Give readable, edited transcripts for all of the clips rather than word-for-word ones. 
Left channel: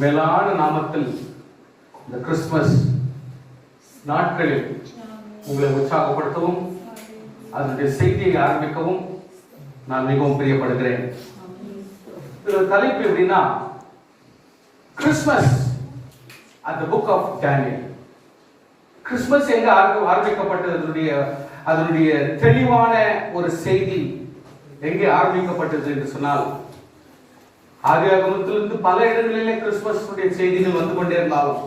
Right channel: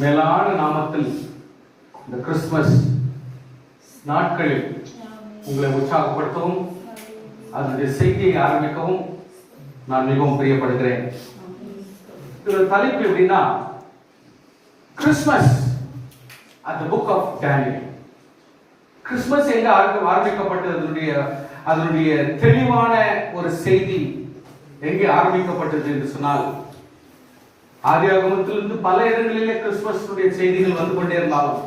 மேலான நாமத்தில் இந்த கிறிஸ்துமஸ் நாட்களில் உங்களை உற்சாகப்படுத்தவும் அதனுடைய செய்தியை ஆரம்பிக்கவும் நான் மிகவும் பிரியப்படுகிறேன். இதோட தலைப்பு எப்படின்னா, Christmas at the book of Daniel. Christmas எங்க ஆரம்பிக்கப்பட்டது, அதனுடைய தெளிவான ஒரு செய்தி எங்கே ஆரம்பிக்கப்பட்டது என்று சொன்னால், ஆதியாகமத்திலிருந்து பல இடங்களிலே கிறிஸ்துமஸ் செய்திகள் வந்து கொண்டே இருந்தாலும்,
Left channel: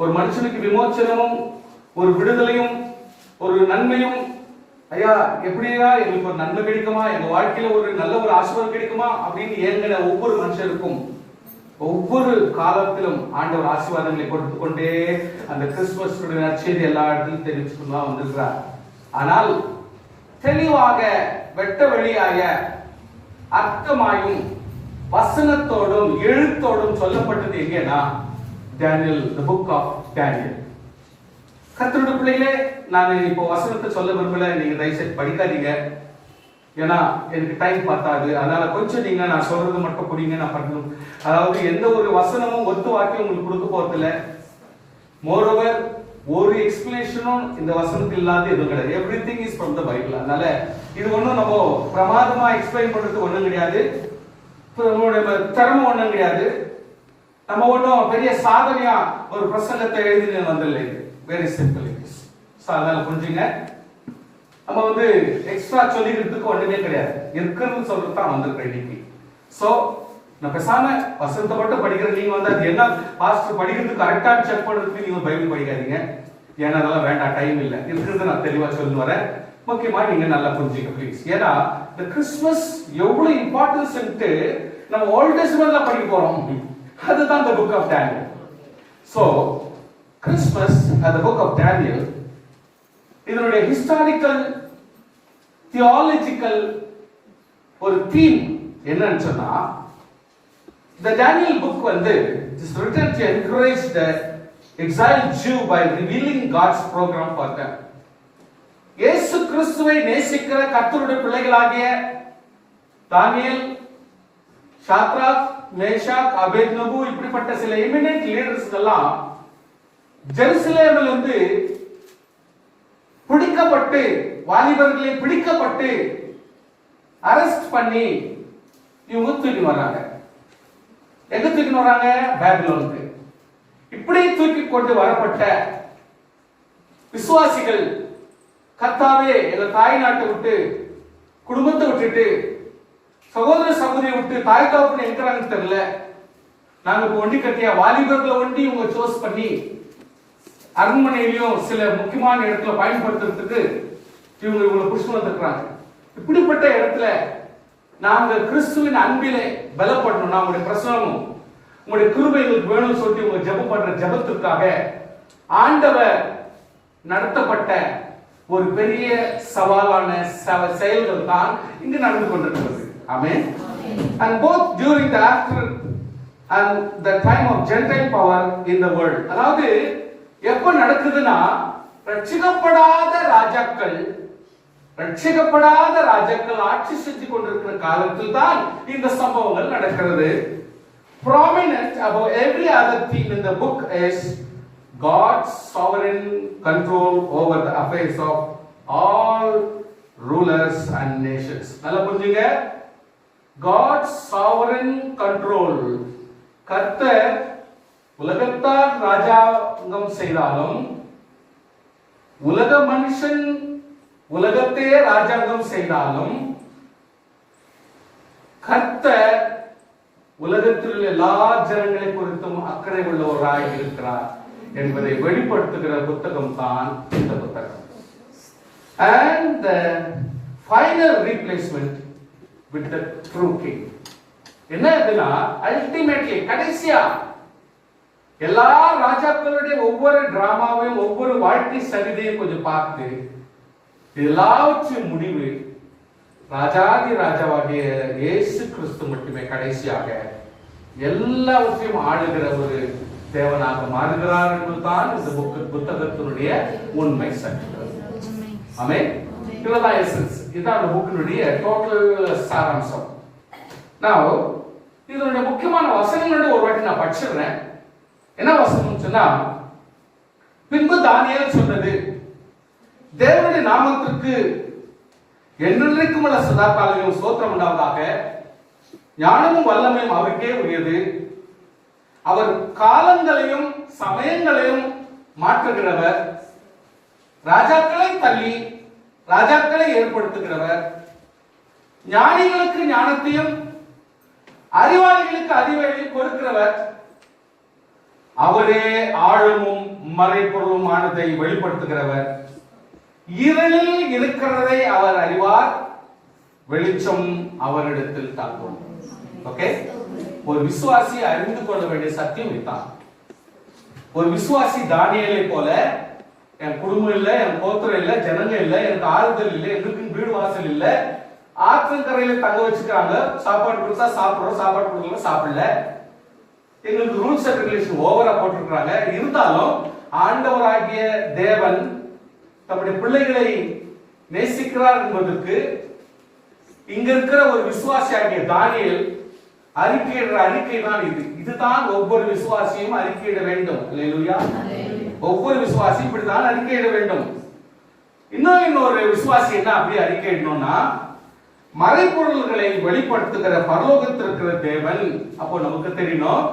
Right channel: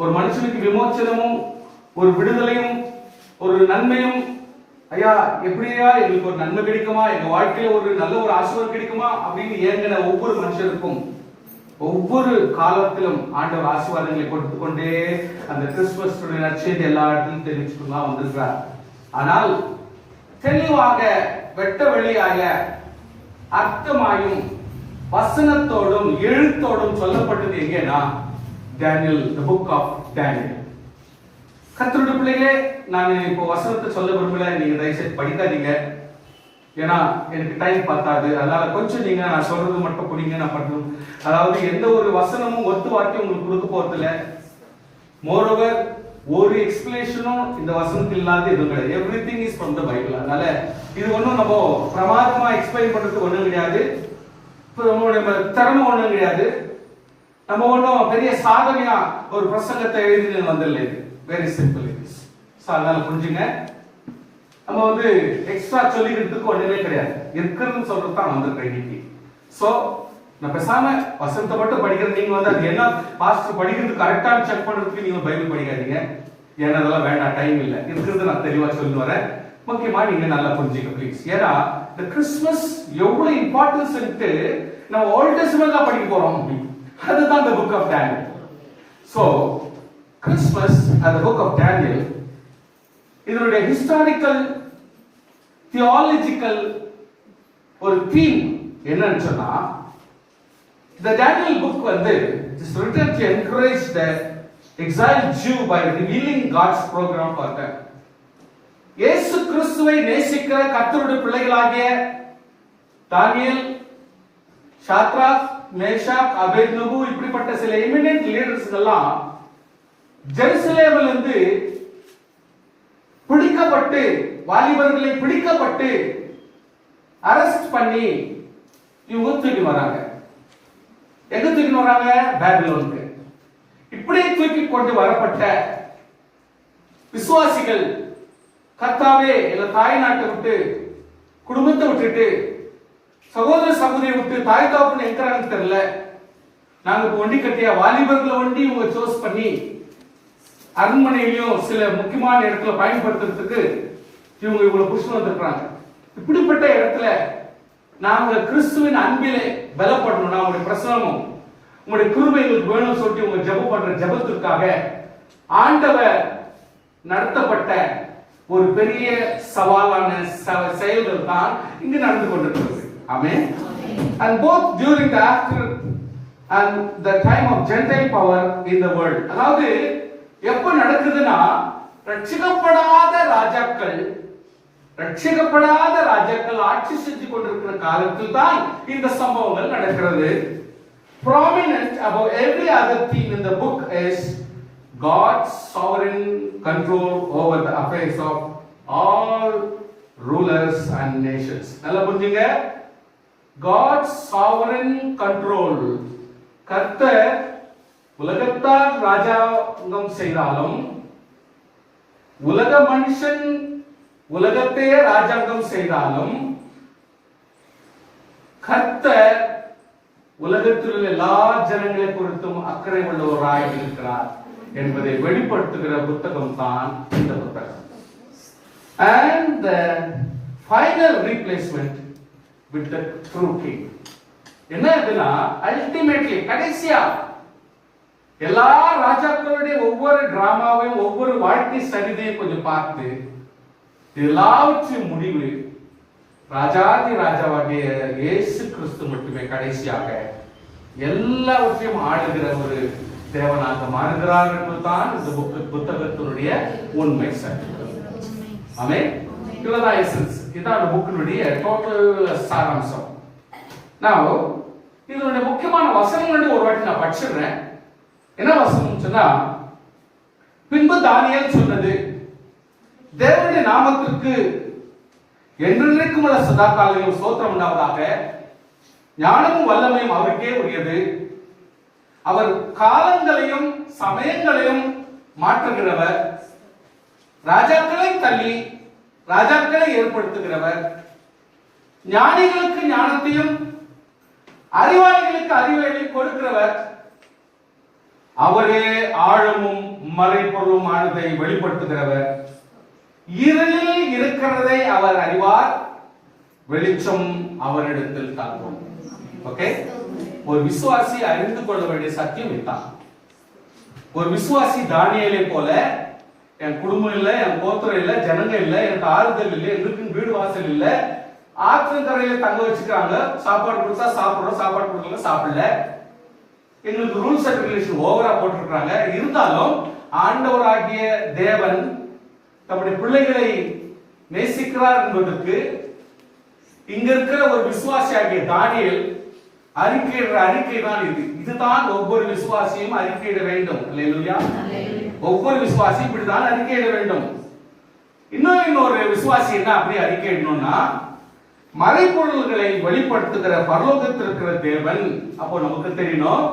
ஒரு மனுஷனுக்கு விமோச்சனமும் ஒரு விடுதலையும் ஒரு நன்மையும், ஐயா எப்படியா எங்களுக்கு ஒரு நன்மை கிடைக்குமா, எங்க வாழ்க்கையில ஒரு நல்ல ஒரு ஆசீர்வாதம் கிடைக்குமா அப்படின்னு ஏங்கின ஒவ்வொரு மனுஷனுக்கும் ஒவ்வொரு காலத்திலும் ஆண்டவர் ஆசீர்வாதங்களை கொடுத்து கொண்டே அந்த கிறிஸ்துமஸ் நற்செய்தி எல்லா இடத்திலும் தெரிவிச்சுக்கொண்டு தான் வந்திருக்கிறார். ஆனால் தெளிவாக வெட்ட வெளியாக அர்த்தமாயும் வசனத்தோடும் எழுத்தோடும் சொல்லப்பட்டது எங்கேனா, Daniel, the book of Daniel. கர்த்தருடைய பிள்ளைகளே, நான் இப்போ வசனத்தை சொல்ல விரும்பல, நீங்க தயவுசெய்து படிக்காதீங்க, ஏன்னா எனக்கு டைம் பார்த்தாது. அதனால கொஞ்சம் நீங்க நான் சொல்றது மட்டும் புரியுங்க. நான் பண்ணணும், அதாவது எந்த ஒரு வசனமும் ஒத்து வாக்கியம் உங்களுக்கு கொடுக்க போறதில்ல. மோரோவர் ஒரு எக்ஸ்பிளேஷனும் இந்த வசனத்தில் இல்லாத எதுவும் கிடையாது. Everything is from the Bible. அதனால இது ஒன்றும் நம்ம பிரமாதமா எக்ஸ்பிளைன் பண்றதுக்கு ஒன்றும் கிடையாது, திறமை ஒன்றும் கிடையாது. நம்ம ஒன்றும் பெரிய சாதனையா ஒரு பிரசங்கத்தை எழுதி வந்தில்லை. இது வெரி சிம்பிள் இட் இஸ். அதனால புரிஞ்சுங்க, நம்ம வந்து எக்ஸ்ட்ரா சொல்லிக்கிறதுக்கு ஒண்ணுமே கிடையாது, இருக்குன்னு சொல்றது தான் வந்திருக்கேன் இன்னைக்கு. சோ நான் பேசாம வசனத்தை மட்டும் படிக்கிறேன். நீங்க வந்து அது என்ன பாஸ்டர் படிக்கிறது கரெக்டா செக் பண்றதுக்கு நீங்க பைபிள் படிக்காதீங்க, ஏன்னா அதெல்லாம் வேண்டாம், டைம் இல்லை. இருக்கிறது நான் தெளிவா சொல்லி வரேன். முக்கியமா நீங்க நல்லா புரிஞ்சுங்க ப்ளீஸ். ஏன்னா இந்த கிறிஸ்துமஸ் எவ்வளவு இம்பார்ட்டன்ஸ் நம்ம ஓல்ட் டெஸ்டமென்ட்ல படிக்க போறோம். அதுதான் இந்த book of Daniel. So Christmas அந்த புக் ஆஃப் டேனியல், இதனுடைய ஹிஸ்டாரிக்கல் தியாலஜிக்கல் ஒரு தீம் என்னன்னு சொன்னா, the Daniel book வந்து is written to encourage the exiled Jew by revealing God's program for them. இயேசு கிறிஸ்துவை நேசிக்கிற கர்த்தருடைய பிள்ளைகளாகிய தானியேல், ஷாத்ராக், மேஷாக், அபேத்நேகோ இப்படிப்பட்ட சில எமினன்ட் லீடர்ஸ் எல்லாம் ஜெருசலேமில் இருந்து பிடிக்கப்பட்டு, வாலிபர்களை பிடிக்கப்பட்டு அரெஸ்ட் பண்ணி இவங்க தூக்கி வராங்க. எங்க தூக்கி வராங்க? பாபிலோனுக்கு. இப்படியே தூக்கி கொண்டு வரப்பட்ட விசுவாசிகள், கர்த்தாவே எங்க தாய் நாட்டை விட்டு, குடும்பத்தை விட்டுட்டு, சகோதர சகோதரியை விட்டு, தாய் தாப்புன்னு எங்கிறாங்கன்னு தெரியல, நாங்க வண்டி கட்டியா வாலிபர்களை வண்டி இவங்க சோஸ் பண்ணி அரண்மனையிலையும் சில முக்கியமான இடத்துல பயன்படுத்துறதுக்கு இவங்களை புடிச்சு வந்திருக்கிறாங்க. இப்படிப்பட்ட இடத்துல நாங்க கிறிஸ்துவின் அன்பிலே பலப்படணும், உங்களுடைய பிரசனமும் உங்களுடைய கிருபை எங்களுக்கு வேணும்னு சொல்லி உங்க ஜெபம் பண்ற ஜெபத்திற்காக ஆண்டவர் நடத்தப்பட்ட ஒரு பெரிய சவாலான செயல்கள் தான் இங்கு நடந்து கொண்டிருக்கிறது. ஆமென். And both during the after and the time of Gentile power in the world, அதாவது எப்ப நடக்குதுன்னா, ரட்சிக்கப்படாத ராஜாக்கள் ஆட்சி செஞ்சு கொண்டிருக்கிற காலத்தில் தான் இந்த சம்பவங்கள் நடக்கிறது. Prominent above every other theme in the book is God's sovereign control over the affairs of all rulers and nations. நல்லா புரிஞ்சுங்க, God's sovereign control. கர்த்தர் உலகத்தார் ராஜாங்கம் செய்தாலும், உலக மனுஷன் உலகத்தையே ராஜாங்கம் செய்தாலும், கர்த்தர் உலகத்தில் எல்லா ஜனங்களை குறித்தும் அக்கறை உள்ளவராய் இருக்கிறார் என்பதை வெளிப்படுத்துகிற புத்தகம் தான் இந்த புத்தகம். And the final replacement with the true king. என்ன இதுனா, அல்டிமேட்லி கடைசியா எல்லா ராஜாக்களுடைய ஒவ்வொரு டிராமாவையும் ஒவ்வொரு வாழ்க்கை சரிதையும் கொஞ்சம் பார்த்து எல்லாவற்றின் முடிவு ராஜாதி ராஜாவாகிய இயேசு கிறிஸ்து மட்டுமே கடைசியாக எல்லாவற்றையும் ஆளுகிற ஒரு தேவனாக மாறுகிறார் என்பதுதான் இந்த புத்தகத்தினுடைய உண்மை சட்டம். ஆமென். இதுதான் எசன்ஸ், இதுதான் அந்த புக்கினுடைய டோட்டல் சாராம்சம். Now இதனுடைய முக்கியமான வசனம் ஒரு வாட்டி நான் படிச்சிடுறேன். என்ன வசனம் சொன்னா, பின்பு தானியேல் சொன்னது, தேவனுடைய நாமத்திற்கு என்றென்றைக்கும் உள்ள சதா காலங்களிலும் ஸ்தோத்திரம் உண்டாவதாக. ஞானமும் வல்லமையும் அவருக்கே உரியது. அவர் காலங்களையும் சமயங்களையும் மாற்றுகிறவர். ராஜாக்களை தள்ளி ராஜாக்களை ஏற்படுத்துகிறவர். ஞானிகளுக்கு ஞானத்தையும் அறிவாளிகளுக்கு அறிவையும் கொடுக்கிறவர். அவரே ஆழமும் மறைபொருளுமானதை வெளிப்படுத்துகிறவர். இருளில் இருக்கிறதை அவர் அறிவார், வெளிச்சம் அவரிடத்தில் தாங்கும். ஓகே, ஒரு விசுவாசி அறிந்து கொள்ள வேண்டிய சத்தியம் இதுதான். ஒரு விசுவாசி தானியேலை போல, என் குடும்பம் இல்ல, என் கோத்திரம் இல்ல, ஜனங்க இல்ல, எனக்கு ஆறுதல் இல்ல, எங்களுக்கு வீடு வாசல் இல்ல, ஆற்றங்கரையில தங்க வச்சுக்கிறாங்க, சாப்பாடு கொடுத்தா சாப்பிடுறோம், சாப்பாடு கொடுக்கல சாப்பிடல, எங்களுக்கு ரூல்ஸ் அண்ட் ரெகுலேஷன் ஓவரா போட்டிருக்கிறாங்க. இருந்தாலும் ஆண்டவராகிய தேவன் தம்முடைய பிள்ளைகளை நேசிக்கிறார் என்பதற்கு இங்க இருக்கிற ஒரு விசுவாசியாகிய தானியேல் அறிக்கையிடுற அறிக்கை தான் இது. இதுதான் ஒவ்வொரு விசுவாசியும் அறிக்கையிட வேண்டும். அல்லேலூயா. ஒவ்வொரு விசுவாசியும் இப்படிதான் அறிக்கையிட வேண்டும். இன்னொரு விசுவாசி என்ன அப்படி அறிக்கையிடணும்னா, மறைபொருள்களை வெளிப்படுத்துகிற பரலோகத்தில் இருக்கிற தேவன். அப்போ நமக்கு தெரியணும்,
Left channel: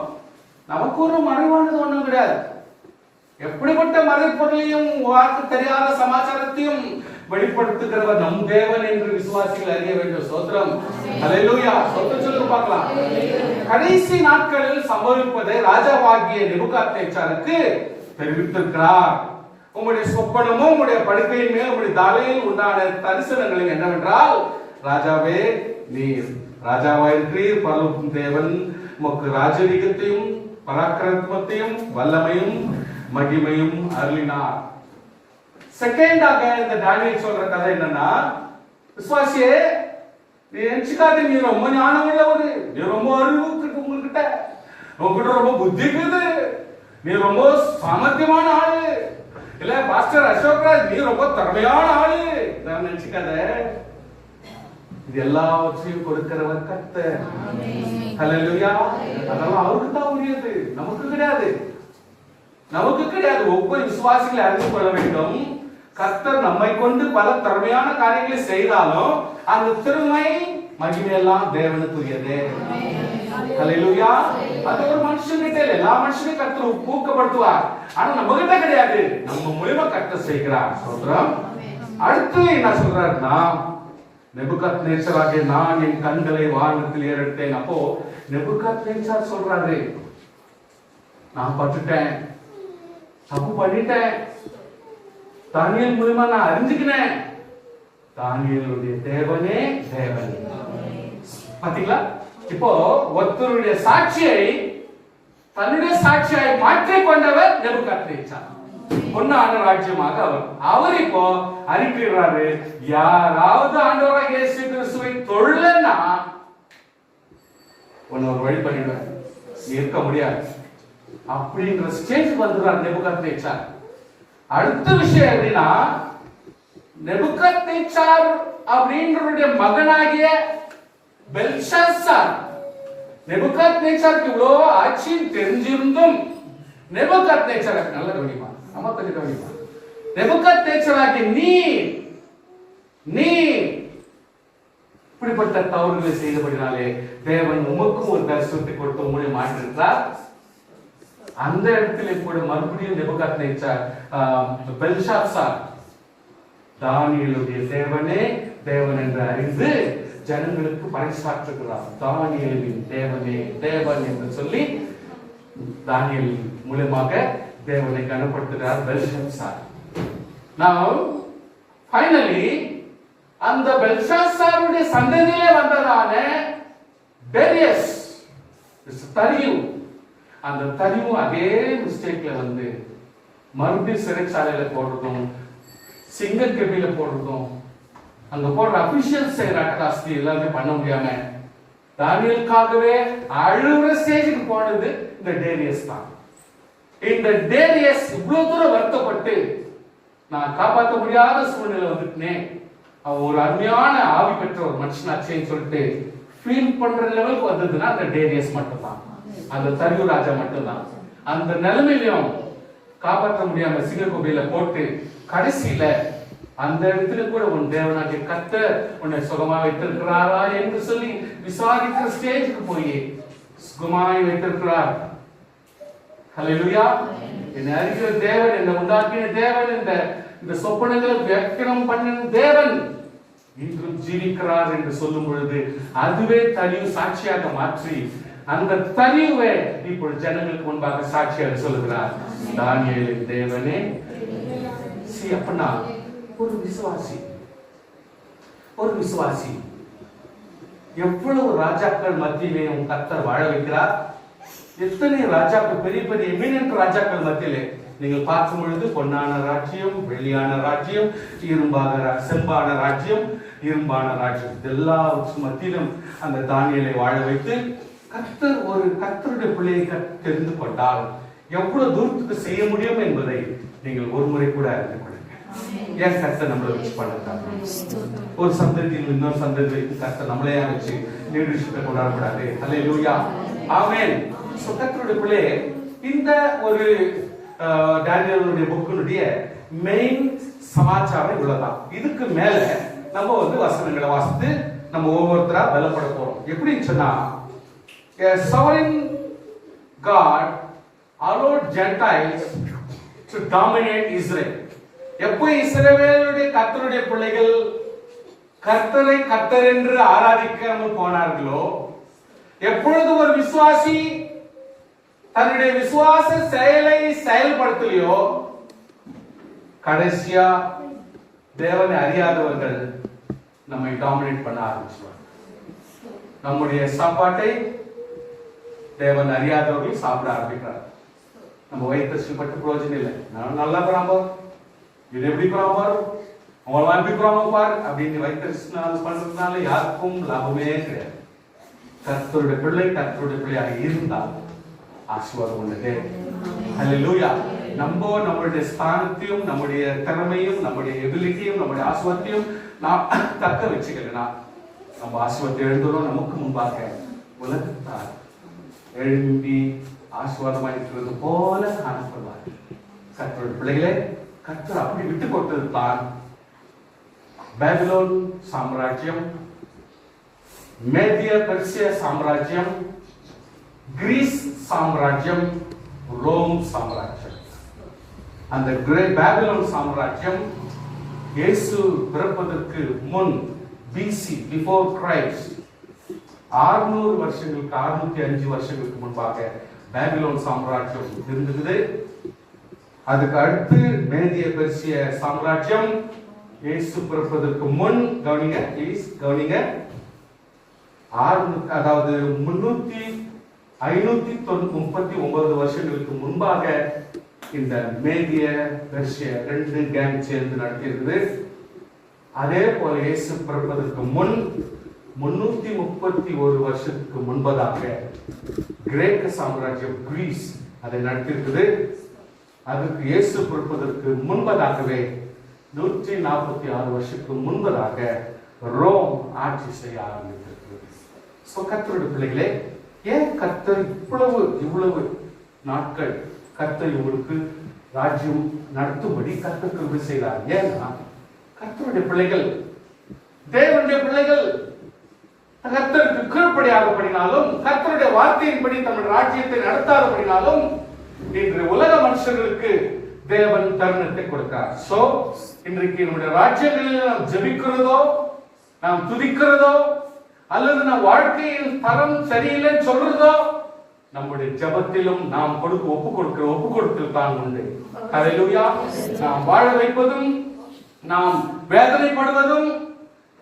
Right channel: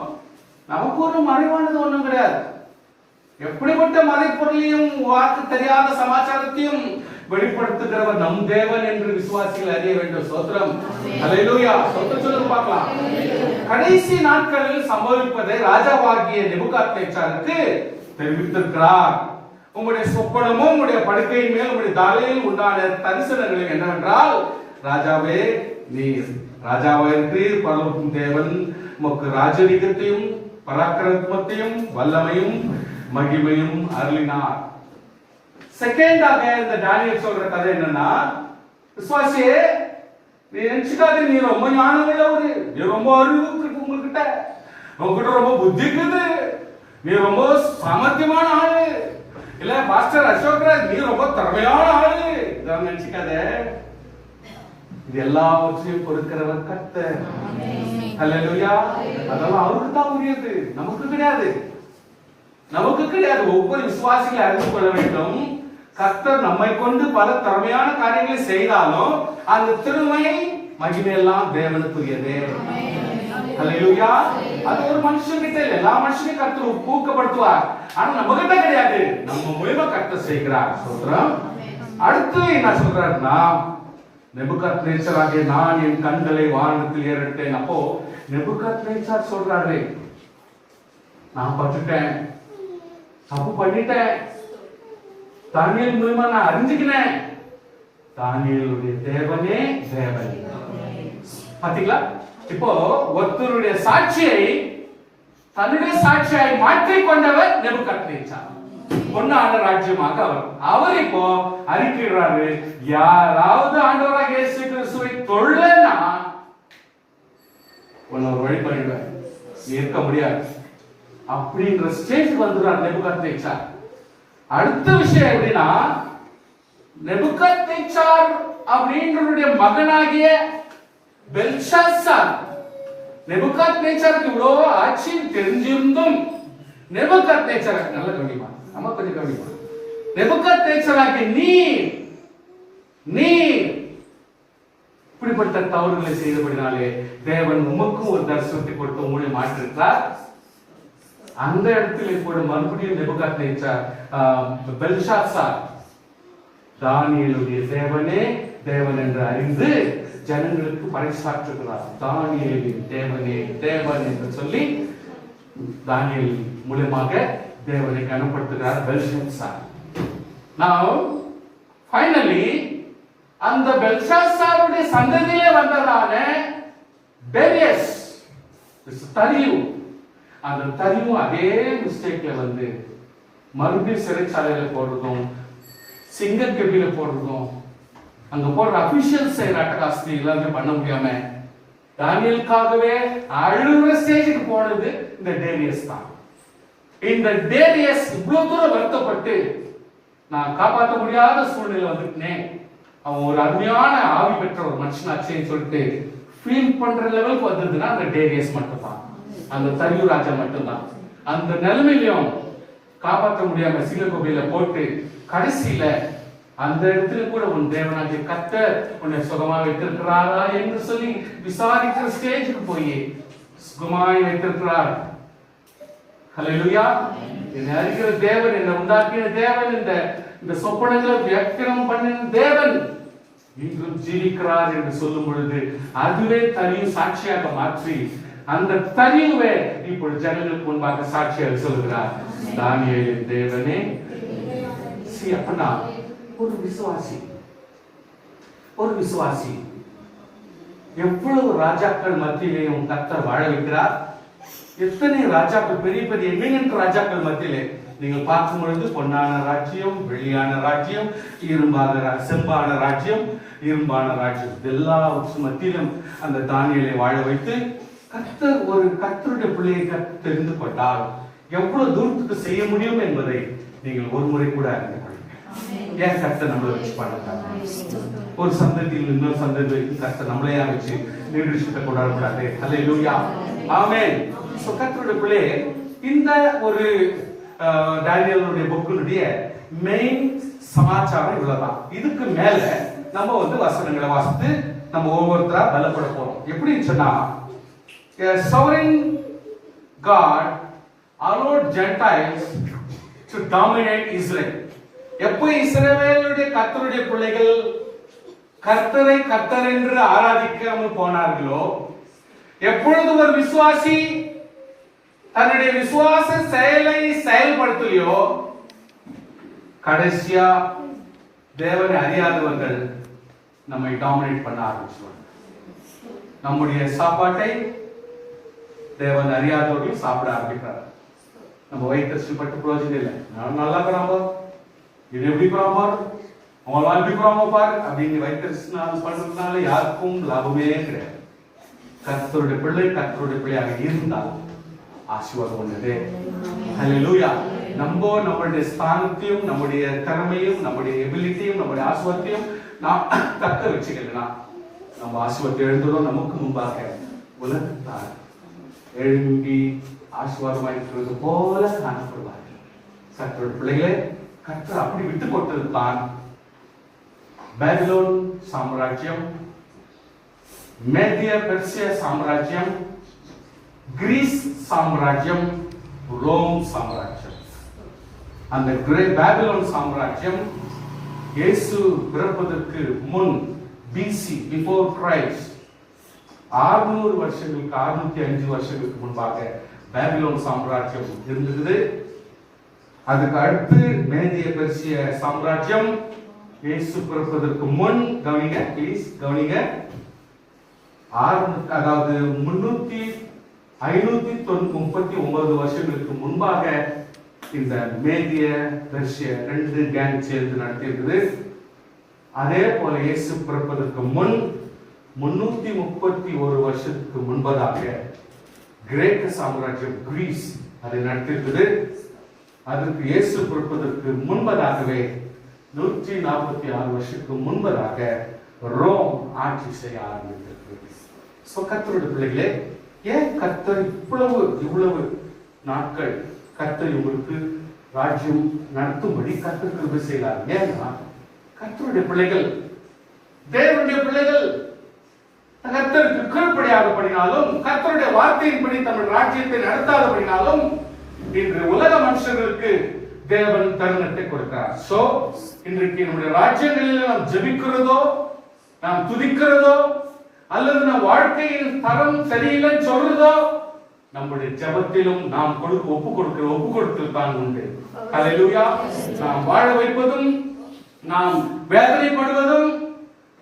நமக்கு ஒரு மறைவானது ஒண்ணும் கிடையாது. எப்படிப்பட்ட மறைப்பொருளையும் வாக்கு தெரியாத சமாச்சாரத்தையும் வெளிப்படுத்துகிறவர் நம் தேவன் என்று விசுவாசிகள் அறிய வேண்டும். ஸ்தோத்திரம். அல்லேலூயா. ஸ்தோத்திரம் சொல்லுங்க பார்க்கலாம். கடைசி நாட்களில் சம்பவிப்பதை ராஜாவாகிய நேபுகாத்நேச்சாருக்கு தெரிவித்திருக்கிறார். உங்களுடைய சொப்பனமும் உங்களுடைய படுக்கையின் மேல் உங்களுடைய தலையில் உண்டான தரிசனங்களும் என்னவென்றால், ராஜாவே நீர் ராஜாவாயிருக்கிறீர், பரலோகம் தேவன் உமக்கு ராஜரீகத்தையும் பராக்கிரமத்தையும் வல்லமையும் மகிமையும் அருளினார். செகண்டாக இந்த தானியேல் சொல்ற கதை என்னன்னா, விசுவாசியே நீ நினைச்சுக்காத, நீ ரொம்ப ஞானம் உள்ளவரு, நீ ரொம்ப அறிவு இருக்கு, உங்ககிட்ட ரொம்ப புத்தி இருக்குது, நீ ரொம்ப சாமர்த்தியமான ஆளு, இல்ல பாஸ்டர் அசோக்ராஜ் நீ ரொம்ப திறமையான ஆளு, இதான் நினைச்சுக்காத. இது எல்லாவற்றையும் கொடுக்கிறவர் கர்த்தர். ஹல்லேலூயா. அதெல்லாம் அவருக்கு தான் உரியது, நமக்கு கிடையாது. நமக்கு கிடையாது. ஒவ்வொரு விசுவாசிகளை அறிந்து கொள்ள வேண்டும், கர்த்தர் நம்மை கொண்டு பல திறமையான காரியங்களை செய்தாலும் அந்த திறமை மகிமை எல்லாம் தேவனுக்குரியது. ஹல்லேலூயா. அது ஒரு மனுஷன்கிட்ட இல்ல, எல்லா மனுஷனையும் கர்த்தர் ஊக்கப்படுத்துவார். ஆனா நம்ம கிட்ட கிடையாது, நம்ம மூலமா கர்த்தர் செய்கிறார். ஸ்தோத்திரம். அடுத்து என்ன சொல்றாருன்னா, நேபுகாத்நேச்சாராகிய நான் என் கண்களை வானத்தில் ஏறெடுத்தேன். அப்போ நேபுகாத்நேச்சார் சொல்றாரு, நான் பட்டுட்டேன், தப்பு பண்ணிட்டேன், தானியேல் மூலமா நான் அறிஞ்சுக்கினேன், தானியேலுடைய தேவனே தேவன். பாத்தீங்களா? இப்போ ஒருத்தருடைய சாட்சியை தன்னுடைய சாட்சியாய் மாற்றிக் கொண்டவர் நேபுகாத்நேச்சார். பொன்னான ராஜ்யமாக அவர் இப்போ அறிக்கைறாரு, யாராவது ஆண்டவராகிய இயேசு கிறிஸ்துவை தொழலன்னா ஒரு வழி பண்ணிடுவேன், இருக்க முடியாது அப்படின்ற ஸ்டேஜ் வந்துறார் நேபுகாத்நேச்சார். அடுத்த விஷயம் எப்படின்னா, நேபுகாத்நேச்சார் அப்படின்றவருடைய மகனாகிய பெல்ஷாத்சார், நேபுகாத்நேச்சாருக்கு இவ்வளவு ஆட்சியும் தெரிஞ்சிருந்தும் நேபுகாத்நேச்சார் நல்ல கவனிமா, நம்ம கொஞ்சம் கவனிமா, நேபுகாத்நேச்சாராகிய நீ இப்படிப்பட்ட தவறுகளை செய்தபடினாலே தேவன் உமக்கும் ஒரு தரிசனத்தை கொடுத்து உங்களை மாற்றிருக்கிறார். அந்த இடத்திலே கூட மறுபடியும் நேபுகாத்நேச்சார் பெல்ஷாத்சார் தானியேலுடைய தேவனே தேவன் என்று அறிந்து ஜனங்களுக்கு பறைசாற்றுகிறார். தானியேலின் தேவனே தேவன் என்று சொல்லி தானியேல் மூலமாக தேவனை கனப்படுத்துகிறார் பெல்ஷாத்சார். Now finally அந்த பெல்ஷாத்சாருடைய சந்ததியிலே வந்ததான டேரியஸ் தரியு, அந்த தரியு அதே மிஸ்டேக்ல வந்து மறுபடியும் சிறைச்சாலையில போடுறதும் சிங்கக்கெபில போடுறதும் அங்க போடுற அபிஷியல் செய்யற அட்டகாசத்தை எல்லாமே பண்ண முடியாம தானியேலுக்காகவே அழுகிற ஸ்டேஜுக்கு போனது இந்த டேரியஸ் தான். இந்த டேரியஸ் இவ்வளவு தூரம் வருத்தப்பட்டு நான் காப்பாற்ற முடியாத சூழ்நிலை வந்துட்டேன், அவன் ஒரு அருமையான ஆவி பெற்ற ஒரு மனுஷனாச்சேன்னு சொல்லிட்டு ஃபீல் பண்ற லெவலுக்கு வந்ததுன்னா அந்த டேனியஸ் மட்டும்தான், அந்த தரியு ராஜா மட்டும்தான். அந்த நிலைமையிலும் காப்பாற்ற முடியாம சிங்கக்கோபில போட்டு கடைசியில அந்த இடத்துல கூட உன் தேவனாகிய கர்த்தர் உன்னை சுகமா வைத்திருக்கிறாரா என்று சொல்லி விசாரிக்கிற ஸ்டேஜுக்கு போய் சுகமாய் வைத்திருக்கிறார். ஹல்லேலூயா. என்னை அறிகிற தேவன், என்னை உண்டாக்கின தேவன், இந்த சொப்பனங்களை வியாக்கியானம் பண்ணின தேவன் இன்றும் ஜீவிக்கிறார் என்று சொல்லும் பொழுது அதுவே தனிவு சாட்சியாக மாற்றி அந்த தனிவை இப்பொழுது ஜனங்களுக்கு முன்பாக சாட்சியாக சொல்லுகிறார். தானியேலின் தேவனே. அப்பனா ஒரு விசுவாசி எவ்வளவு ராஜாக்கள் மத்தியிலேயும் கர்த்தர் வாழ வைக்கிறார். எத்தனை ராஜாக்கள், பெரிய பெரிய எமினன்ட் ராஜாக்கள் மத்தியிலே நீங்கள் பார்க்கும் பொழுது பொன்னான ராஜ்யம், வெள்ளியான ராஜ்யம், செம்பான ராஜ்யம், இரும்பான ராஜ்யம், எல்லா மத்தியிலும் அந்த தானியேலை வாழ வைத்து கர்த்தர் ஒரு கர்த்தருடைய பிள்ளையை தெரிந்து கொண்டால் எவ்வளவு தூரத்துக்கு செய்ய முடியும் என்பதை நீங்கள் ஒரு முறை கூட அறிந்து கொள்ளுங்க. ஏன் கர்த்தர் நம்மளை வச்சு பண்ணக்கூடாது? ஒரு சந்ததியில் இன்னொரு சந்ததி வரைக்கும் கர்த்தர் நம்மளையா வச்சு லீடர்ஷிப்பை கொண்டாடக்கூடாது? ஹல்லேலூயா, ஆமென். கர்த்தருடைய பிள்ளையே, இந்த ஒரு டேனியலுடைய புக்கினுடைய மெயின் சமாச்சாரம் இவ்வளவுதான். இதுக்கு மேல நம்ம வசனங்களை வாசித்து நம்ம ஒவ்வொருத்தரா பலப்பட போறோம். எப்படின்னு சொன்னா, a sovereign God allowed Gentiles to dominate Israel. எப்போ இஸ்ரவேலுடைய கர்த்தருடைய பிள்ளைகள் கர்த்தரை கர்த்தர் என்று ஆராதிக்காமல் போனார்களோ, எப்பொழுது ஒரு விசுவாசி தன்னுடைய விசுவாச செயலை செயல்படுத்தலையோ, கடைசியா தேவனை அறியாதவர்கள் நம்மை டாமினேட் பண்ண ஆரம்பிச்சுவாங்க. நம்முடைய சாப்பாட்டை தேவன் அறியாதவர்கள் சாப்பிட ஆரம்பிக்கிறார். நம்ம வயிற்று பட்டு பிரயோஜனம் இல்லை. நான் நல்லா இருக்கிறான் பார், இது எப்படி இருக்கிறான் பார், அவங்களாம் எப்படி இருக்கிறாங்க பார் அப்படின்னு வயிற்று பண்றதுனால யாருக்கும் லாபமே கிடையாது. கர்த்தருடைய பிள்ளையாக இருந்தால் ஆசீர்வாதம் உள்ளது. ஹல்லேலூயா. நம்மளுடைய ஸ்தானத்தையும் நம்முடைய திறமையும் நம்முடைய எபிலிட்டியும் நம்முடைய ஆசீர்வாதத்தையும் நாம் தக்க வச்சுக்கணும்னா நம்ம ஆசீர்வாதத்தை எழுந்ததும் நமக்கு முன்பாக உலகத்தார் எழும்பி ஆசீர்வாதமாயிருக்கிறது போல காணப்படுவார்கள். கர்த்தருடைய பிள்ளைகளே, கர்த்தர் அப்படி விட்டு கொடுத்தது தான் பாபிலோன் சாம்ராஜ்யம், மேதிய பெர்சிய சாம்ராஜ்யம், கிரீஸ் சாம்ராஜ்யம், ரோம் சாம்ராஜ்யம். அந்த பாபிலோன் சாம்ராஜ்யம் இயேசு பிறப்பதற்கு முன் பிசி, பிஃபோர் கிரைஸ்ட், 600 வருஷங்களுக்கு 605 வருஷங்களுக்கு முன்பாக பாபிலோன் சாம்ராஜ்யம் இருந்தது. அதுக்கு அடுத்து மேதிய பெர்சிய சாம்ராஜ்யம் இயேசு பிறப்பதற்கு முன், கவனிங்க ப்ளீஸ் கவனிங்க, அதாவது 539 வருஷங்களுக்கு முன்பாக இந்த மேதிய பெர்சிய 2 கேங் சேர்ந்து நடத்தியிருக்குது. அதே போல இயேசு பிறப்பதற்கு முன் 331 வருஷத்துக்கு முன்பதாக கிரேக்க சாம்ராஜ்யம் கிரீஸ் அதை நடத்தியிருக்குது. அதற்கு இயேசு பிறப்பதற்கு முன்பதாகவே 146 வருஷத்துக்கு முன்பதாக ரோம் ஆட்சி செய்ய ஆரம்பித்திருக்கிறது. கர்த்தருடைய பிள்ளைகளே, ஏன் கர்த்தர் இவ்வளவு நாட்கள் கர்த்தர் உங்களுக்கு ராஜ்யம் நடத்தும்படி கர்த்தர் கிருபை செய்கிறார்? ஏன்னா கர்த்தருடைய பிள்ளைகள், தேவனுடைய பிள்ளைகள் கர்த்தருக்கு கீழ்ப்படியாதபடினாலும், கர்த்தருடைய வார்த்தையின்படி தமிழ் ராஜ்யத்தை நடத்தாதபடினாலும் இன்று உலக மனுஷர்களுக்கு தேவன் தருணத்தை கொடுக்கிறார். இன்றைக்கு நம்முடைய ராஜ்யங்களில் நாம் ஜெபிக்கிறதோ, நாம் துதிக்கிறதோ, அல்லது நம் வாழ்க்கையில் தரம் சரியில்லைன்னு சொல்றதோ, நம்முடைய ஜெபத்திலும் நாம் ஒப்பு கொடுத்தல் தான் உண்டு. ஹல்லேலூயா. நாம் வாழ வைப்பதும் நாம் வேதனைப்படுவதும்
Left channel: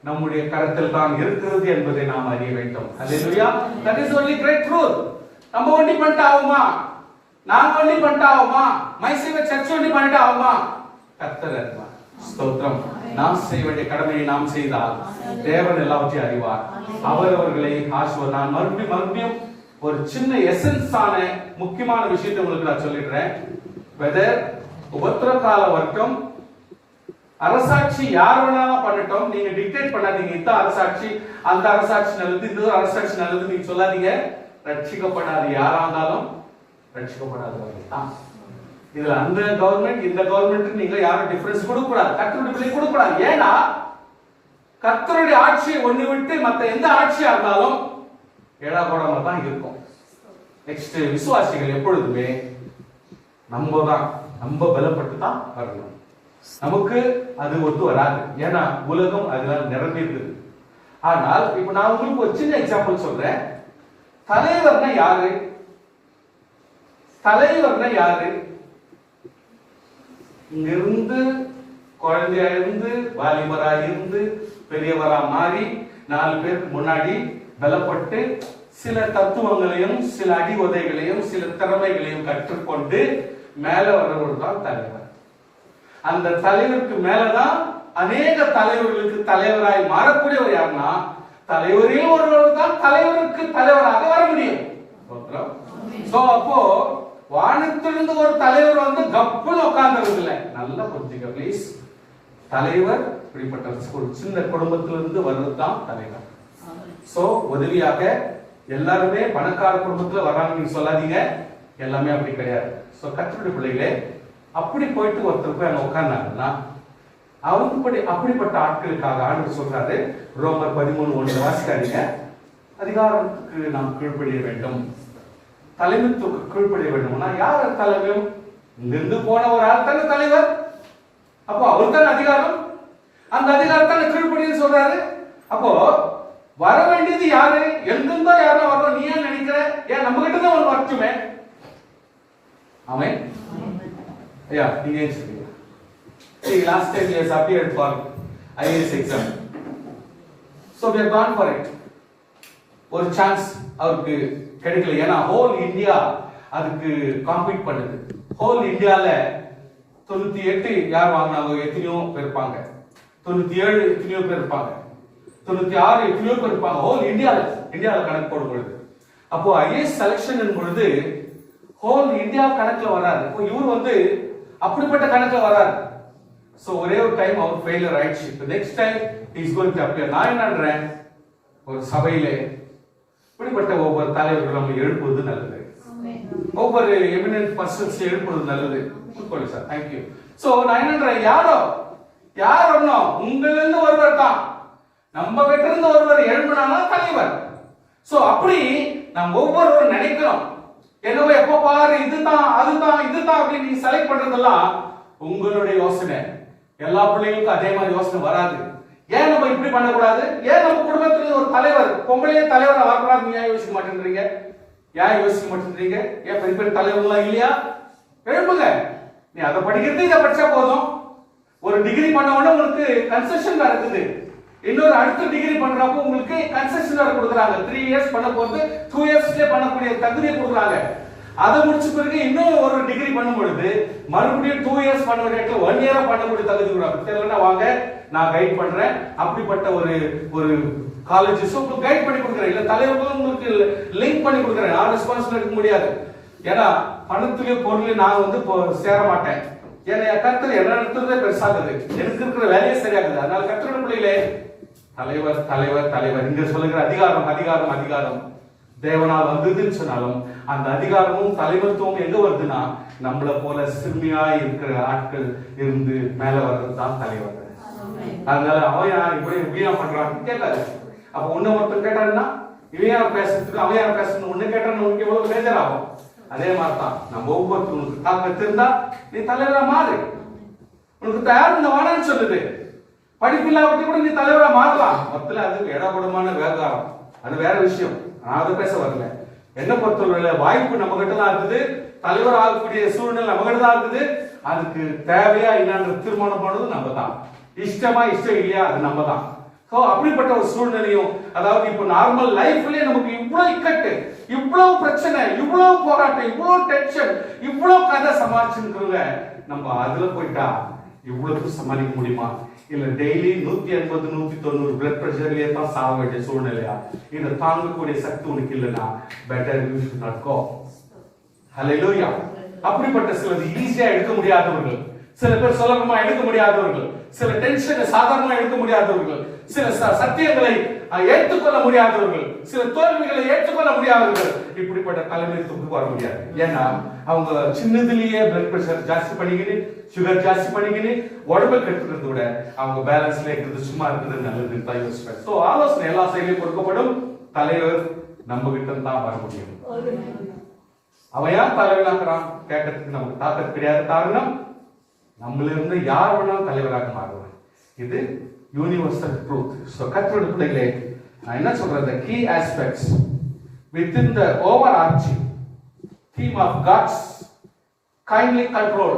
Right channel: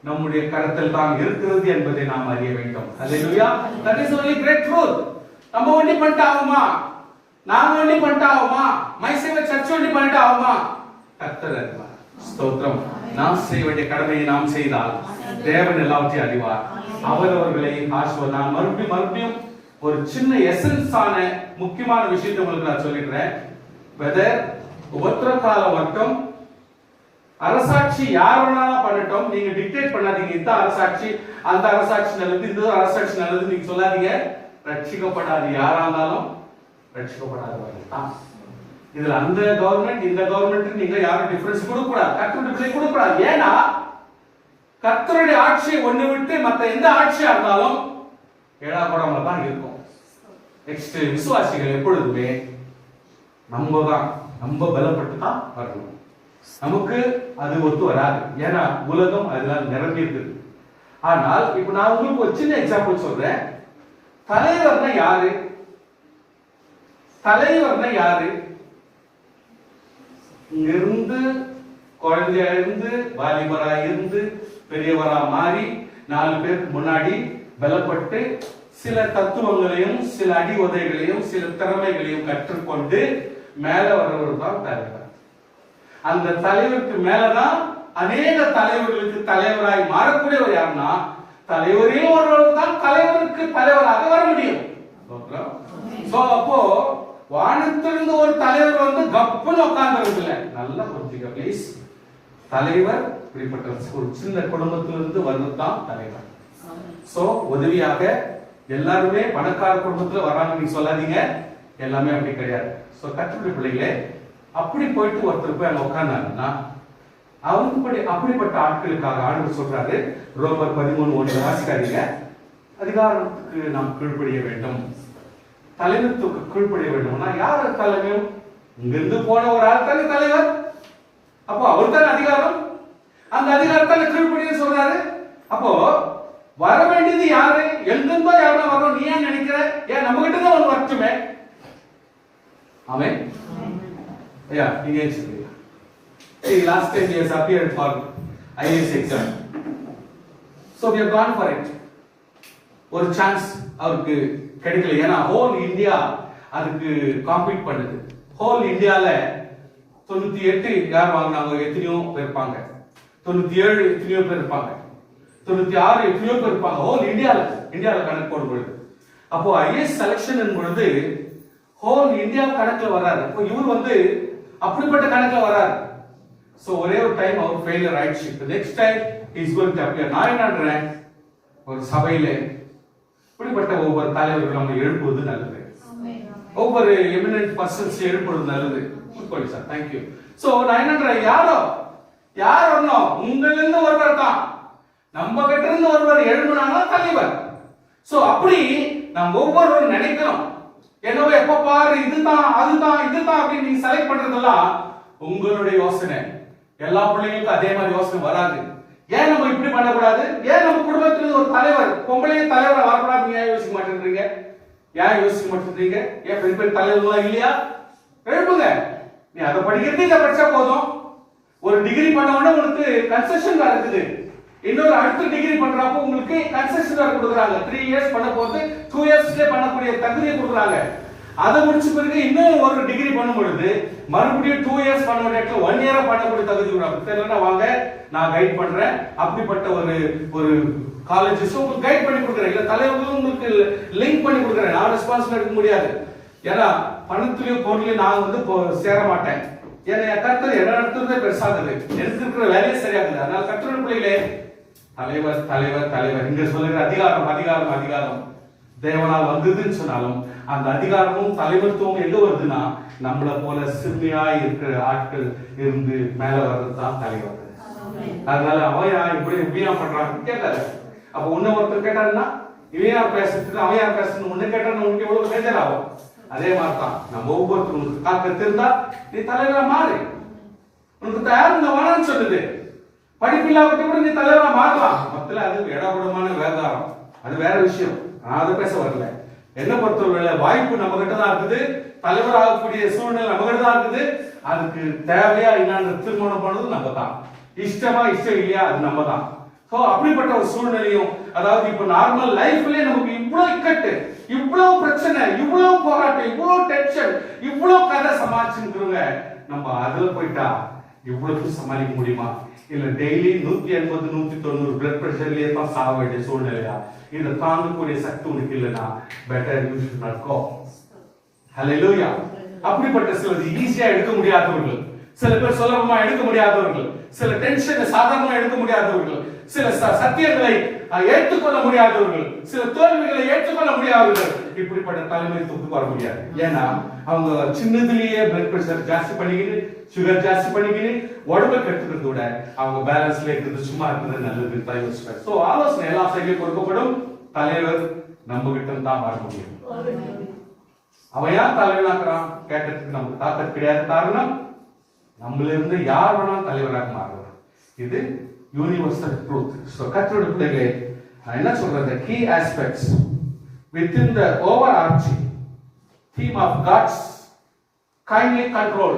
நம்முடைய கரத்தில் தான் இருக்கிறது என்பதை நாம் அறிய வேண்டும். Hallelujah. That is only great truth. நம்ம ஒண்ணி பண்ணிட்டாவுமா, நாங்க ஒண்ணி பண்ணிட்டாவுமா, மைசூர்ல சர்ச் ஒண்ணி பண்ணிட்டாவுமா, கர்த்தர் அறிவார். ஸ்தோத்திரம். நாம் செய்ய வேண்டிய கடமையை நாம் செய்தால் தேவன் எல்லாவற்றையும் அறிவார். அவர்களை ஆசீர்வதிப்பார். மறுபடியும் ஒரு சின்ன எசன்ஸ் ஆன முக்கியமான விஷயத்தை உங்களுக்கு நான் சொல்லிடுறேன். வெதர் உபத்திர கால வரட்டும், அரசாட்சி யார் வேணா பண்ணட்டும், நீங்க டிக்டேட் பண்ணாதீங்க. இந்த அரசாட்சி அந்த அரசாட்சி நல்லது, இந்த அரசாட்சி நல்லது நீங்க சொல்லாதீங்க. ரட்சிக்கப்படாது யாரா இருந்தாலும் ரட்சிக்கப்படாதவர்கள் தான். இதுல அந்த கவர்மெண்ட் இந்த கவர்மெண்ட் நீங்க யாரும் டிஃபரன்ஸ் கொடுக்க கூடாது, கர்த்தருடைய பிள்ளை கொடுக்க கூடாது. ஏன்னா கர்த்தருடைய ஆட்சியை ஒண்ணு விட்டு மத்த எந்த ஆட்சியா இருந்தாலும் ஏடாகூடமா தான் இருக்கும். நெக்ஸ்ட், விசுவாசிகள் எப்பொழுதுமே நம்ம பலப்பட்டு தான் வரணும். நமக்கு அது ஒத்து வராது, ஏன்னா உலகம் அதனால நிரம்பி இருக்குது. ஆனால் இப்ப நான் உங்களுக்கு ஒரு சின்ன எக்ஸாம்பிள் சொல்றேன். தலைவர்னா யாரு? தலைவர்னா யாரு? இங்கிருந்து குழந்தையா இருந்து வாலிபரா இருந்து பெரியவரா மாறி 4 பேருக்கு முன்னாடி பலப்பட்டு சில தத்துவங்களையும் சில அடி உதைகளையும் சில திறமைகளையும் கற்றுக்கொண்டு மேல வர்றவர் தான் தலைவர். அந்த தலைவருக்கு மேலதான் அநேக தலைவர்களுக்கு தலைவராய் மாறக்கூடியவர் யாருன்னா தலைவரையும் ஒருவர் தான் தலைவருக்கு தலைவராக வர முடியும். அப்போ வானத்திலிருந்து ஒரு தலைவர் வந்து கப்புன்னு உட்கார்ந்து இல்லை. நல்லா புரிஞ்சுக்க ப்ளீஸ். தலைவர் இப்படிப்பட்ட ஒரு சின்ன குடும்பத்திலிருந்து வர்றதுதான் தலைவர். சோ உதவியாக எல்லாருமே பணக்கார குடும்பத்துல வராங்க நீங்க சொல்லாதீங்க. எல்லாமே அப்படி கிடையாது. சோ கர்த்தருடைய பிள்ளைகளே, அப்படி போயிட்டு ஒருத்தர் போய் அங்க உட்கார்ந்தாங்கன்னா அவருக்கு அப்படிப்பட்ட ஆட்களுக்காக ஆண்டவர் சொல்றாரு, ரோமர் 13:1 வாசிக்காதீங்க. அதிகாரத்துக்கு நாம் கீழ்ப்படிய வேண்டும், தலைமைத்துக்கு கீழ்ப்படிய வேண்டும்னா யார் தலைமை? இங்கிருந்து போன ஒரு ஆள் தானே தலைவர். அப்போ அவர் தானே அதிகாரம். அந்த அதிகாரத்தால கீழ்ப்படிய சொல்றாரு. அப்போ வர வேண்டியது யாரு? எங்கிருந்தோ யாரும் வரோம். நீ ஏன் நினைக்கிற? ஏன் நம்ம கிட்ட தான் ஒன்று வரட்டுமே. ஆமென். ஐயா நீங்க ஏன் சொல்றீங்க? Last time he has appeared for IAS exam. So we have gone for it. ஒரு சான்ஸ் அவருக்கு கிடைக்கல. ஏன்னா ஹோல் இந்தியா அதுக்கு காம்பீட் பண்ணுது. ஹோல் இந்தியால 98 யார் வாங்கினாங்க? எத்தனையோ பேர் இருப்பாங்க. 97 எத்தனையோ பேர் இருப்பாங்க. 96 எத்தனையோ பேர் இருப்பாங்க. ஹோல் இந்தியால கணக்கு போடும் பொழுது, அப்போ ஐஏஎஸ் செலக்ஷன் பொழுது ஹோல் இந்தியா கணக்குல வராது. இப்போ இவர் வந்து அப்படிப்பட்ட கணக்குல வராது. சோ ஒரே ஒரு டைம் அவர் ஃபெயிலியர் ஆயிடுச்சு. Next time is going to appear. நான் என்னன்றேன், ஒரு சபையிலே இப்படிப்பட்ட ஒவ்வொரு தலைவர்கள் நம்ம எழுப்புவது நல்லது. ஒவ்வொரு எமினன்ட் பர்சன்ஸ் எழுப்புவது நல்லது. Sir thank you. சோ நான் என்னன்றேன், யார் வரணும்? உங்களிலிருந்து ஒருவர் தான். நம்ம கிட்ட இருந்து ஒருவர் எழுப்பினானா தலைவர். சோ அப்படி நம்ம ஒவ்வொருவரும் நினைக்கிறோம். என்னவோ எப்ப பாரு இதுதான் அதுதான் அப்படின்னு நீங்க செலக்ட் பண்றதெல்லாம் உங்களுடைய யோசனை. எல்லா பிள்ளைகளுக்கும் அதே மாதிரி யோசனை வராது. ஏன் நம்ம இப்படி பண்ணக்கூடாது? ஏன் நம்ம குடும்பத்துல ஒரு தலைவர் பொம்பளையே தலைவரா வரக்கூடாது? நீ ஏன் யோசிக்க மாட்டேன்றீங்க? ஏன் யோசிக்க மாட்டேன்றீங்க? ஏன் பெரிய பெரிய தலைவர்கள்லாம் இல்லையா? எழுப்புங்க. நீ அதை படிக்கிறது இதை படிச்சா போதும். ஒரு டிகிரி பண்ண உடனே உங்களுக்கு கன்செஷன் இருக்குது. இன்னொரு அடுத்த டிகிரி பண்றப்போ உங்களுக்கு கன்செஷன் வேற கொடுக்குறாங்க. 3 இயர்ஸ் பண்ண போது 2 இயர்ஸ்ல பண்ணக்கூடிய தகுதியை கொடுக்குறாங்க. அதை முடிச்ச பிறகு இன்னும் ஒரு டிகிரி பண்ணும் பொழுது மறுபடியும் 2 இயர்ஸ் பண்ண ரேட்ல 1 இயரா பண்ணக்கூடிய தகுதி கொடுக்குறாங்க. தெரியலன்னா வாங்க நான் கைட் பண்றேன். அப்படிப்பட்ட ஒரு காலேஜஸ் உங்களுக்கு கைட் பண்ணி கொடுக்குறேன். இல்ல தலைவர்களும் உங்களுக்கு லிங்க் பண்ணி கொடுக்குறேன். நான் ரெஸ்பான்சிபிலிட்டி எடுக்க முடியாது. ஏன்னா பணத்துலயும் பொருளையும் நான் வந்து சேர மாட்டேன். ஏன்னா கர்த்தர் என்ன நடத்துறதே பெருசாகுது. எனக்கு இருக்கிற வேலையே சரியாகுது. அதனால கர்த்தருடைய பிள்ளைகளே, தலைவர் தலைவர் தலைவர் இங்க சொல்லுகிற அதிகாரம் தேவனால் வந்ததுன்னு சொன்னாலும் அந்த அதிகாரமும் தலைவர்த்துவம் எங்க வருதுன்னா நம்மள போல சிறுமியா இருக்கிற ஆட்கள் இருந்து மேல வர்றதுதான் தலைவர். அதனால அவன் இப்படியா பண்றான் கேட்டாரு. அப்ப உன்ன ஒருத்தர் கேட்டாருன்னா இவன் யார் பேசுறதுக்கு அவன் யார் பேசணும் ஒண்ணு கேட்டான்னு உங்களுக்கு எவ்வளவு பேஜர் ஆகும். அதே மாதிரிதான் நம்ம ஒவ்வொருத்தருக்கு தாக்கத்து இருந்தா நீ தலைவரா மாறு. உனக்கு தயார் இந்த வேணான்னு சொல்லுது. படிப்பில்லாமட்டி கூட நீ தலைவரா மாறலாம். மொத்தத்துல அது இடகுடமான விவகாரம், அது வேற விஷயம். நான் அதை பேச வரல. என்ன பொறுத்தவரை வாய்ப்பு நம்ம கிட்ட தான் இருக்குது. தலைவர் ஆகக்கூடிய சூழ்நிலை நம்ம கிட்ட தான் இருக்குது. அதுக்கு தேவையா என்னன்னு தீர்மானம் பண்ணது நம்ம தான். இஷ்டமா இஷ்டம் இல்லையா அது நம்ம தான். சோ அப்படிப்பட்ட ஒரு சூழ்நிலையும், அதாவது இப்ப நார்மல் லைஃப்லயே நமக்கு இவ்வளவு இக்கட்டு, இவ்வளவு பிரச்சனை, இவ்வளவு போராட்டம், இவ்வளவு டென்ஷன், இவ்வளவு கதை சமாளிச்சுருங்க. நம்ம அதுல போயிட்டா இவ்வளவு சமாளிக்க முடியுமா? இல்ல டெய்லி 180 190 பிளட் பிரஷர்லயே தான் சாக வேண்டிய சூழ்நிலையா? இதை தாங்கக்கூடிய சக்தி உனக்கு இல்லைன்னா better you should not go. Hallelujah. அப்படிப்பட்ட சிலது ஈஸியா எடுக்க முடியாதவர்கள், சில பேர் சுலபமா எடுக்க முடியாதவர்கள், சில டென்ஷனை சாதாரணமா எடுக்க முடியாதவர்கள், சில சத்தியங்களை ஏற்றுக்கொள்ள முடியாதவர்கள், சில தோல்விகளை ஏற்றுக்கொள்ள முடியாதவர்கள். இப்படிப்பட்ட தலைமைத்துவத்துக்கு வர முடியாது. ஏன்னா அவங்க சின்னதுலயே பிளட் பிரஷர் ஜாஸ்தி பண்ணிக்கிட்டு, சுகர் ஜாஸ்தி பண்ணிக்கிட்டு உடம்பு கெடுத்துக்கிறத விட அவங்க பேலன்ஸ்ல இருக்கிறது, சும்மா இருக்கிறது நல்லது. சோ ஆலோசனை எல்லா சைட்லயும் கொடுக்கப்படும். தலைவர் நம்ம கிட்ட தான் வர முடியும். அவன் யார் தலைவனாக்குறான் கேட்கறதுக்கு நமக்கு தாக்கத்து கிடையாது. காரணம், நம்மள இருந்து யார் வேணாலும் தலைவராக மாறுவார். இது யூனிவர்சல் ட்ரூத். சோ கர்த்தருடைய பிள்ளைகளே, நான் என்ன சொல்றது, key aspects within the overarching theme of God's kindly control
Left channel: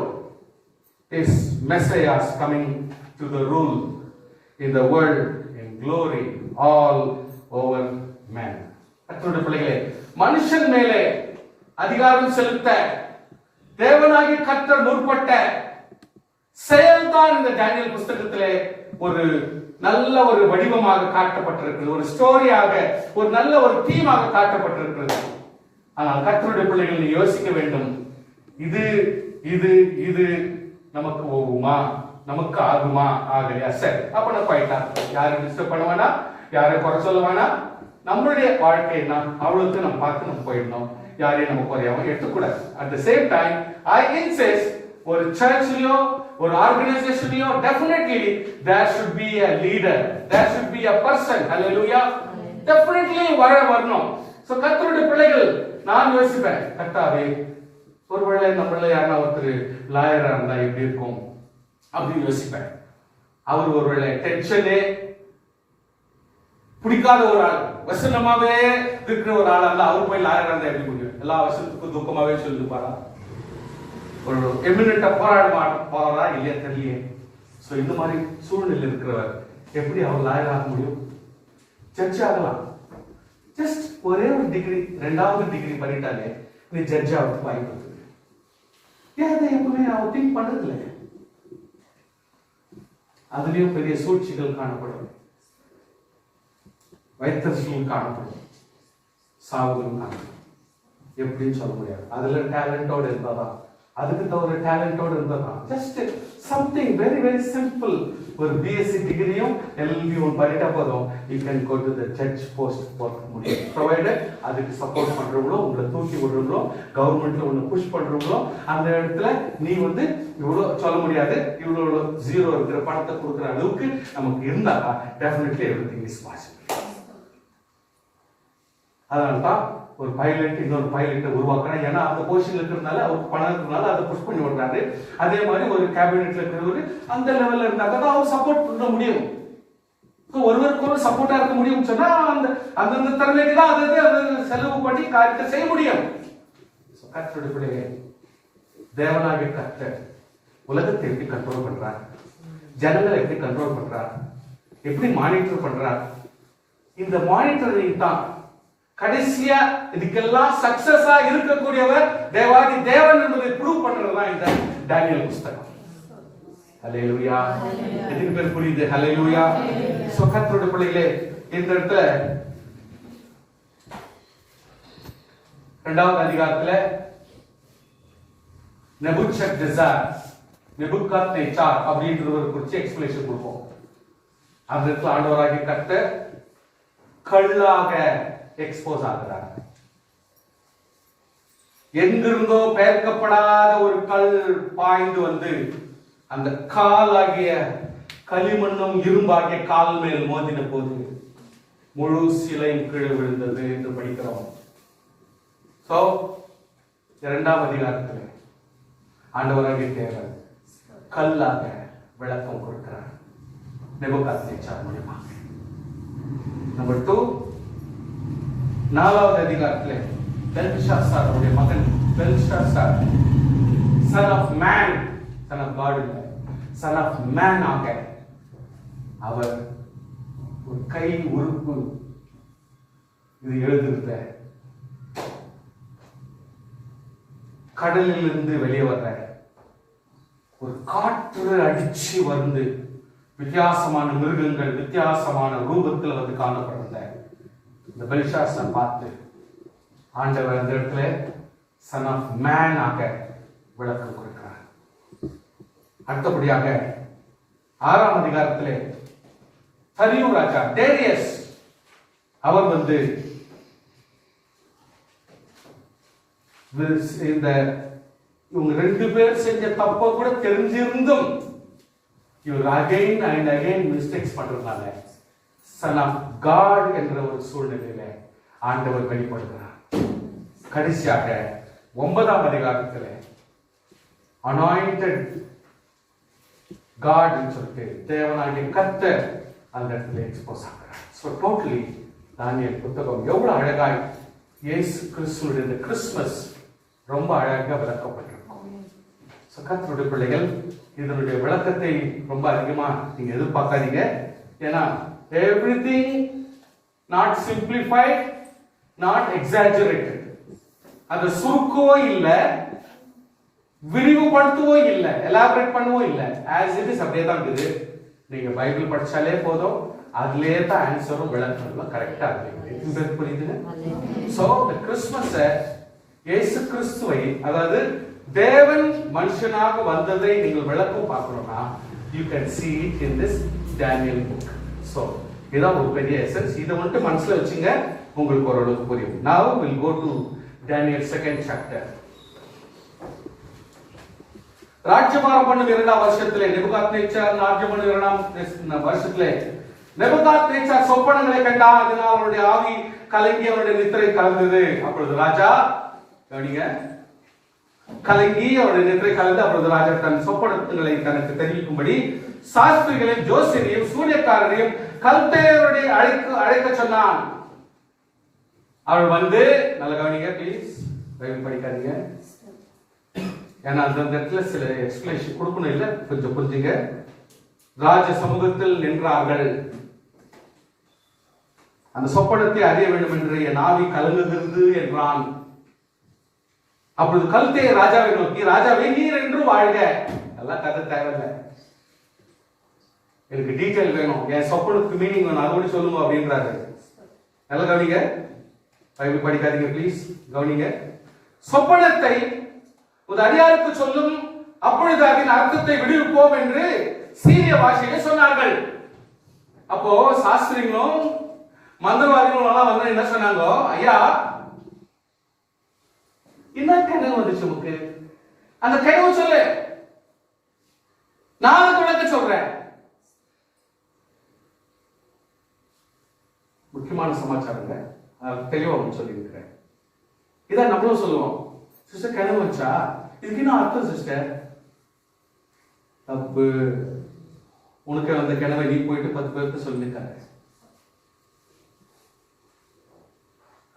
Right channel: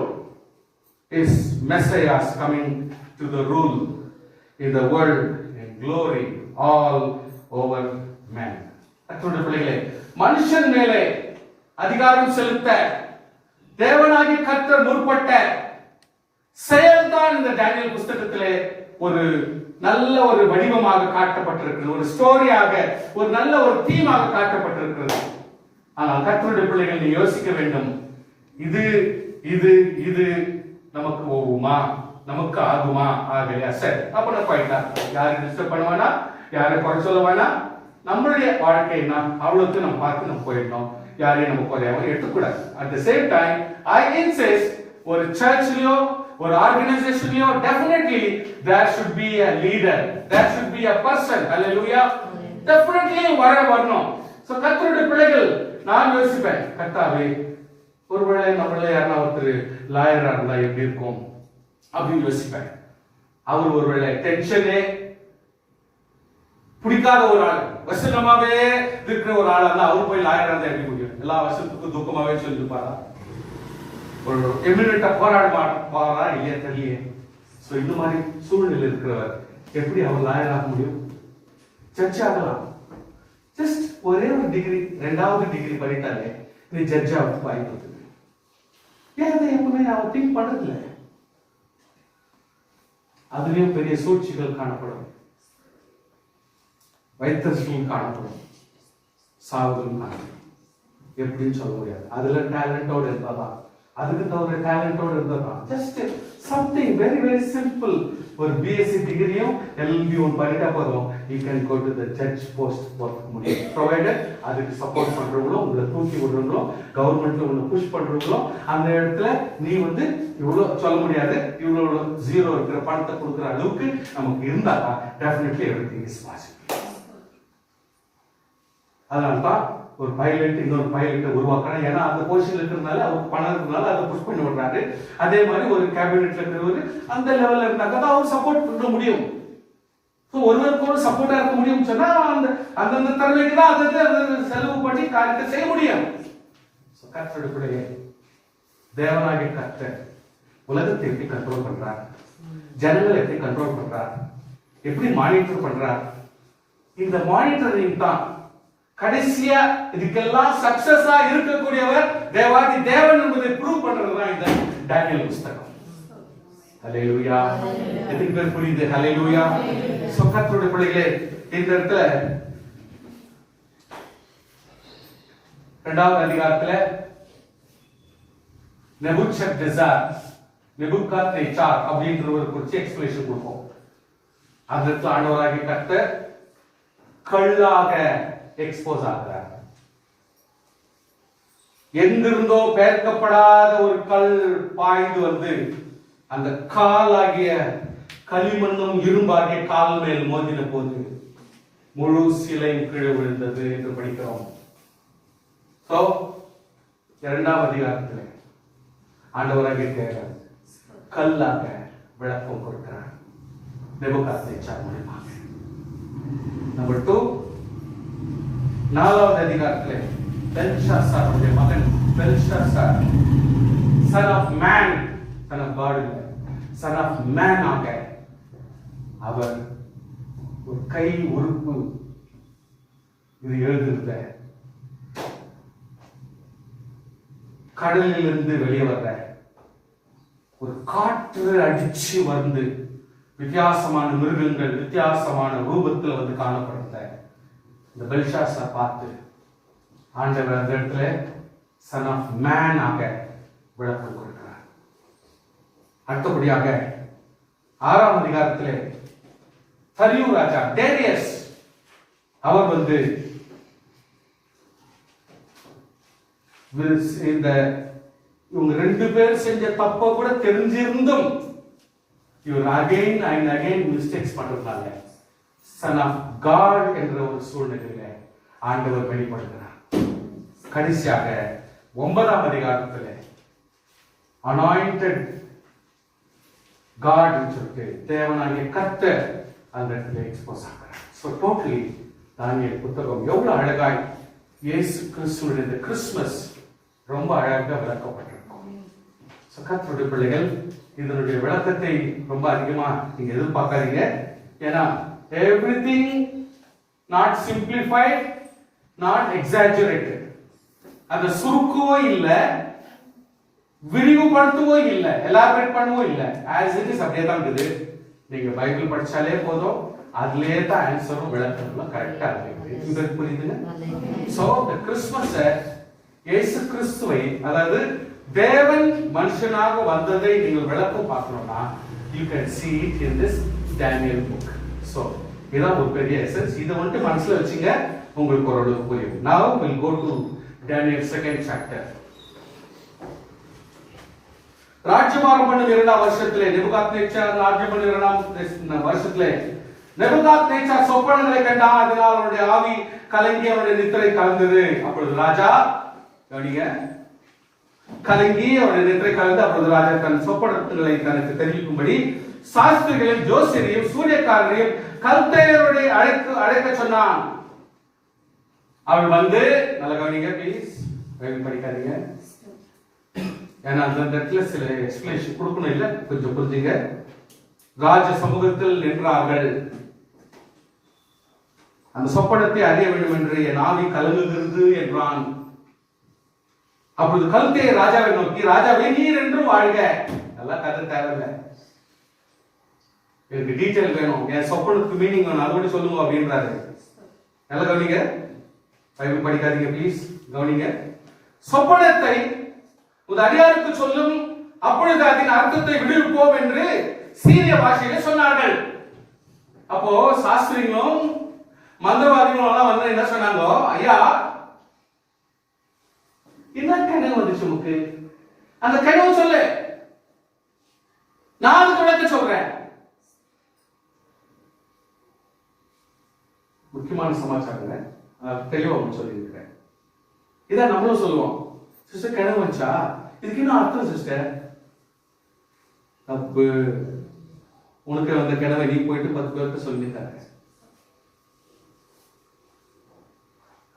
is Messiah's coming to the rule in the world in glory all over men. கர்த்தருடைய பிள்ளைகளே, மனுஷன் மேலே அதிகாரம் செலுத்த தேவனாகிய கர்த்தர் முற்பட்ட செயல்தான் இந்த டேனியல் புஸ்தகத்திலே ஒரு நல்ல ஒரு வடிவமாக காட்டப்பட்டிருக்கிறது, ஒரு ஸ்டோரியாக, ஒரு நல்ல ஒரு தீமாக காட்டப்பட்டிருக்கிறது. ஆனால் கர்த்தருடைய பிள்ளைகள், நீ யோசிக்க வேண்டும், இது இது இது நமக்கு ஓகுமா, நமக்கு ஆகுமா, ஆகலையா? சரி, அப்ப நான் போயிட்டா யாரும் டிஸ்டர்ப் பண்ணுவானா, யாரும் குறை சொல்லுவானா? நம்மளுடைய வாழ்க்கைனா அவ்வளவுக்கு நம்ம பார்த்து நம்ம போயிடணும். யாரையும் நம்ம குறையாம எடுத்துக்கூடாது. At the same time I insist, ஒரு சர்ச்லயோ ஒரு ஆர்கனைசேஷன்லயோ definitely there should be a leader, there should be a person. Hallelujah. Definitely வரணும். சோ கர்த்தருடைய பிள்ளைகள், நான் யோசிப்பேன், கர்த்தாவே, ஒருவேளை நம்மள யாரா ஒருத்தர் லாயரா இருந்தா எப்படி இருக்கும் அப்படின்னு யோசிப்பேன். அவர் ஒருவேளை டென்ஷனே பிடிக்காத ஒரு ஆள், வசனமாவே இருக்கிற ஒரு ஆளா இருந்தா அவர் போய் லாயரா இருந்தா எப்படி முடியும்? எல்லா வசனத்துக்கும் துக்கமாவே சொல்லிருப்பாரா? ஒரு எமினென்ட்டா போராடா இல்லையா தெரியலையே. சோ இந்த மாதிரி சூழ்நிலை இருக்கிறவர் எப்படி அவர் லாயர் ஆக முடியும்? ஜட்ஜ் ஆகலாம். ஜஸ்ட் ஒரே ஒரு டிகிரி, 2வது டிகிரி பண்ணிட்டாலே நீ ஜட்ஜ் ஆகிறதுக்கு வாய்ப்பு இருக்கு. ஏன் இதை எப்பவுமே அவர் திங்க் பண்றது இல்லை? அதுலயும் பெரிய சூழ்ச்சிகள் காணப்படும், வைத்தறிச்சலும் காணப்படும், சாவுதலும் காணப்படும். எப்படின்னு சொல்ல முடியாது. அதுல டேலண்டோட இருந்தாதான், அதுக்கு தவிர டேலண்டோட இருந்ததான். Just something very very simple. ஒரு பிஎஸ்சி டிகிரியும் எல்எல்பியும் பண்ணிட்டா போதும், you can go to the judge post போக முடியும். ப்ரொவைடட் அதுக்கு சப்போர்ட் பண்றவங்களோ, உங்களை தூக்கி விடுறவங்களோ, கவர்மெண்ட்ல உங்களை புஷ் பண்றவங்களோ, அந்த இடத்துல நீ இவ்வளவு சொல்ல முடியாது, இவ்வளவு ஜீரோ இருக்கிற பணத்தை கொடுக்குற அளவுக்கு நமக்கு இருந்தா டெஃபினெட்லி எவ்ரிதிங் இஸ் பாசிபிள். அதனால்தான் ஒரு பைலட் இன்னொரு பைலட்டை உருவாக்குறான். ஏன்னா அந்த பொசிஷன்ல இருக்கிறதுனால, அவருக்கு பணம் இருக்கிறதுனால அதை புஷ் பண்ணி விடுறாரு. அதே மாதிரி ஒரு கேபினெட்ல இருக்கிறவர் அந்த லெவல்ல இருந்தாக்க தான் அவர் சப்போர்ட் பண்ண முடியும். ஒருவருக்கு ஒரு சப்போர்ட்டா இருக்க முடியும் சொன்னா அந்தந்த திறமைக்கு தான் அதை செலவு பண்ணி காரியத்தை செய்ய முடியும். கர்த்தருடைய தேவனாகிய கர்த்தர் உலகத்தை எப்படி கண்ட்ரோல் பண்றார், ஜனங்களை எப்படி கண்ட்ரோல் பண்றார், எப்படி மானிட்டர் பண்றார். இந்த மானிட்டரிங் தான் கடைசியா இதுக்கெல்லாம் சக்சஸா இருக்கக்கூடியவர் தேவாதி தேவன் என்பதை ப்ரூவ் பண்றதுதான் இந்த டேனியல் புஸ்தகம். ஹல்லேலூயா. எத்தனை பேர் புரியுது? ஹல்லேலூயா. சோ கர்த்தருடைய பிள்ளைகளே, இந்த இடத்துல 2வது அதிகாரத்துல நெபுகத்நேச்சார் அப்படின்றவர் குறித்து எக்ஸ்பிளேஷன் கொடுப்போம். அந்த இடத்துல ஆண்டவராகிய கர்த்தர் கல்லாக எக்ஸ்போஸ் ஆகிறார். எங்கிருந்தோ பெயர்க்கப்படாத ஒரு கல் பாய்ந்து வந்து அந்த காலாகிய களிமண்ணும் இரும்பாகிய கால் மேல் மோதின போது முழு சிலையும் கீழே விழுந்தது என்று படிக்கிறோம். சோ 2வது அதிகாரத்திலே ஆண்டவராகிய தேவன் கல்லாக விளக்கம் கொடுக்கிறார் நெபுகத்நேச்சார் மூலமாக. நம்பர் 2, 4வது அதிகாரத்திலே பெல்ஷாசாருடைய மகன் Belshazzar son of man, son of God இல்ல, சன் ஆஃப் மேன் ஆக அவர் ஒரு கை உறுப்பு இது எழுதுறத கடலில் இருந்து வெளியே வர்ற ஒரு காற்று அடிச்சு வந்து வித்தியாசமான மிருகங்கள் வித்தியாசமான ரூபத்தில் வந்து காணப்படுறத இந்த பெல்ஷாசார் பார்த்து ஆண்டவர் அந்த இடத்துல சன் ஆஃப் மேன் ஆக விளக்கம் கொடுக்கிறார். அடுத்தபடியாக 6ஆம் அதிகாரத்திலே தரியு ராஜா டேரியஸ் அவர் வந்து இந்த இவங்க 2 பேர் செஞ்ச தப்ப கூட தெரிஞ்சிருந்தும் இவர் அகைன் அண்ட் அகைன் மிஸ்டேக்ஸ் பண்றதுனால சன் ஆஃப் காட் என்ற ஒரு சூழ்நிலையில ஆண்டவர் வெளிப்படுகிறார். கடைசியாக 9ஆம் அதிகாரத்தில் அனாயிண்டட் காட் சொல்லிட்டு தேவனாகிய கர்த்தர் அந்த இடத்துல எக்ஸ்போஸ் ஆகிறார். ஸோ டோட்டலி தானியேல் புத்தகம் எவ்வளவு அழகாய் இயேசு கிறிஸ்துவுடைய இந்த கிறிஸ்துமஸ் ரொம்ப அழகாக விளக்கப்பட்டிருக்கும். கர்த்தருடைய பிள்ளைகள் இதனுடைய விளக்கத்தை ரொம்ப அதிகமா நீங்க எதிர்பார்க்காதீங்க. ஏன்னா everything not simplified, not exaggerated. அந்த சுருக்கவோ இல்ல, விரிவுபடுத்தவோ இல்ல, எலாபரேட் பண்ணவோ இல்ல. ஆஸ் இட் இஸ் அப்படியே தான் இருக்குது. நீங்க பைபிள் படிச்சாலே போதும், அதுலயே தான் ஆன்சரும் விளக்கங்களும் கரெக்டா இருக்கு. புரியுதுங்க? சோ இந்த கிறிஸ்துமஸ் இயேசு கிறிஸ்துவை, அதாவது தேவன் மனுஷனாக வந்ததை நீங்கள் விளக்கம் பார்க்கணும்னா you can see it in this Daniel book. So இதான் ஒரு பெரிய எசன்ஸ். இதை மட்டும் மனசுல வச்சுங்க, உங்களுக்கு ஓரளவுக்கு புரியும். Now we'll go to Daniel 2nd chapter. ராஜ்யபாரம் பண்ணும் 2ஆம் வருஷத்திலே நேபுகாத்நேச்சார் ராஜ்யம் பண்ணும் 2ஆம் வருஷத்திலே நேபுகாத்நேச்சார் சொப்பனங்களை கண்டான். அதனால் அவருடைய ஆவி கலங்கி அவருடைய நித்திரை கலந்தது. அப்பொழுது ராஜா கவனிங்க, கலங்கி அவருடைய நித்திரை கலந்து அப்பொழுது ராஜா தன் சொப்பனங்களை தனக்கு தெரிவிக்கும்படி சாஸ்திரிகளையும் ஜோசியரையும் சூரியக்காரரையும் கல்தேயருடைய அழைக்க சொன்னான். அவள் வந்து, நல்ல கவனிங்க ப்ளீஸ், படிக்காதீங்க, ஏன்னா அந்த இடத்துல சில எக்ஸ்பிளேஷன் கொடுக்கணும் இல்ல, கொஞ்சம் புரிஞ்சுங்க. ராஜ சமூகத்தில் நின்றார்கள். அந்த சொப்பனத்தை அறிய வேண்டும் என்று என் ஆவி கலங்குகிறது என்றான். அப்பொழுது கல்தே ராஜாவை நோக்கி, ராஜாவே நீர் என்று வாழ்க. எல்லாம் கதை தேவையில்லை, எனக்கு டீட்டெயில் வேணும், என் சொப்பனத்துக்கு மீனிங் வேணும், அதோட சொல்லுங்க அப்படின்றாரு. நல்லா கவனிங்க, பைபிள் படிக்காதீங்க ப்ளீஸ், கவனிங்க. சொப்பனத்தை உன் அடியாருக்கு சொல்லும், அப்பொழுது அதன் அர்த்தத்தை விடுவிப்போம் என்று சீரிய பாஷையில சொன்னார்கள். அப்போ சாஸ்திரிகளும் மந்திரவாதிகளும் எல்லாம் வந்து என்ன சொன்னாங்க, ஐயா என்ன கனவு வந்துச்சு உனக்கு, அந்த கனவு சொல்லு, நான் அதுக்கு விளக்க சொல்றேன். முக்கியமான சமாச்சாரங்க, தெளிவா சொல்லி இருக்கிறேன். இதான் நம்மளும் சொல்லுவோம், சிஸ்டர் கனவு வச்சா இதுக்கு என்ன அர்த்தம் சிஸ்டர்? தப்பு. உனக்கு அந்த கனவை நீ போயிட்டு 10 பேருக்கு சொல்லியிருக்காரு.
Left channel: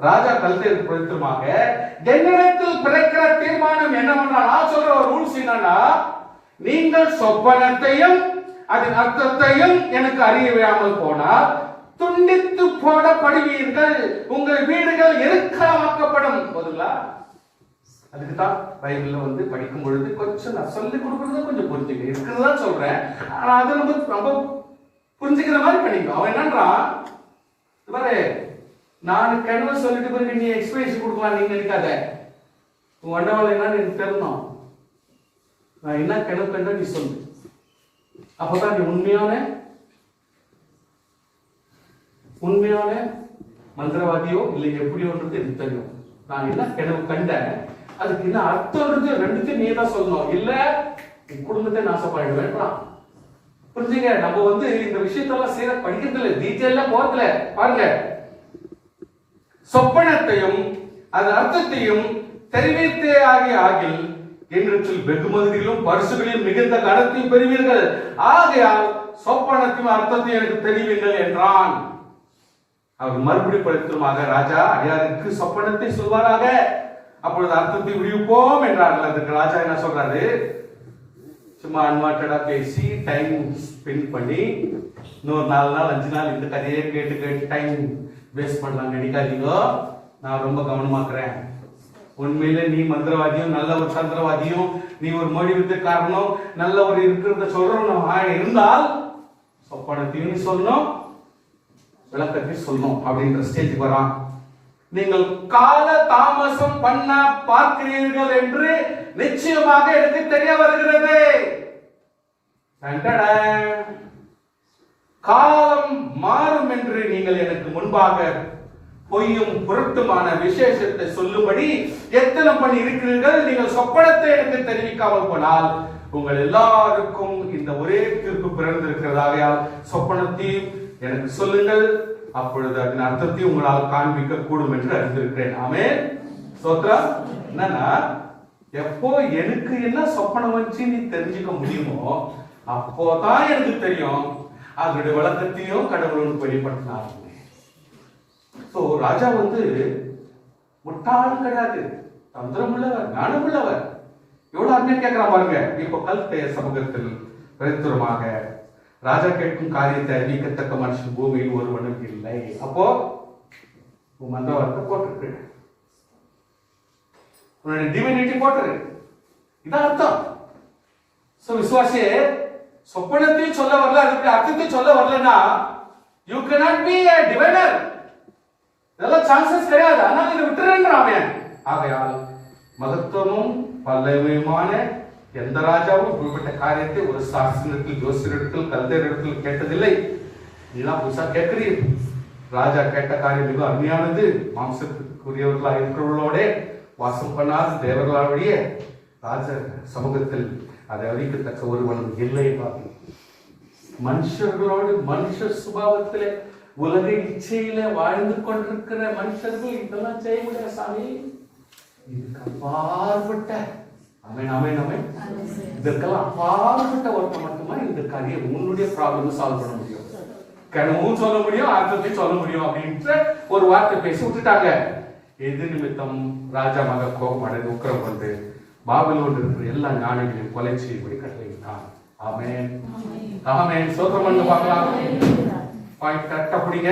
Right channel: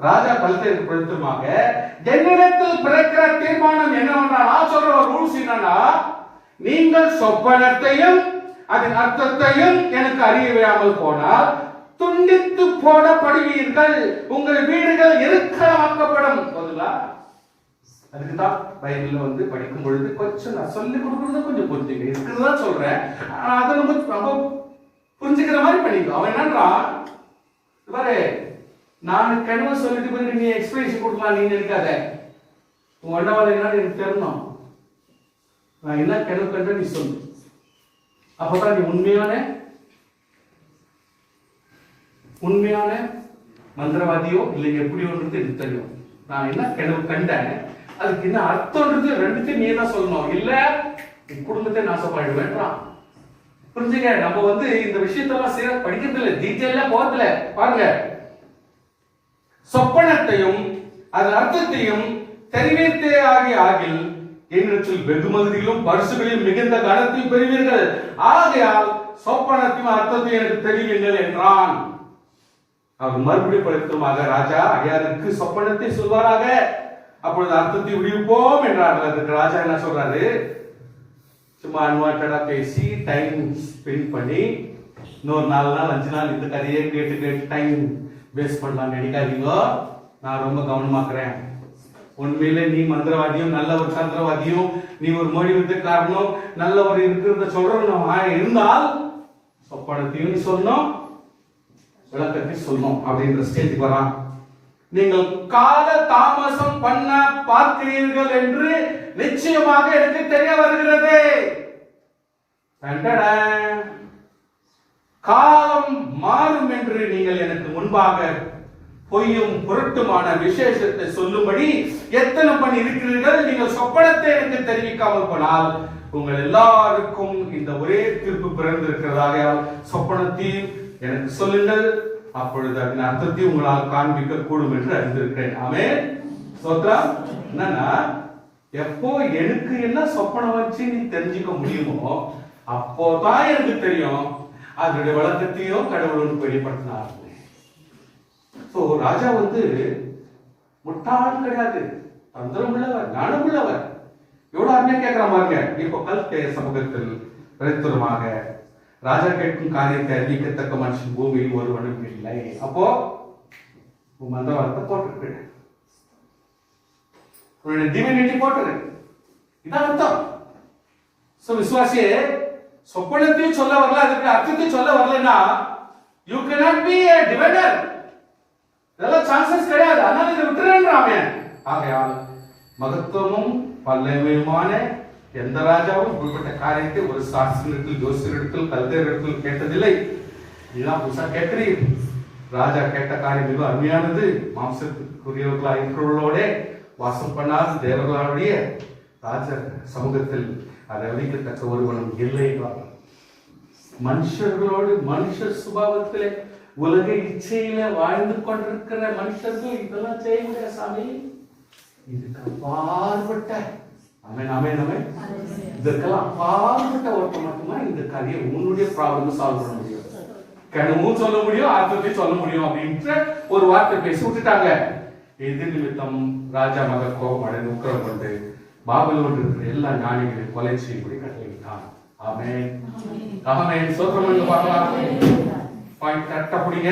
ராஜா கல்தேயருக்கு பிரதித்திரமாக, என்னிடத்தில் பிறக்கிற தீர்மானம் என்னவென்றால், நான் சொல்ற ஒரு ரூல்ஸ் என்னன்னா, நீங்கள் சொப்பனத்தையும் அதன் அர்த்தத்தையும் எனக்கு அறிய விடாமல் போனால் துண்டித்து போடப்படுவீர்கள், உங்கள் வீடுகள் எருக்களமாக்கப்படும். போதுங்களா? அதுக்கு தான் பைபிள்ல வந்து படிக்கும் பொழுது கொஞ்சம் நான் சொல்லி கொடுக்கறது கொஞ்சம் புரிஞ்சுங்க, இருக்குதான் சொல்றேன், அது ரொம்ப புரிஞ்சுக்கிற மாதிரி பண்ணிக்கோ. அவன் என்னன்றான் பாரு, நான் கனவு சொல்லிட்டு பிறகு நீ எக்ஸ்பிளேஷன் கொடுக்கலாம் நீங்க நினைக்காத. உங்க அண்டவாளம் என்னன்னு எனக்கு தெரியணும், நான் என்ன கனவு கண்ட நீ சொல்லு, அப்பதான் நீ உண்மையான மந்திரவாதியோ இல்லை எப்படியோ எனக்கு தெரியும். நான் என்ன கனவு கண்டேன், அதுக்கு என்ன அர்த்தம்ன்றது ரெண்டுத்தையும் நீ தான் சொல்லணும், இல்ல என் குடும்பத்தை நாசப்பாயிடுவேன்றான். புரிஞ்சுங்க, நம்ம வந்து இந்த விஷயத்தெல்லாம் சேர படிக்கிறது இல்லை, டீட்டெயிலா போறதுல பாருங்க. சொப்பனத்தையும் அதன் அர்த்தத்தையும் தெரிவித்தே ஆகில் என்னிடத்தில் வெகுமதிகளும் பரிசுகளையும் மிகுந்த கனத்தையும் பெறுவீர்கள், ஆகையால் சொப்பனத்தையும் அர்த்தத்தையும் எனக்கு தெரிவிங்கள் என்றான். அவர் மறுபடியும் படுத்துமாக, ராஜா அடியாருக்கு சொப்பனத்தை சொல்வாராக, அப்பொழுது அர்த்தத்தை விடுவிப்போம் என்றார்கள். அதுக்கு ராஜா என்ன சொல்றாரு, சும்மா அன்வான்டா பேசி டைம் ஸ்பெண்ட் பண்ணி இன்னொரு 4 நாள் 5 நாள் இந்த கதையே கேட்டு டைம் வேஸ்ட் பண்ணலாம் நினைக்காதீங்க, நான் ரொம்ப கவனமாக்குறேன். உண்மையிலே நீ மந்திரவாதியும் நல்ல ஒரு சந்திரவாதியும் நீ ஒரு மொழி வித்துக்காரனும் நல்ல ஒரு இருக்கிறத சொல்றோம் இருந்தால் சொப்பனத்தையும் சொல்லணும் விளக்கத்தை சொல்லணும் அப்படின்ற ஸ்டேஜுக்கு வரான். நீங்கள் கால தாமசம் பண்ண பார்க்கிறீர்கள் என்று நிச்சயமாக எனக்கு தெரிய வருகிறது. காலம் மாறும் என்று நீங்கள் எனக்கு முன்பாக பொய்யும் புரட்டுமான விசேஷத்தை சொல்லும்படி எத்தனை பண்ணி இருக்கிறீர்கள். நீங்கள் சொப்பனத்தை எனக்கு தெரிவிக்காமல் போனால் உங்கள் எல்லாருக்கும் இந்த ஒரே தீர்ப்பு பிறந்திருக்கிறதாக சொப்பனத்தையும் எனக்கு சொல்லுங்கள், அப்பொழுது அதன் அர்த்தத்தையும் உங்களால் காண்பிக்க கூடும் என்று அறிந்திருக்கிறேன். ஆமென். ஸ்தோத்திரம். என்னன்னா, எப்போ எனக்கு என்ன சொப்பனம் வச்சு நீ தெரிஞ்சுக்க முடியுமோ அப்போதான் எனக்கு தெரியும் அதனுடைய விளக்கத்தையும் கடவுள் வெளிப்படுத்தினார். ராஜா முட்டாள் கிடையாது, தந்திரம் உள்ளவர், ஞானம் உள்ளவர். எவ்வளவு அருமையா கேட்கிற பாருங்க. இப்போ கல்தேய சமூகத்தில் பிரத்துரமாக ராஜா கேட்கும் காரியத்தை அறிவிக்கத்தக்க மனுஷன் பூமியில் ஒருவனும் இல்லை. அப்போ மந்தவாதத்தை போட்டிருக்கு, உன்னுடைய டிவினிட்டி போட்டுரு. இதான் அர்த்தம். விசுவாசியே, சொப்பனத்தையும் சொல்ல வரல, அதுக்கு அர்த்தத்தையும் சொல்ல வரலன்னா you cannot be a diviner. இதெல்லாம் சான்சஸ் கிடையாது. ஆனால் இதை விட்டுருன்றாமே. ஆகையால் மகத்துவமும் பல்லவியுமான எந்த ராஜாவும் இப்படிப்பட்ட காரியத்தை ஒரு சாஸ்திரத்தில், ஜோசியரிடத்தில், கல்தேரிடத்தில் கேட்டதில்லை. இதுதான் புதுசா கேட்கிறீர்கள். ராஜா கேட்ட காரியம் மிக அருமையானது. மாம்சத்துக்குரியவர்களாக இருக்கிறவர்களோட வாசம் பண்ணாத தேவர்களாவுடைய ராஜ சமூகத்தில் அதை அளிக்கத்தக்க ஒருவனும் இல்லை. மனுஷர்களோடு மனுஷ சுபாவத்திலே உலக இச்சையில வாழ்ந்து கொண்டிருக்கிற மனுஷர்கள் இதெல்லாம் செய்ய முடியாது சாமி. இதுக்கு அப்பாற்பட்ட இதற்கெல்லாம் அப்பாற்பட்ட ஒருத்தர் மட்டும்தான் இந்த காரியம் உன்னுடைய ப்ராப்ளம் சால்வ் பண்ண முடியும், கனவும் சொல்ல முடியும், அர்த்தத்தையும் சொல்ல முடியும் அப்படின்ற ஒரு வார்த்தை பேசி விட்டுட்டாங்க. எது நிமித்தம் ராஜா மக கோபம் அடைந்து உக்கிரம் கொண்டு பாபிலோனில் இருக்கிற எல்லா ஞானிகளையும் கொலை செய்யும்படி கட்டளையிட்டான். ஆமென். ஆமென். சோத்திரம் பார்க்கலாம். பாயிண்ட் கரெக்டா புடிங்க.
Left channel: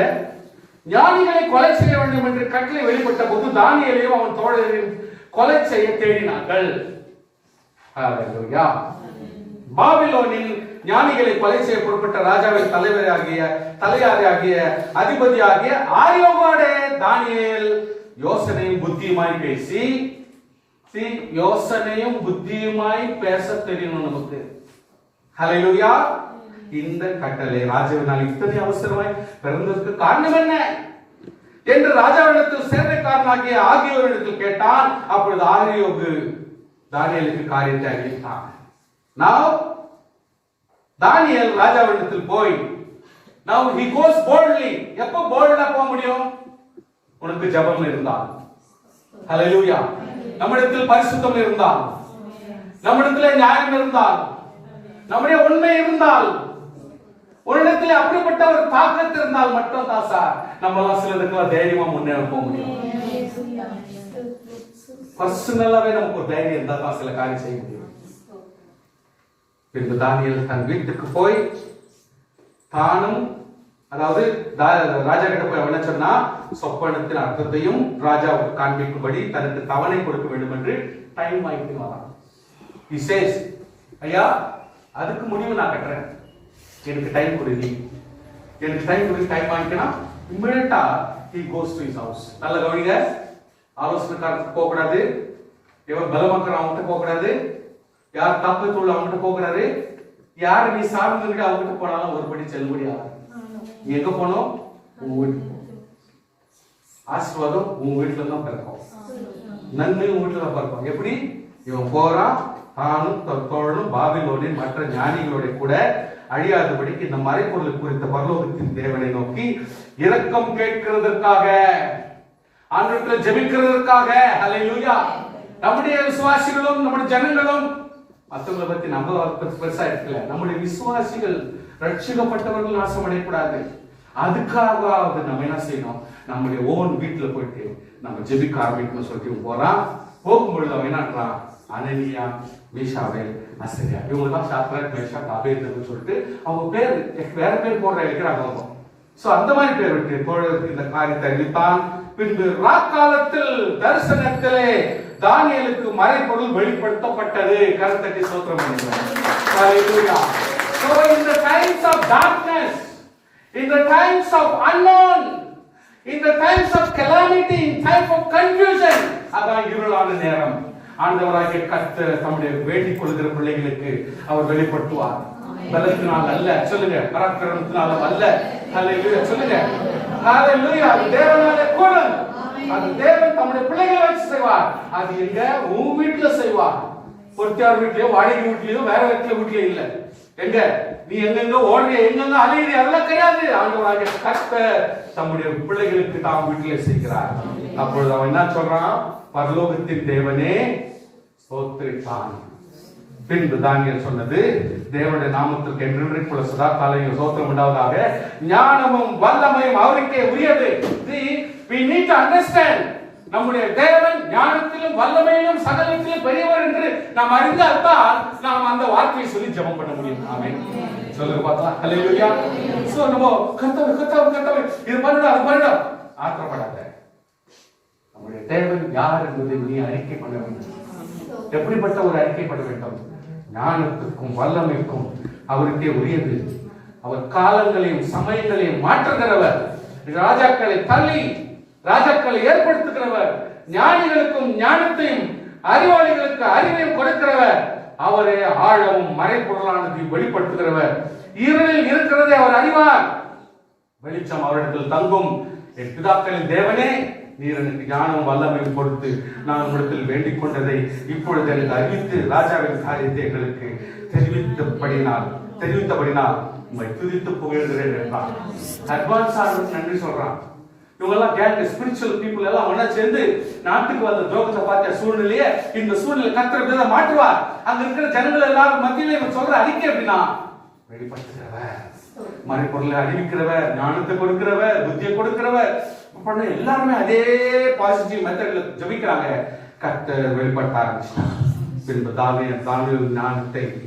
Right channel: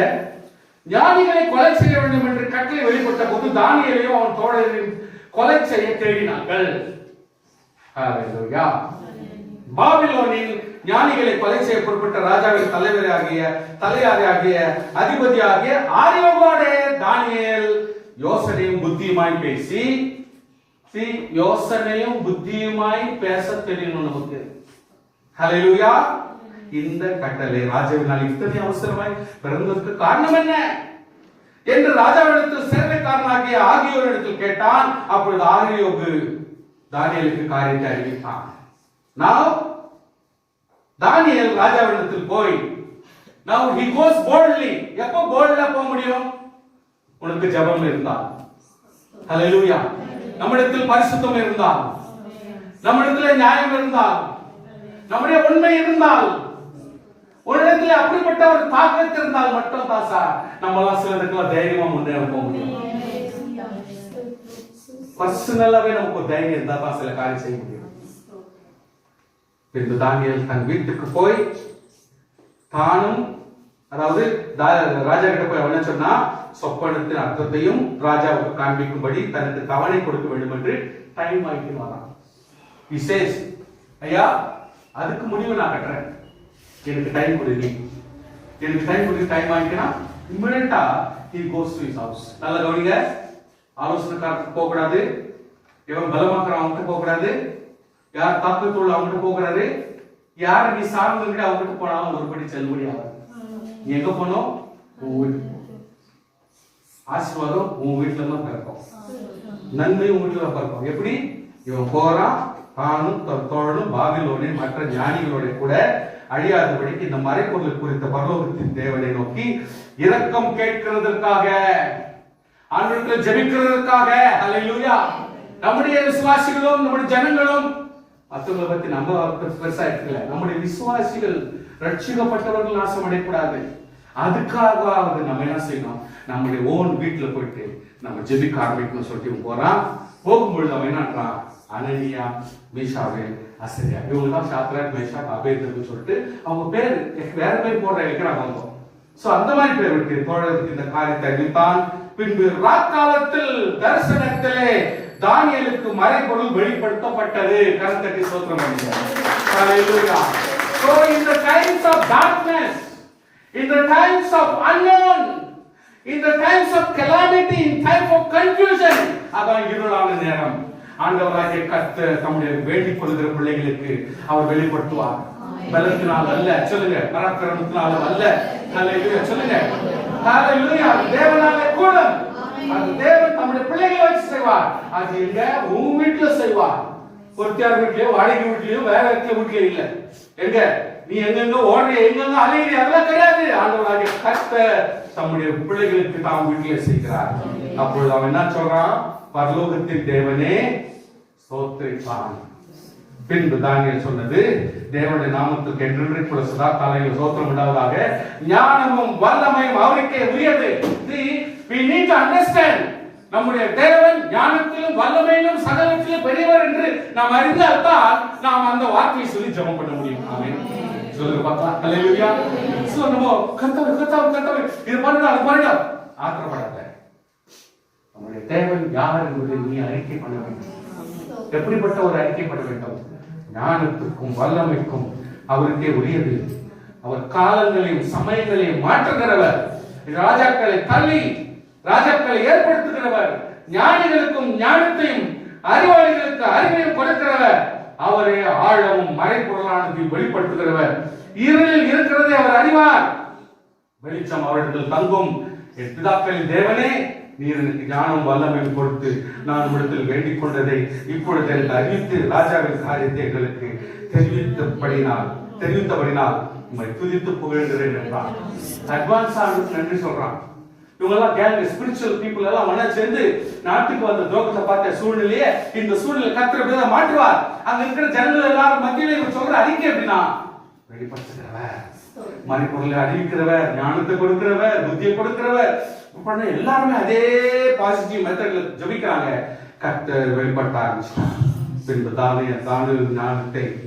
ஞானிகளை கொலை செய்ய வேண்டும் என்று கட்டளை வெளிப்பட்ட போது தானியேலையும் அவன் தோழரையும் கொலை செய்ய தேடினார்கள். ஹalleluya. பாபிலோனில் ஞானிகளை கொலை செய்ய புறப்பட்ட ராஜாவின் தலையாரியாகிய அதிபதியாகிய ஆரியோகோட தானியேல் யோசனையும் புத்தியுமாய் பேசி, யோசனையும் புத்தியுமாய் பேச தெரியும் நமக்கு. ஹalleluya. இந்த கட்டளை ராஜாவினால் இத்தனை அவசரமாய் பிறந்ததற்கு காரணம் என்ன என்று ராஜாவிடத்தில் சேவைக்காரனாகிய ஆகியோரிடத்தில் கேட்டான். அப்பொழுது ஆரியோகு தானியேலுக்கு காரியத்தை அறிவித்தான். Now தானியேல் ராஜாவிடத்தில் போய், now he goes boldly. எப்போ போல்டா போக முடியும்? உனக்கு ஜெபம் இருந்தால், ஹalleluya, நம்மிடத்தில் பரிசுத்தம் இருந்தால், நம்மிடத்தில் நியாயம் இருந்தால், நம்முடைய உண்மை இருந்தால், உன்னிடத்தில் அப்படிப்பட்ட ஒரு தாக்கத்து இருந்தால் மட்டும் தான் சார் நம்மளாம் சிலதுக்கெல்லாம் தைரியமா முன்னேற போக முடியும். பர்சனலாவே நமக்கு ஒரு தைரியம் இருந்தா தான் சில காரியம் செய்ய முடியும். பின்பு தானியேல் தன் வீட்டுக்கு போய் தானும், அதாவது ராஜா கிட்ட போய் அவன் என்ன சொன்னா, சொப்பனத்தின் அர்த்தத்தையும் ராஜாவுக்கு காண்பிக்கும்படி தனக்கு தவணை கொடுக்க வேண்டும் என்று டைம் ஆகிட்டு வரான். He says, ஐயா அதுக்கு முடிவு நான் கட்டுறேன், எனக்கு டைம் கொடுங்க, எனக்கு டைம் கொடுங்க, டைம் வாங்கிக்கலாம். இமிடியேட்டா he goes to his house. நல்ல கவனிங்க, ஆலோசனைக்காரத்துக்கு போக கூடாது, இவன் பலமாக்குற அவங்ககிட்ட போக கூடாது, யார் தாக்கத்துள்ள அவங்ககிட்ட போக கூடாது, யாரை நீ சார்ந்தவங்கிட்ட அவங்ககிட்ட போனாலும் ஒருபடி செல்லுபடி ஆகாது. நீ எங்க போனோம்? உன் வீட்டுக்கு. ஆசீர்வாதம் உன் வீட்டுல தான் பிறக்கும், நன்மை உன் வீட்டுல தான் பிறக்கும். எப்படி? இவன் போறான், தானும் தோழனும் பாபிலோனின் மற்ற ஞானிகளோட கூட அழியாதபடிக்கு இந்த மறைப்பொருள் குறித்த பரலோகத்தின் தேவனை நோக்கி இரக்கம் கேட்கிறதற்காக, ஆண்டவரிடத்தில் ஜெபிக்கிறதற்காக. ஹல்லேலூயா. நம்முடைய விசுவாசிகளும் நம்முடைய ஜனங்களும் மற்றவங்களை பத்தி நம்ம பெருசா இருக்கல, நம்முடைய விசுவாசிகள் ரட்சிக்கப்பட்டவர்கள் நாசம் அடையக்கூடாது. அதுக்காக நம்ம என்ன செய்யணும், நம்முடைய ஓன் வீட்டுல போயிட்டு நம்ம ஜெபிக்க ஆரம்பிக்கணும் சொல்லிட்டு போறான். போகும்பொழுது அவன் என்னன்றான், அனனியா, மீஷாவே, அசரியா, இவங்கெல்லாம் சாத்ராக், மேஷாக், அபேத்நேகோன்னு சொல்லிட்டு அவங்க பேர் வேற பேர் போடுற இருக்கிறாங்க. சோ அந்த மாதிரி பேர் விட்டு தோழருக்கு இந்த காரியத்தை அறிவித்தான். பின்பு ராக்காலத்தில் தரிசனத்திலே தானியேலுக்கு மறைபொருள் வெளிப்படுத்தப்பட்டது. கர்த்தருக்கு ஸ்தோத்திரம் பண்ணுகிறோம். ஹல்லேலூயா. So in the times of darkness, in the times of unknown, in the times of calamity, in time of confusion, அதான் இருளான நேரம், ஆண்டவராகிய கர்த்தர் தம்முடைய வேண்டிக் கொள்கிற பிள்ளைகளுக்கு அவர் வெளிப்படுத்துவார். பலத்தினால் அல்ல. சொல்லுங்க, பராக்கிரமத்தினால அல்ல. ஹல்லேலூயா சொல்லுங்க. ஹல்லேலூயா. தேவனாலே கூடும். அது தேவன் தம்முடைய பிள்ளைகளை வச்சு செய்வார். அது எங்க? உங்க வீட்டுல செய்வார். பொறுத்தியார் வீட்லயோ, வாடகை வீட்லயோ, வேற வீட்லயோ இல்ல. எங்க நீ எங்கெங்க ஓடுறிய, எங்கெங்க அலையிற, அதெல்லாம் கிடையாது. ஆண்டவராகிய கர்த்தர் தம்முடைய பிள்ளைகளுக்கு தாம் வீட்டிலே செய்கிறார். அப்பொழுது அவன் என்ன சொல்றான்? பரலோகத்தின் தேவனே ஸ்தோத்திரிப்பான். பின்பு தானியேல் சொன்னது, தேவனுடைய நாமத்துக்கு என்றென்றைக்குள்ள சதா காலங்களில் ஸ்தோத்திரம் உண்டாவதாக. ஞானமும் வல்லமையும் அவருக்கே உரியது. We need to understand, நம்முடைய தேவன் ஞானத்திலும் வல்லமையிலும் சகலத்திலும் பெரியவர் என்று நாம் அறிந்தால்தான் நாம் அந்த வார்த்தையை சொல்லி ஜெபம் பண்ண முடியும். ஆமென். சொல்லுங்க பார்க்கலாம். ஹல்லேலூயா. சோ நம்ம கர்த்தர் இது பண்ணுடா, அது பண்ணுடா, ஆத்திரப்படாத. நம்முடைய தேவன் யார் என்பதை நீ அறிக்கை பண்ண வேண்டும். எப்படிப்பட்ட ஒரு அறிக்கை பண்ண வேண்டும்? ஞானத்துக்கும் வல்லமைக்கும் அவருக்கே உரியது. அவர் காலங்களையும் சமயங்களையும் மாற்றுகிறவர். ராஜாக்களை தள்ளி ராஜாக்களை ஏற்படுத்துகிறவர். ஞானிகளுக்கும் ஞானத்தையும் அறிவாளிகளுக்கு அறிவையும் கொடுக்கிறவர். அவரே ஆழமும் மறைப்பொருளானதை வெளிப்படுத்துகிறவர். இருளில் இருக்கிறதை அவர் அறிவார், வெளிச்சம் அவரிடத்தில் தங்கும். என் பிதாக்களின் தேவனே, நீர் எனக்கு ஞானம் வல்லமையும் கொடுத்து நான் உம்மிடத்தில் வேண்டிக் கொண்டதை இப்பொழுது எனக்கு அறிவித்து ராஜாவின் காரியத்தை எங்களுக்கு தெரிவித்தபடினால் உம்மை துதித்து புகழ்கிறேன் என்றான். அட்வான்ஸா நன்றி சொல்றான். இவங்கெல்லாம் கேங்க ஸ்பிரிச்சுவல் பீப்புள் எல்லாம் ஒண்ணா சேர்ந்து நாட்டுக்கு வந்த துரோகத்தை பார்த்த சூழ்நிலையே இந்த சூழ்நிலை கர்த்தர் மாற்றுவார். அங்க இருக்கிற ஜனங்கள் எல்லாரும் மத்தியில இவர் சொல்ற அறிக்கை எப்படின்னா, வெளிப்படுத்துகிறவர், மறைப்பொருளை அறிவிக்கிறவர், ஞானத்தை கொடுக்கிறவர், புத்தியை கொடுக்கிறவர். எல்லாருமே அதே பாசிட்டிவ் மெத்தட்ல ஜெபிக்கிறாங்க. கர்த்தர் வெளிப்படுத்த ஆரம்பிச்சிட்டார். பின்பு தானியேல்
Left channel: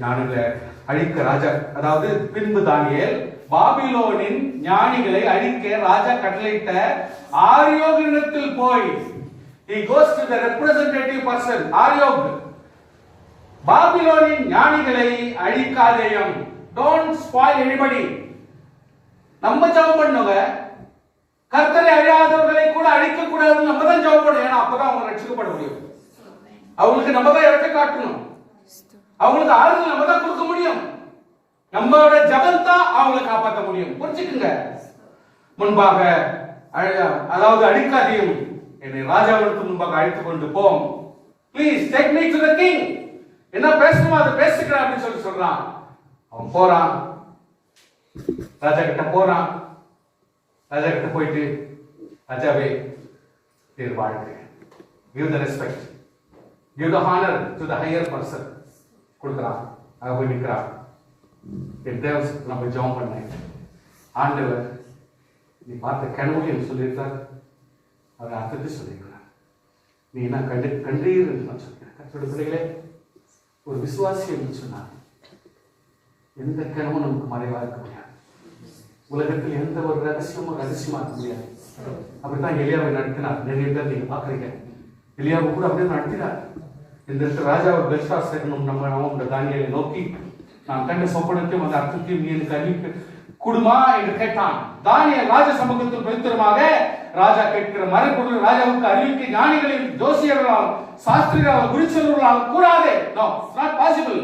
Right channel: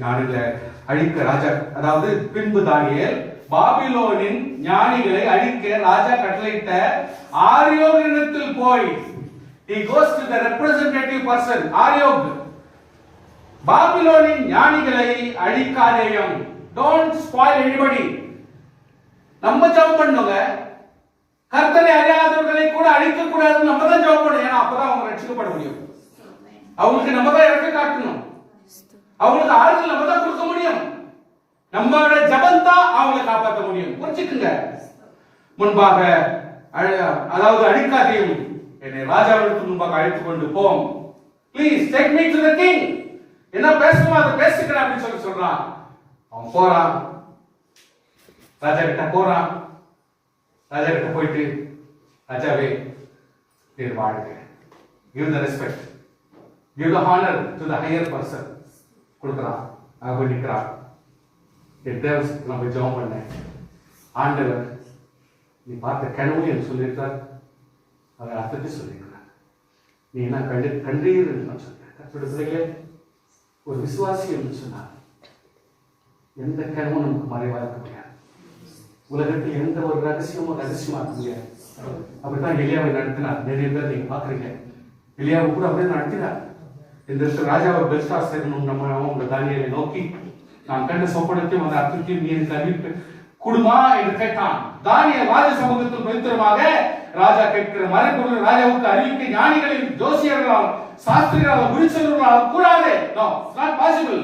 ஞானங்களை அழிக்க ராஜா, அதாவது பின்பு தானியேல் பாபிலோனின் ஞானிகளை அழிக்க ராஜா கட்டளையிட்ட ஆரியோகினிடத்தில் போய், he goes to the representative person, ஆரியோக், பாபிலோனின் ஞானிகளை அழிக்காதேயும், don't spoil anybody. நம்ம ஜெபம் பண்ணுங்க, கர்த்தரை அறியாதவர்களை கூட அழிக்க கூடாது. நம்ம தான் ஜெபம் பண்ணணும். ஏன்னா அப்பதான் அவங்க ரட்சிக்கப்பட முடியும். அவங்களுக்கு நம்ம தான் இறக்க காட்டணும். அவங்களுக்கு ஆறுதல் நம்ம தான் கொடுக்க முடியும். நம்மளோட ஜபம் தான் அவங்களை காப்பாற்ற முடியும். புரிஞ்சுக்குங்க. முன்பாக அதாவது அழிக்காதையும் என்னை ராஜாவிற்கு முன்பாக அழைத்துக் கொண்டு போம். Please take me to the king. என்ன பேசணுமோ அதை பேசிக்கிறேன் அப்படின்னு சொல்றான். அவன் போறான், ராஜா கிட்ட போறான். ராஜா கிட்ட போயிட்டு, ராஜாவே நீர் வாழ்க, give the respect, give the honor to the higher person கொடுக்கிறான். அங்க போய் நிற்கிறான். என் தேவசத்துக்கு நான் போய் ஜெபம் பண்ணேன். ஆண்டவர் நீ பார்த்த கனவு என்று சொல்லியிருக்கார், அதை அர்த்தத்தை சொல்லியிருக்கிறார். நீ என்ன கண்டீர் என்று நான் சொல்றேன். கர்த்தருடைய பிள்ளைகளே, ஒரு விசுவாசி என்று சொன்னார் எந்த கனவும் நமக்கு மறைவா இருக்க முடியாது. உலகத்தில் எந்த ஒரு ரகசியமும் ரகசியமா இருக்க முடியாது. அப்படித்தான் எலியாவை நடத்தினார். நிறைய பேர் நீங்க பாக்குறீங்க. எலியாவை கூட அப்படியே நடத்தினார். இந்த ராஜாவை பெல்ஷாத்சார் நம்ம தானியேலை நோக்கி, நான் கண்ட சொப்பனத்தையும் அந்த அர்த்தத்தையும் நீ எனக்கு அறிவிப்பு குடுமா என்று கேட்டான். தானியேல் ராஜ சமூகத்தில் பவித்திரமாக ராஜா கேட்கிற மறைபொருள் ராஜாவுக்கு அறிவிக்க ஞானிகளின் ஜோசியர்களால் சாஸ்திரிகளால் குறிச்சவர்களால் கூடாது. No, it's not possible.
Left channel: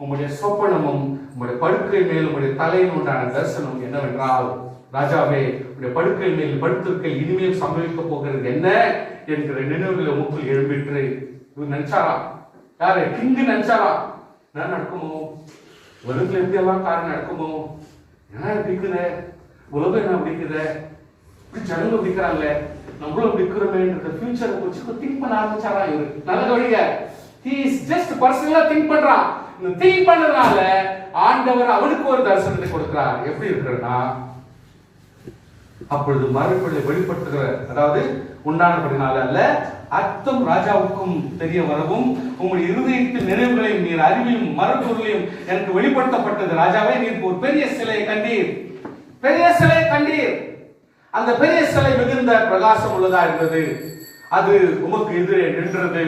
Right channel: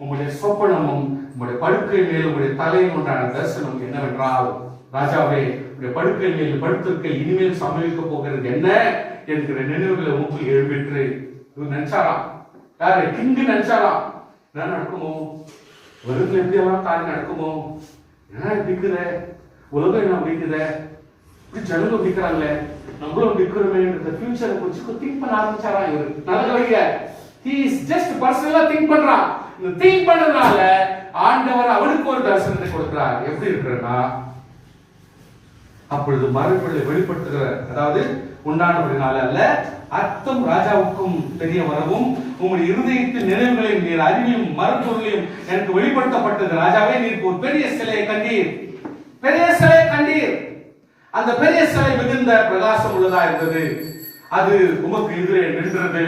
உங்களுடைய சொப்பனமும் உங்களுடைய படுக்கை மேல் உங்களுடைய தலையில் உண்டான தரிசனம் என்னவென்றால், ராஜாவே உங்களுடைய படுக்கை மேல் படுத்திருக்க இனிமேல் சம்பவிக்க போகிறது என்ன என்கிற நினைவுகளை உங்களுக்குள் எழுப்பிட்டு நினைச்சாராம். யாரு? கிங்கு நினைச்சாராம். என்ன நடக்குமோ, உலகத்துல எப்படி எல்லாம் காரியம் நடக்குமோ, என்ன பிடிக்குத உலகம், என்ன பிடிக்குத, இப்படி ஜனங்க பிடிக்கிறாங்களே, நம்மளும் பிடிக்கிறோமே, ஃபியூச்சரை குறிச்சு திங்க் பண்ண ஆரம்பிச்சாரா. இவரு நல்ல கவனிங்க, he is just பர்சனலா திங்க் பண்றான். இந்த திங்க் பண்றதுனால ஆண்டவர் அவனுக்கு ஒரு தரிசனத்தை கொடுக்கிறார். எப்படி இருக்கிறன்னா, அப்பொழுது மறைபொருளை வெளிப்படுத்துகிறார். அதாவது உண்டானபடினால அல்ல, அர்த்தம் ராஜாவுக்கும் தெரிய வரவும் உங்களுடைய இருதயத்தின் நினைவுகளையும் நீர் அறிவையும் மறைபொருளையும் எனக்கு வெளிப்படுத்தப்பட்டது. ராஜாவே, நீர் ஒரு பெரிய சிலையை கண்டீர், பெரிய சிலையை கண்டீர். அந்த பெரிய சிலை மிகுந்த பிரகாசம் உள்ளதா இருந்தது. அது உமக்கு எதிரே நின்றது.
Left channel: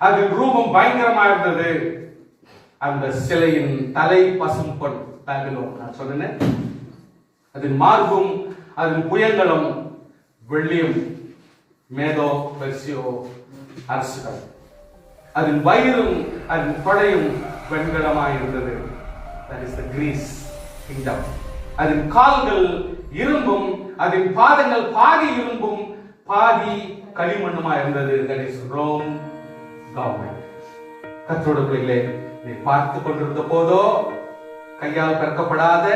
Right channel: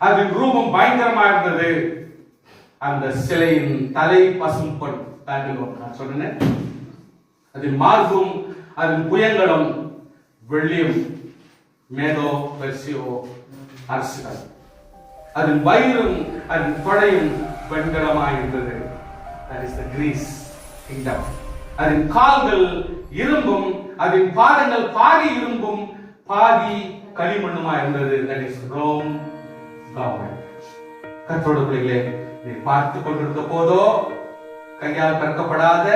அது ரூபம் பயங்கரமா இருந்தது. அந்த சிலையின் தலை பசும் பொன், நான் சொன்னேன். அதன் மார்பும் அதன் புயங்களும் வெள்ளியும் மேதோ பெர்சியோ அரசுகள். அதன் வயிறும் அதன் கொடையும் வெண்கலமாய் இருந்தது. that is the Greece kingdom. அதன் கால்கள் இரும்பும், அதன் பாதங்கள் பாதி இரும்பும் பாதி களிமண்ணுமா இருந்தது. that is Rome government. கர்த்தருடைய பிள்ளைகளே, நீ பார்த்து கொண்டிருந்த போதோ கையால் கற்கப்படாத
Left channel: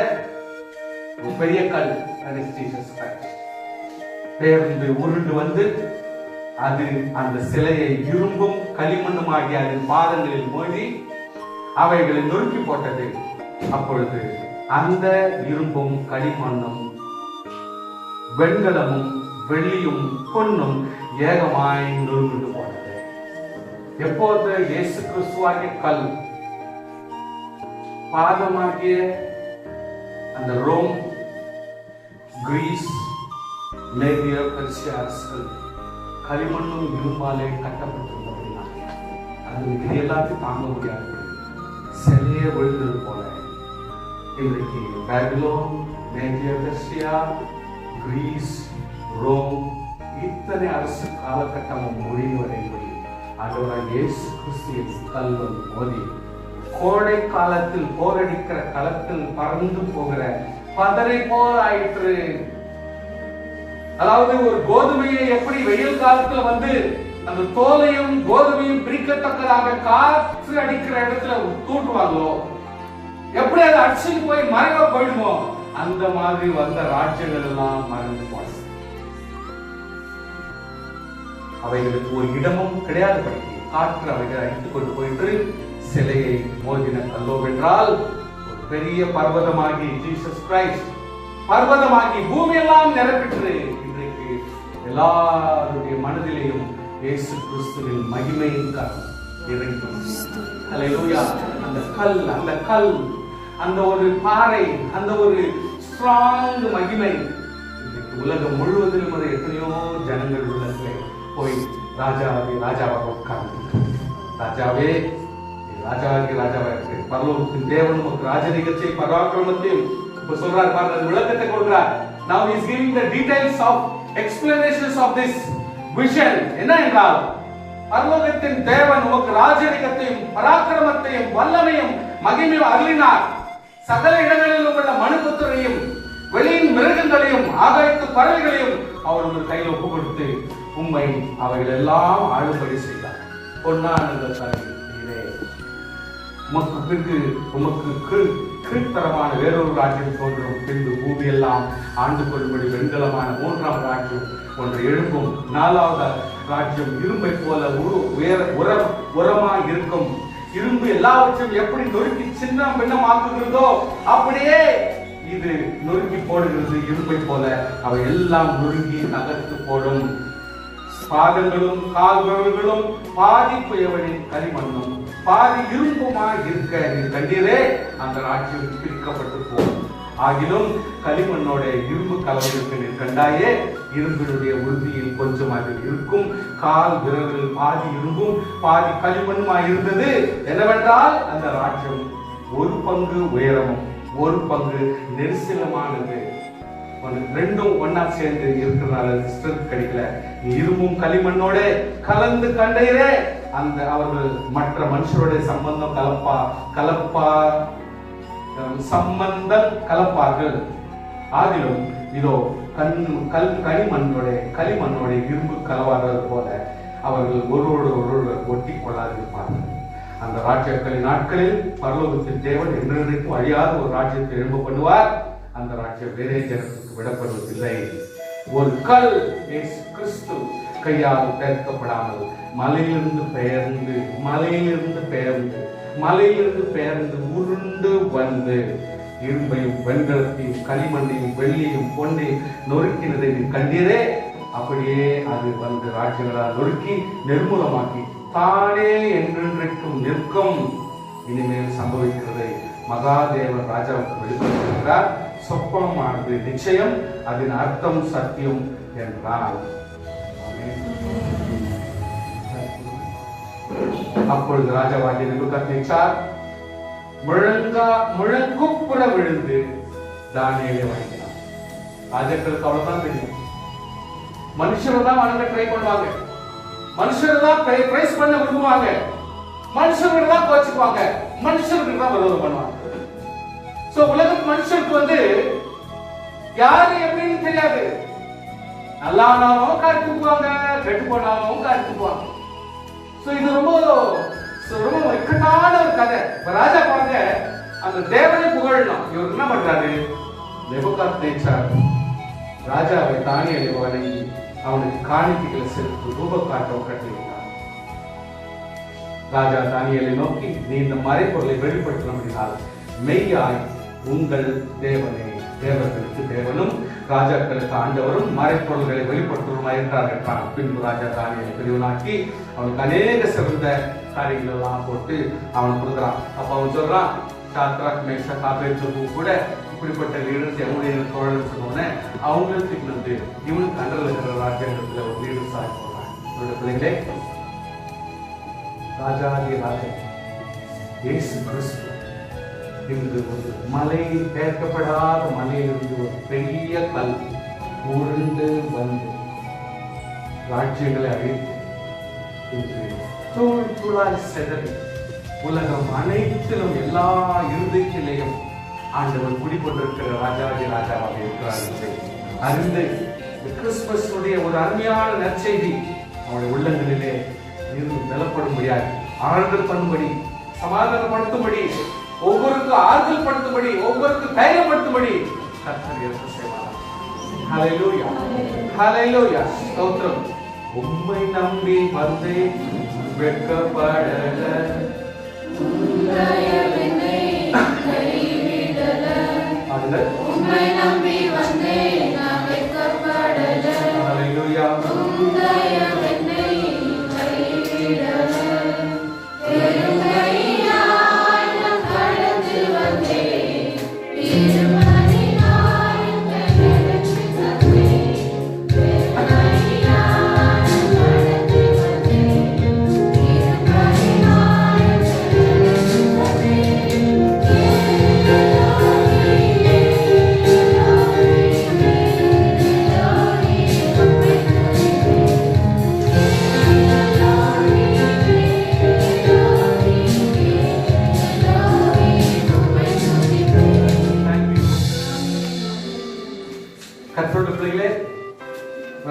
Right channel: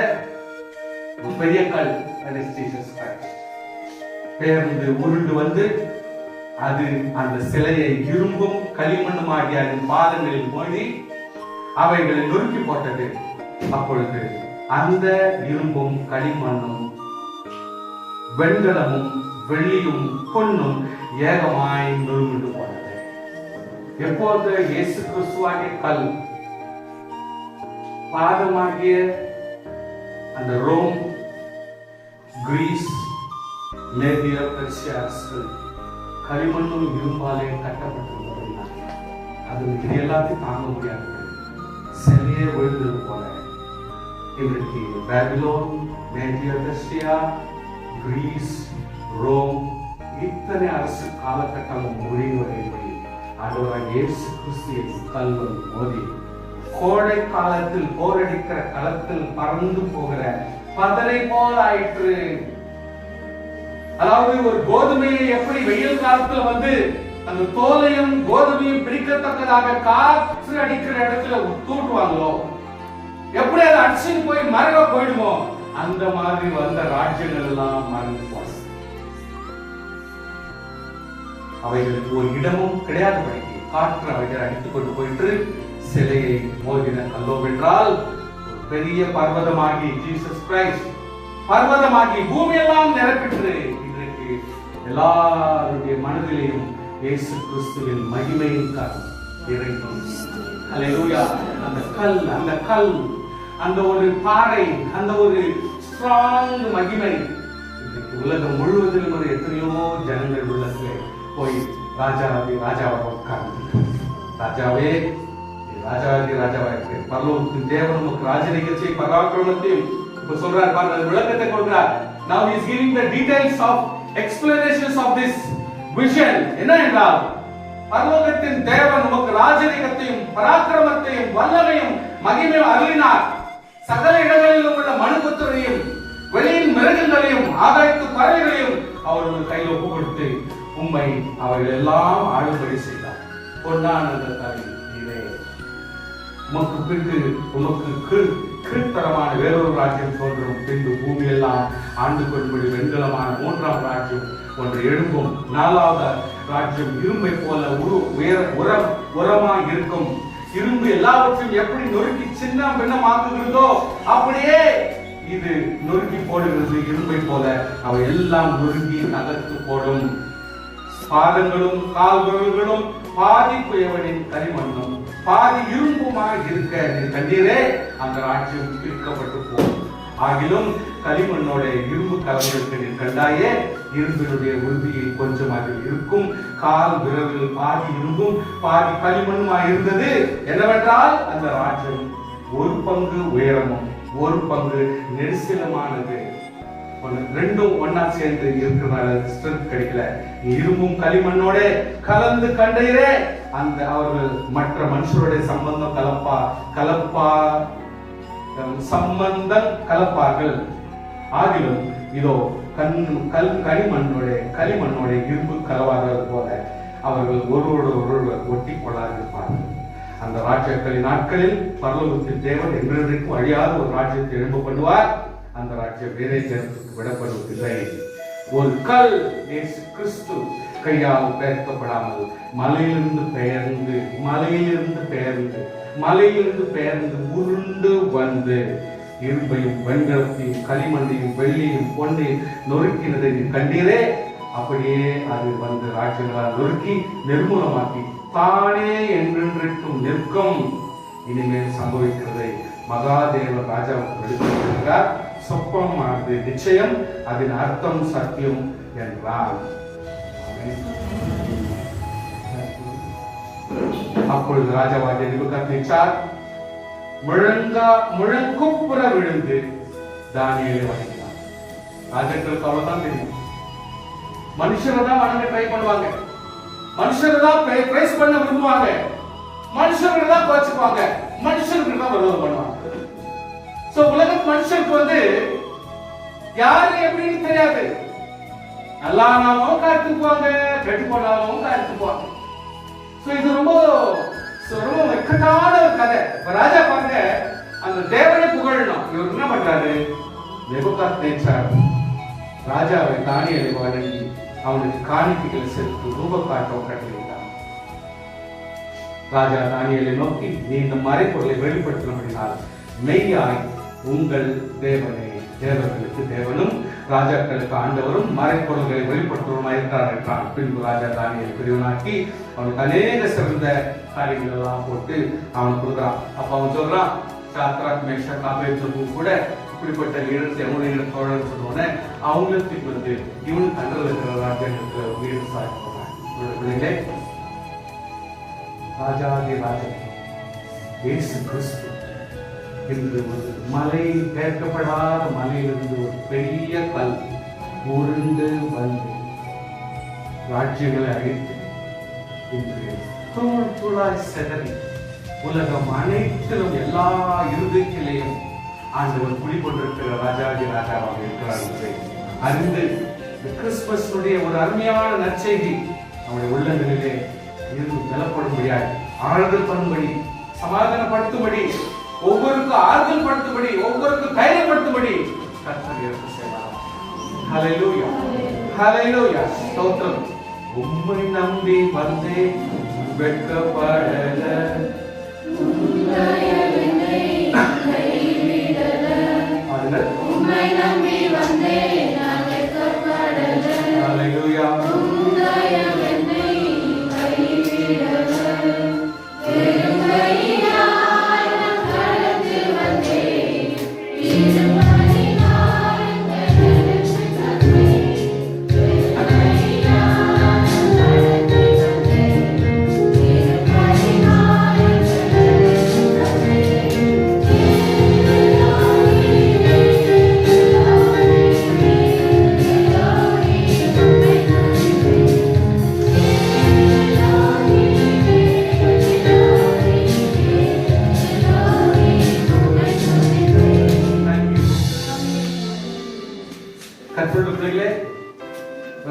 பெரிய கல், that is Jesus Christ, பேருந்து உருண்டு வந்து அது அந்த சிலையை இரும்பும் களிமண்ணுமாகிய அதன் பாதங்களில் மோதி அவைகளை நொறுக்கி போட்டது. அப்பொழுது அந்த இரும்பும் களிமண்ணும் வெண்கலமும் வெள்ளியும் பொன்னும் ஏகமாய் நொறுங்கிட்டு போனது. எப்போது இயேசு கிறிஸ்துவாகிய கல் பாதமாகிய அந்த ரோம், கிரீஸ், மேதியா, பெர்சியா அரசு களிமண்ணும் இரும்பாலே கட்டப்பட்டிருந்ததுனா அது எல்லாத்தையும் தாங்க முடியாது, சிலையே ஒழுங்குறது போல இன்றைக்கு Babylon, Media, Persia, Greece, Rome இத்தனை அரசு காலகட்டமும் முடிவடைபடி ஆண்டவராகிய இயேசு கிறிஸ்துவின் கல்வன் மோதி கோடை காலத்தில் போரடிக்கிற களத்தில் பறந்து போகிற பதரை போல் ஆயிற்று. அதாவது ஒரு கோதுமையை எப்படி வெயில் காலத்துல வந்து அந்த தோலையும் கோதுமையும் பிரிக்கத்தக்கதாக காற்று அடிக்கிற இடத்துல தூண்டுவாங்களோ, எப்படி அதை அடிச்சுட்டு போய் மறைக்க போயிடுமோ, அந்த மாதிரி வந்த ராஜ்யங்கள் எல்லாம் மறைந்து போச்சு. அவைகளுக்கு ஒரு இடமும் கிடையாதபடிக்கு காற்று அவைகளை அடித்துக் கொண்டு போயிட்டு சிலையை மோதின கல்லோவென்றால் ஒரு பெரிய பர்வதமாகி ஜீசஸ் கிரைஸ்ட் பர்வதமாகி பூமியெல்லாம் நிரப்பிட்டு இன்றைக்கு எல்லாருடைய மனதிலேயும் இயேசு கிறிஸ்துவின் மகிமையின் கல் இறங்கும். ஹல்லேலூயா. அந்த கல் அந்த ஒரு பாறை, அந்த ஒரு ஸ்ட்ராங் மகிமை இன்றைக்கு உலகம் முழுவதிலும் ஒரு எத்தனையோ ஜனங்கள் உள்ளத்திலே போய் ராஜாவாக உட்கார்ந்து ராஜாவே ராஜாவாக பரலோகத்தின் தேவன் உமக்கு ராஜரிகத்தை பராக்கிரமத்தையும் இப்ப சொல்றார் பாருங்க, விளக்கத்தை கொடுக்கிறார். Now he is giving the details of explanations of this vision. என்ன என்றால் பரலோகத்தின் தேவன் உமக்கு ராஜரிகத்தையும் பராக்கிரமத்தையும் வல்லமையும் மகிமையும் அருளினார். சகல இடங்களிலும் உள்ள மனுபுத்திரையும் வெளியின் மிருகங்களையும் ஆகாயத்து பறவைகளையும் அவர்கள் கையில் ஒப்பு கொடுத்து உம்மை அவைகள் எல்லாம் ஆளும்படி செய்தார். பொன்னான உமக்கு பின்பு உமக்கு கீழ்த்தரமான வேறொரு ராஜ்யம் தோன்றும். பின்பு பூமியெல்லாம் ஆண்டு கொள்ளும்படி வெண்கலமான மூன்றாம் ராஜ்யம் ஒன்று எழும்பும். நாலாவது ராஜ்யம் இரும்பை போல உரமாய் இருக்கும். இரும்பு எல்லாவற்றையும் எப்படி நொறுக்கி சின்ன பின்னமாக்குகிறதோ அப்படியே இது நொறுக்கி போடுகிறது. இரும்பை போல அவை எல்லாம் நொறுங்கி தகர்த்து போடும். பாதங்களும் கால்களும் பாதி புயவனின் களிமண்ணும் பாதி இரும்புமாய் இருக்க நீ கண்டீரே, அந்த ராஜ்யம் பிரிக்கப்பட்டு போகும். ஆகிலும் களிமண்ணோட இரும்பு கலந்திருக்க நீ கண்டாயே, இரும்பினுடைய உறுதியில் கொஞ்சமாக இருக்கும். கால் விரல்கள் பாதி இரும்பும் பாதி களிமண்ணுமாய் இருந்தது. என்னவென்றால் அந்த ராஜ்யம் ஒரு பங்கு உயரமும் ஒரு பங்கு நெரிசலமானது. ரெண்டும் ஒன்னா சேர்ந்து இருக்கிறதால ஸ்ட்ரென்த் கிடைக்கல. இரும்பும் களிமண்ணோட கலந்து கண்டீரே, அந்த அவர்கள் மற்ற மனுஷருடைய சம்பந்தம் கலப்பார்கள். ஆகிலும் இதோ களிமண்ணோட இரும்பு கலவாதது போல அவர்கள் ஒருவரோடு ஒட்டி கொள்ளாதிருப்பார்கள். அந்த ராஜ்யங்களின் நாட்களில் பரலோகத்தின் தேவன் என்றைக்கும் அழியாத ஒரு ராஜ்யத்தை எழும்ப பண்ணுவார். அந்த ராஜ்யம் வேறே ஜனத்துக்கு விடப்படுவதில்லை. ஒரு கல் இயேசு கிறிஸ்து கையால் பெயர்க்கப்படாமல் மலையிலிருந்து பெயர்ந்து உருண்டு வந்து இரும்பையும் வெண்கலத்தையும் களிமண்ணையும் வெள்ளியும் பொன்னையும் நொறுக்கினதை நீ கண்டீரே, அப்படியே அது வந்து ராஜ்யங்களால் நொறுக்கி நிர்மூலமாக்கி தானே என்றென்றைக்கும் நிற்கும். இனிமேல் சம்பவிக்கிறதை மகாதேவன் ராஜாவுக்கு வெளிப்படுத்துகிறார். சொப்பனமானது நிச்சயம், அதன் அர்த்தம் சத்தியம் என்றார். அப்பொழுது ராஜாவாகிய நேபுகாத்நேச்சார் முழங்குப்புற விழுந்து தானியேலை வணங்கினார். ராஜாக்களுக்கு அவ்வளவுதான் தெரியும். மனுஷரை தான் வணங்க ட்ரை பண்ணுவாங்க, மனுஷரை தான் பிரைஸ் பண்ண விரும்புவாங்க, மனுஷர்கள் தான் கோச்சுக்குவாங்க, மனுஷர்கள் தான் விரோதம் பண்ணுவாங்க. மனுஷனுக்கு யாரு எப்படின்னு தெரியாது. நல்லானாலும் காட்டு போவாங்க, கெட்டு போனாலும் காட்டு போவாங்க. இது ரொம்ப இக்கட்டான ஒரு கதை. இப்ப ராஜா பாருங்க, அந்த தேவனை புகழணும். இவர் என்ன பண்றாரு? நேபுகாத்நேச்சார் ராஜாவை தானியேலை வணங்கி அவனுக்கு காணிக்கைகளை செலுத்தி ரூபக்காட்ட கட்டளையிட்டார். ராஜா தானியேலை நோக்கி, நீ இந்த மறைப்பொருளை வெளிப்படுத்தினால் மெய்யாய் உங்கள் தேவனே தேவர்களுக்கு தேவனும் ராஜாக்களுக்கு ஆண்டவரும் மறைப்பொருள்களை வெளிப்படுத்துவதும் இருக்கிறார் என்றான். பின்பு ராஜா தானியேலை பெரியவனாக்கி அவனுக்கு அநேக சிறந்த காரியங்கள் எல்லாம் போட்டு அவனுக்கு கொடுக்குறான். அப்ப அவன் சொல்றான், சாத்ராக் மேஷாக் ஆபேத்நேகோ கூட இப்படிப்பட்ட வீடு தோழர் சொன்னோன்னே அவங்களுக்கு இவன் கண்டல் இருக்கிற ராஜ்யத்துல ஒரு வீடு சாய்ப்பான். பிள்ளைகளே, ராஜாதி ராஜா இயேசு கிறிஸ்து இன்று ஒரு மலை, கேட்கப்படாத மலையிலிருந்து ஒரு பெரிய கல் உருண்டு வந்து ராஜ்யங்களை அழித்து தூள் தூளாய் செதறி உலகம் அனைத்திலும் எல்லா இருதயத்திலையும் ஆண்டவர் குடிக்கொண்டிருக்கிற ராஜாதி ராஜாவாக இருக்கிறார் அறிந்து கிறிஸ்துமஸுடைய ஒரு அருமையான நற்செய்தி அவருடைய உள்ளங்களிலே இருந்து பலப்படும்படியாக, ஆறுதல் பண்ணும்படி, சமாதானப்படுத்தும்படி, ஒவ்வொருக்கும் ஆறுதல் படுத்தும்படி, ஒவ்வொருக்கும் தைரியப்படுத்தும்படி கர்த்தர் இயேசு செய்வார். ஹல்லேலூயா, ஹல்லேலூயா, ஸ்தோத்திரம். உம்மை நம்பி வந்தேன் வெட்கப்படல, உம்மை நம்பி வந்தேன் நான் வெட்கப்படல. ஹல்லேலூயா.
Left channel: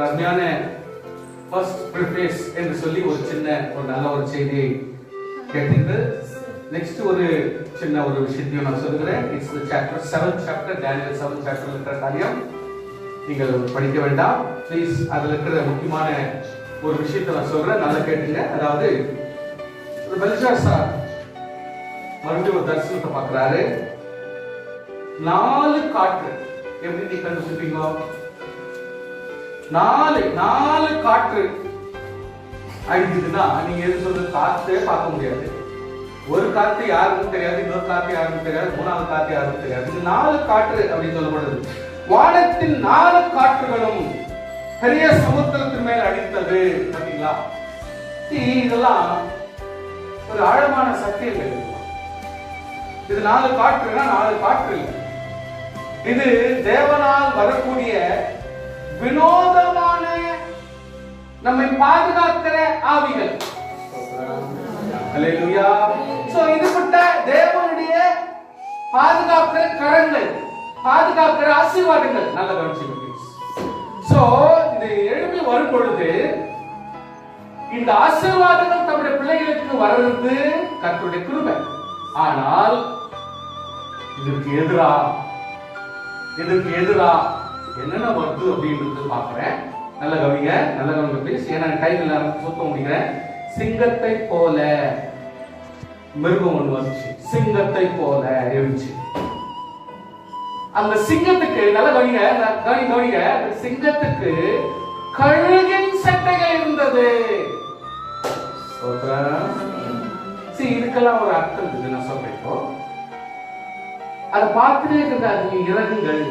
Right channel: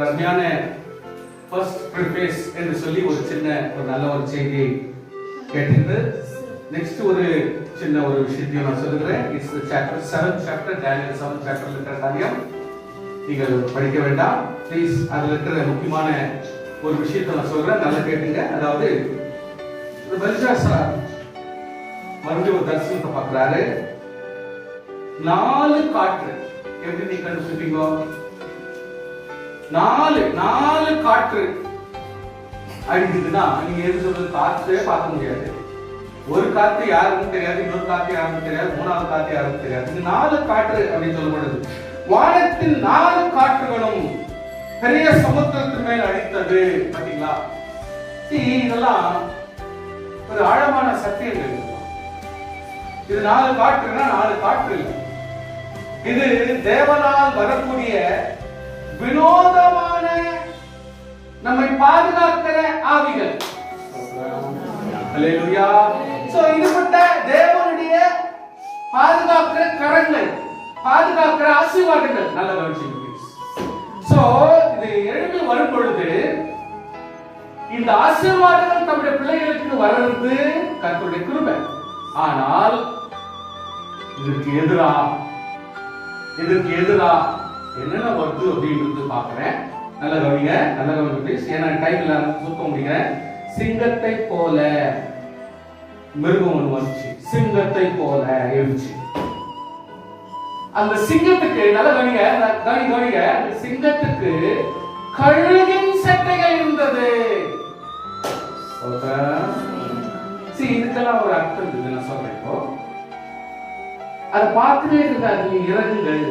அருமையான ஃபர்ஸ்ட் ப்ரிஃபேஸ் என்று சொல்லி ஒரு சின்ன ஒரு நல்ல ஒரு செய்தியை கேட்டு நெக்ஸ்ட் ஒரு சின்ன ஒரு விஷயத்தையும் நான் சொல்லுகிறேன். இட்ஸ் சாப்டர் 7 சாப்டர் டேனியல் 7 சாப்டர்ல இருக்கிற காரியம் நீங்கள் படிக்க வேண்டாம் ப்ளீஸ். அதுல இருக்கிற முக்கியமான ஒரு விஷயத்தை நான் சொல்றேன், நல்லா கேட்டுங்க. அதாவது பெல்ஷாத்சார் மறுபடியும் ஒரு தரிசனத்தை பார்க்கிறாரு. 4 காற்று எப்படி நீ கண்டுபிடிப்பீங்க? 4 காற்று அடிக்குதுன்னா நீங்க எது சொல்றது? காற்றே பார்க்க முடியாது. ஒரு காற்று யாருக்கும் தெரியாது, இன்னொரு காற்று யாருக்கும் தெரியாது, 3வது காற்று யாருக்கும் தெரியாது. இது 4 காற்று அப்படின்னு சொல்லப்படுது. வானத்தின் 4 காற்றுகளும் பெரிய சமுத்திரத்தின் மேல் அடித்தது. பாத்தீங்களா? இதெல்லாம் ஒரு ஆழமான சத்தியங்கள். இது 4 காற்றுனா 4 காற்று இல்லை. இது தேவனால் வரக்கூடிய வினோதமான நம்மை பாதுகாக்கிற ஆவிகள். ஹல்லேலூயா. சோ இதுபட்ட தேவனுடைய பாதுகாக்கிற கரங்கள், பாதுகாக்கிற ஆசீர்வாதங்கள். நல்ல கவனிச்சுங்க ப்ளீஸ். சோ இது எழுப்பி வரும் பொழுது இந்த ஆசீர்வாதங்கள் நம்முடைய பிள்ளைகளுக்கு வர்றது கர்த்தருடைய கிருபை. ஆனால் இதற்கு எதிரா என்னென்ன வருது அப்படின்றது பார்க்கிறேன். நல்ல கவனிங்க ப்ளீஸ். ஏன்னா டைம்ல சுத்த முடிகிறேன். சிங்கத்தை போல மிருகம் ஒன்று வந்துச்சு, சிங்கத்தை போல இருந்துச்சு. அந்த சிங்கத்துக்கு நல்ல கவனிங்க, சிங்கத்துக்கு கழுகின் சட்டைகள் இருந்தது. இதுக்கெல்லாம் ஒரு அர்த்தம் இருக்குது, நான் சொல்றேன். இப்போ அதை பார்த்துட்டே இருக்கிற இறகுகள்,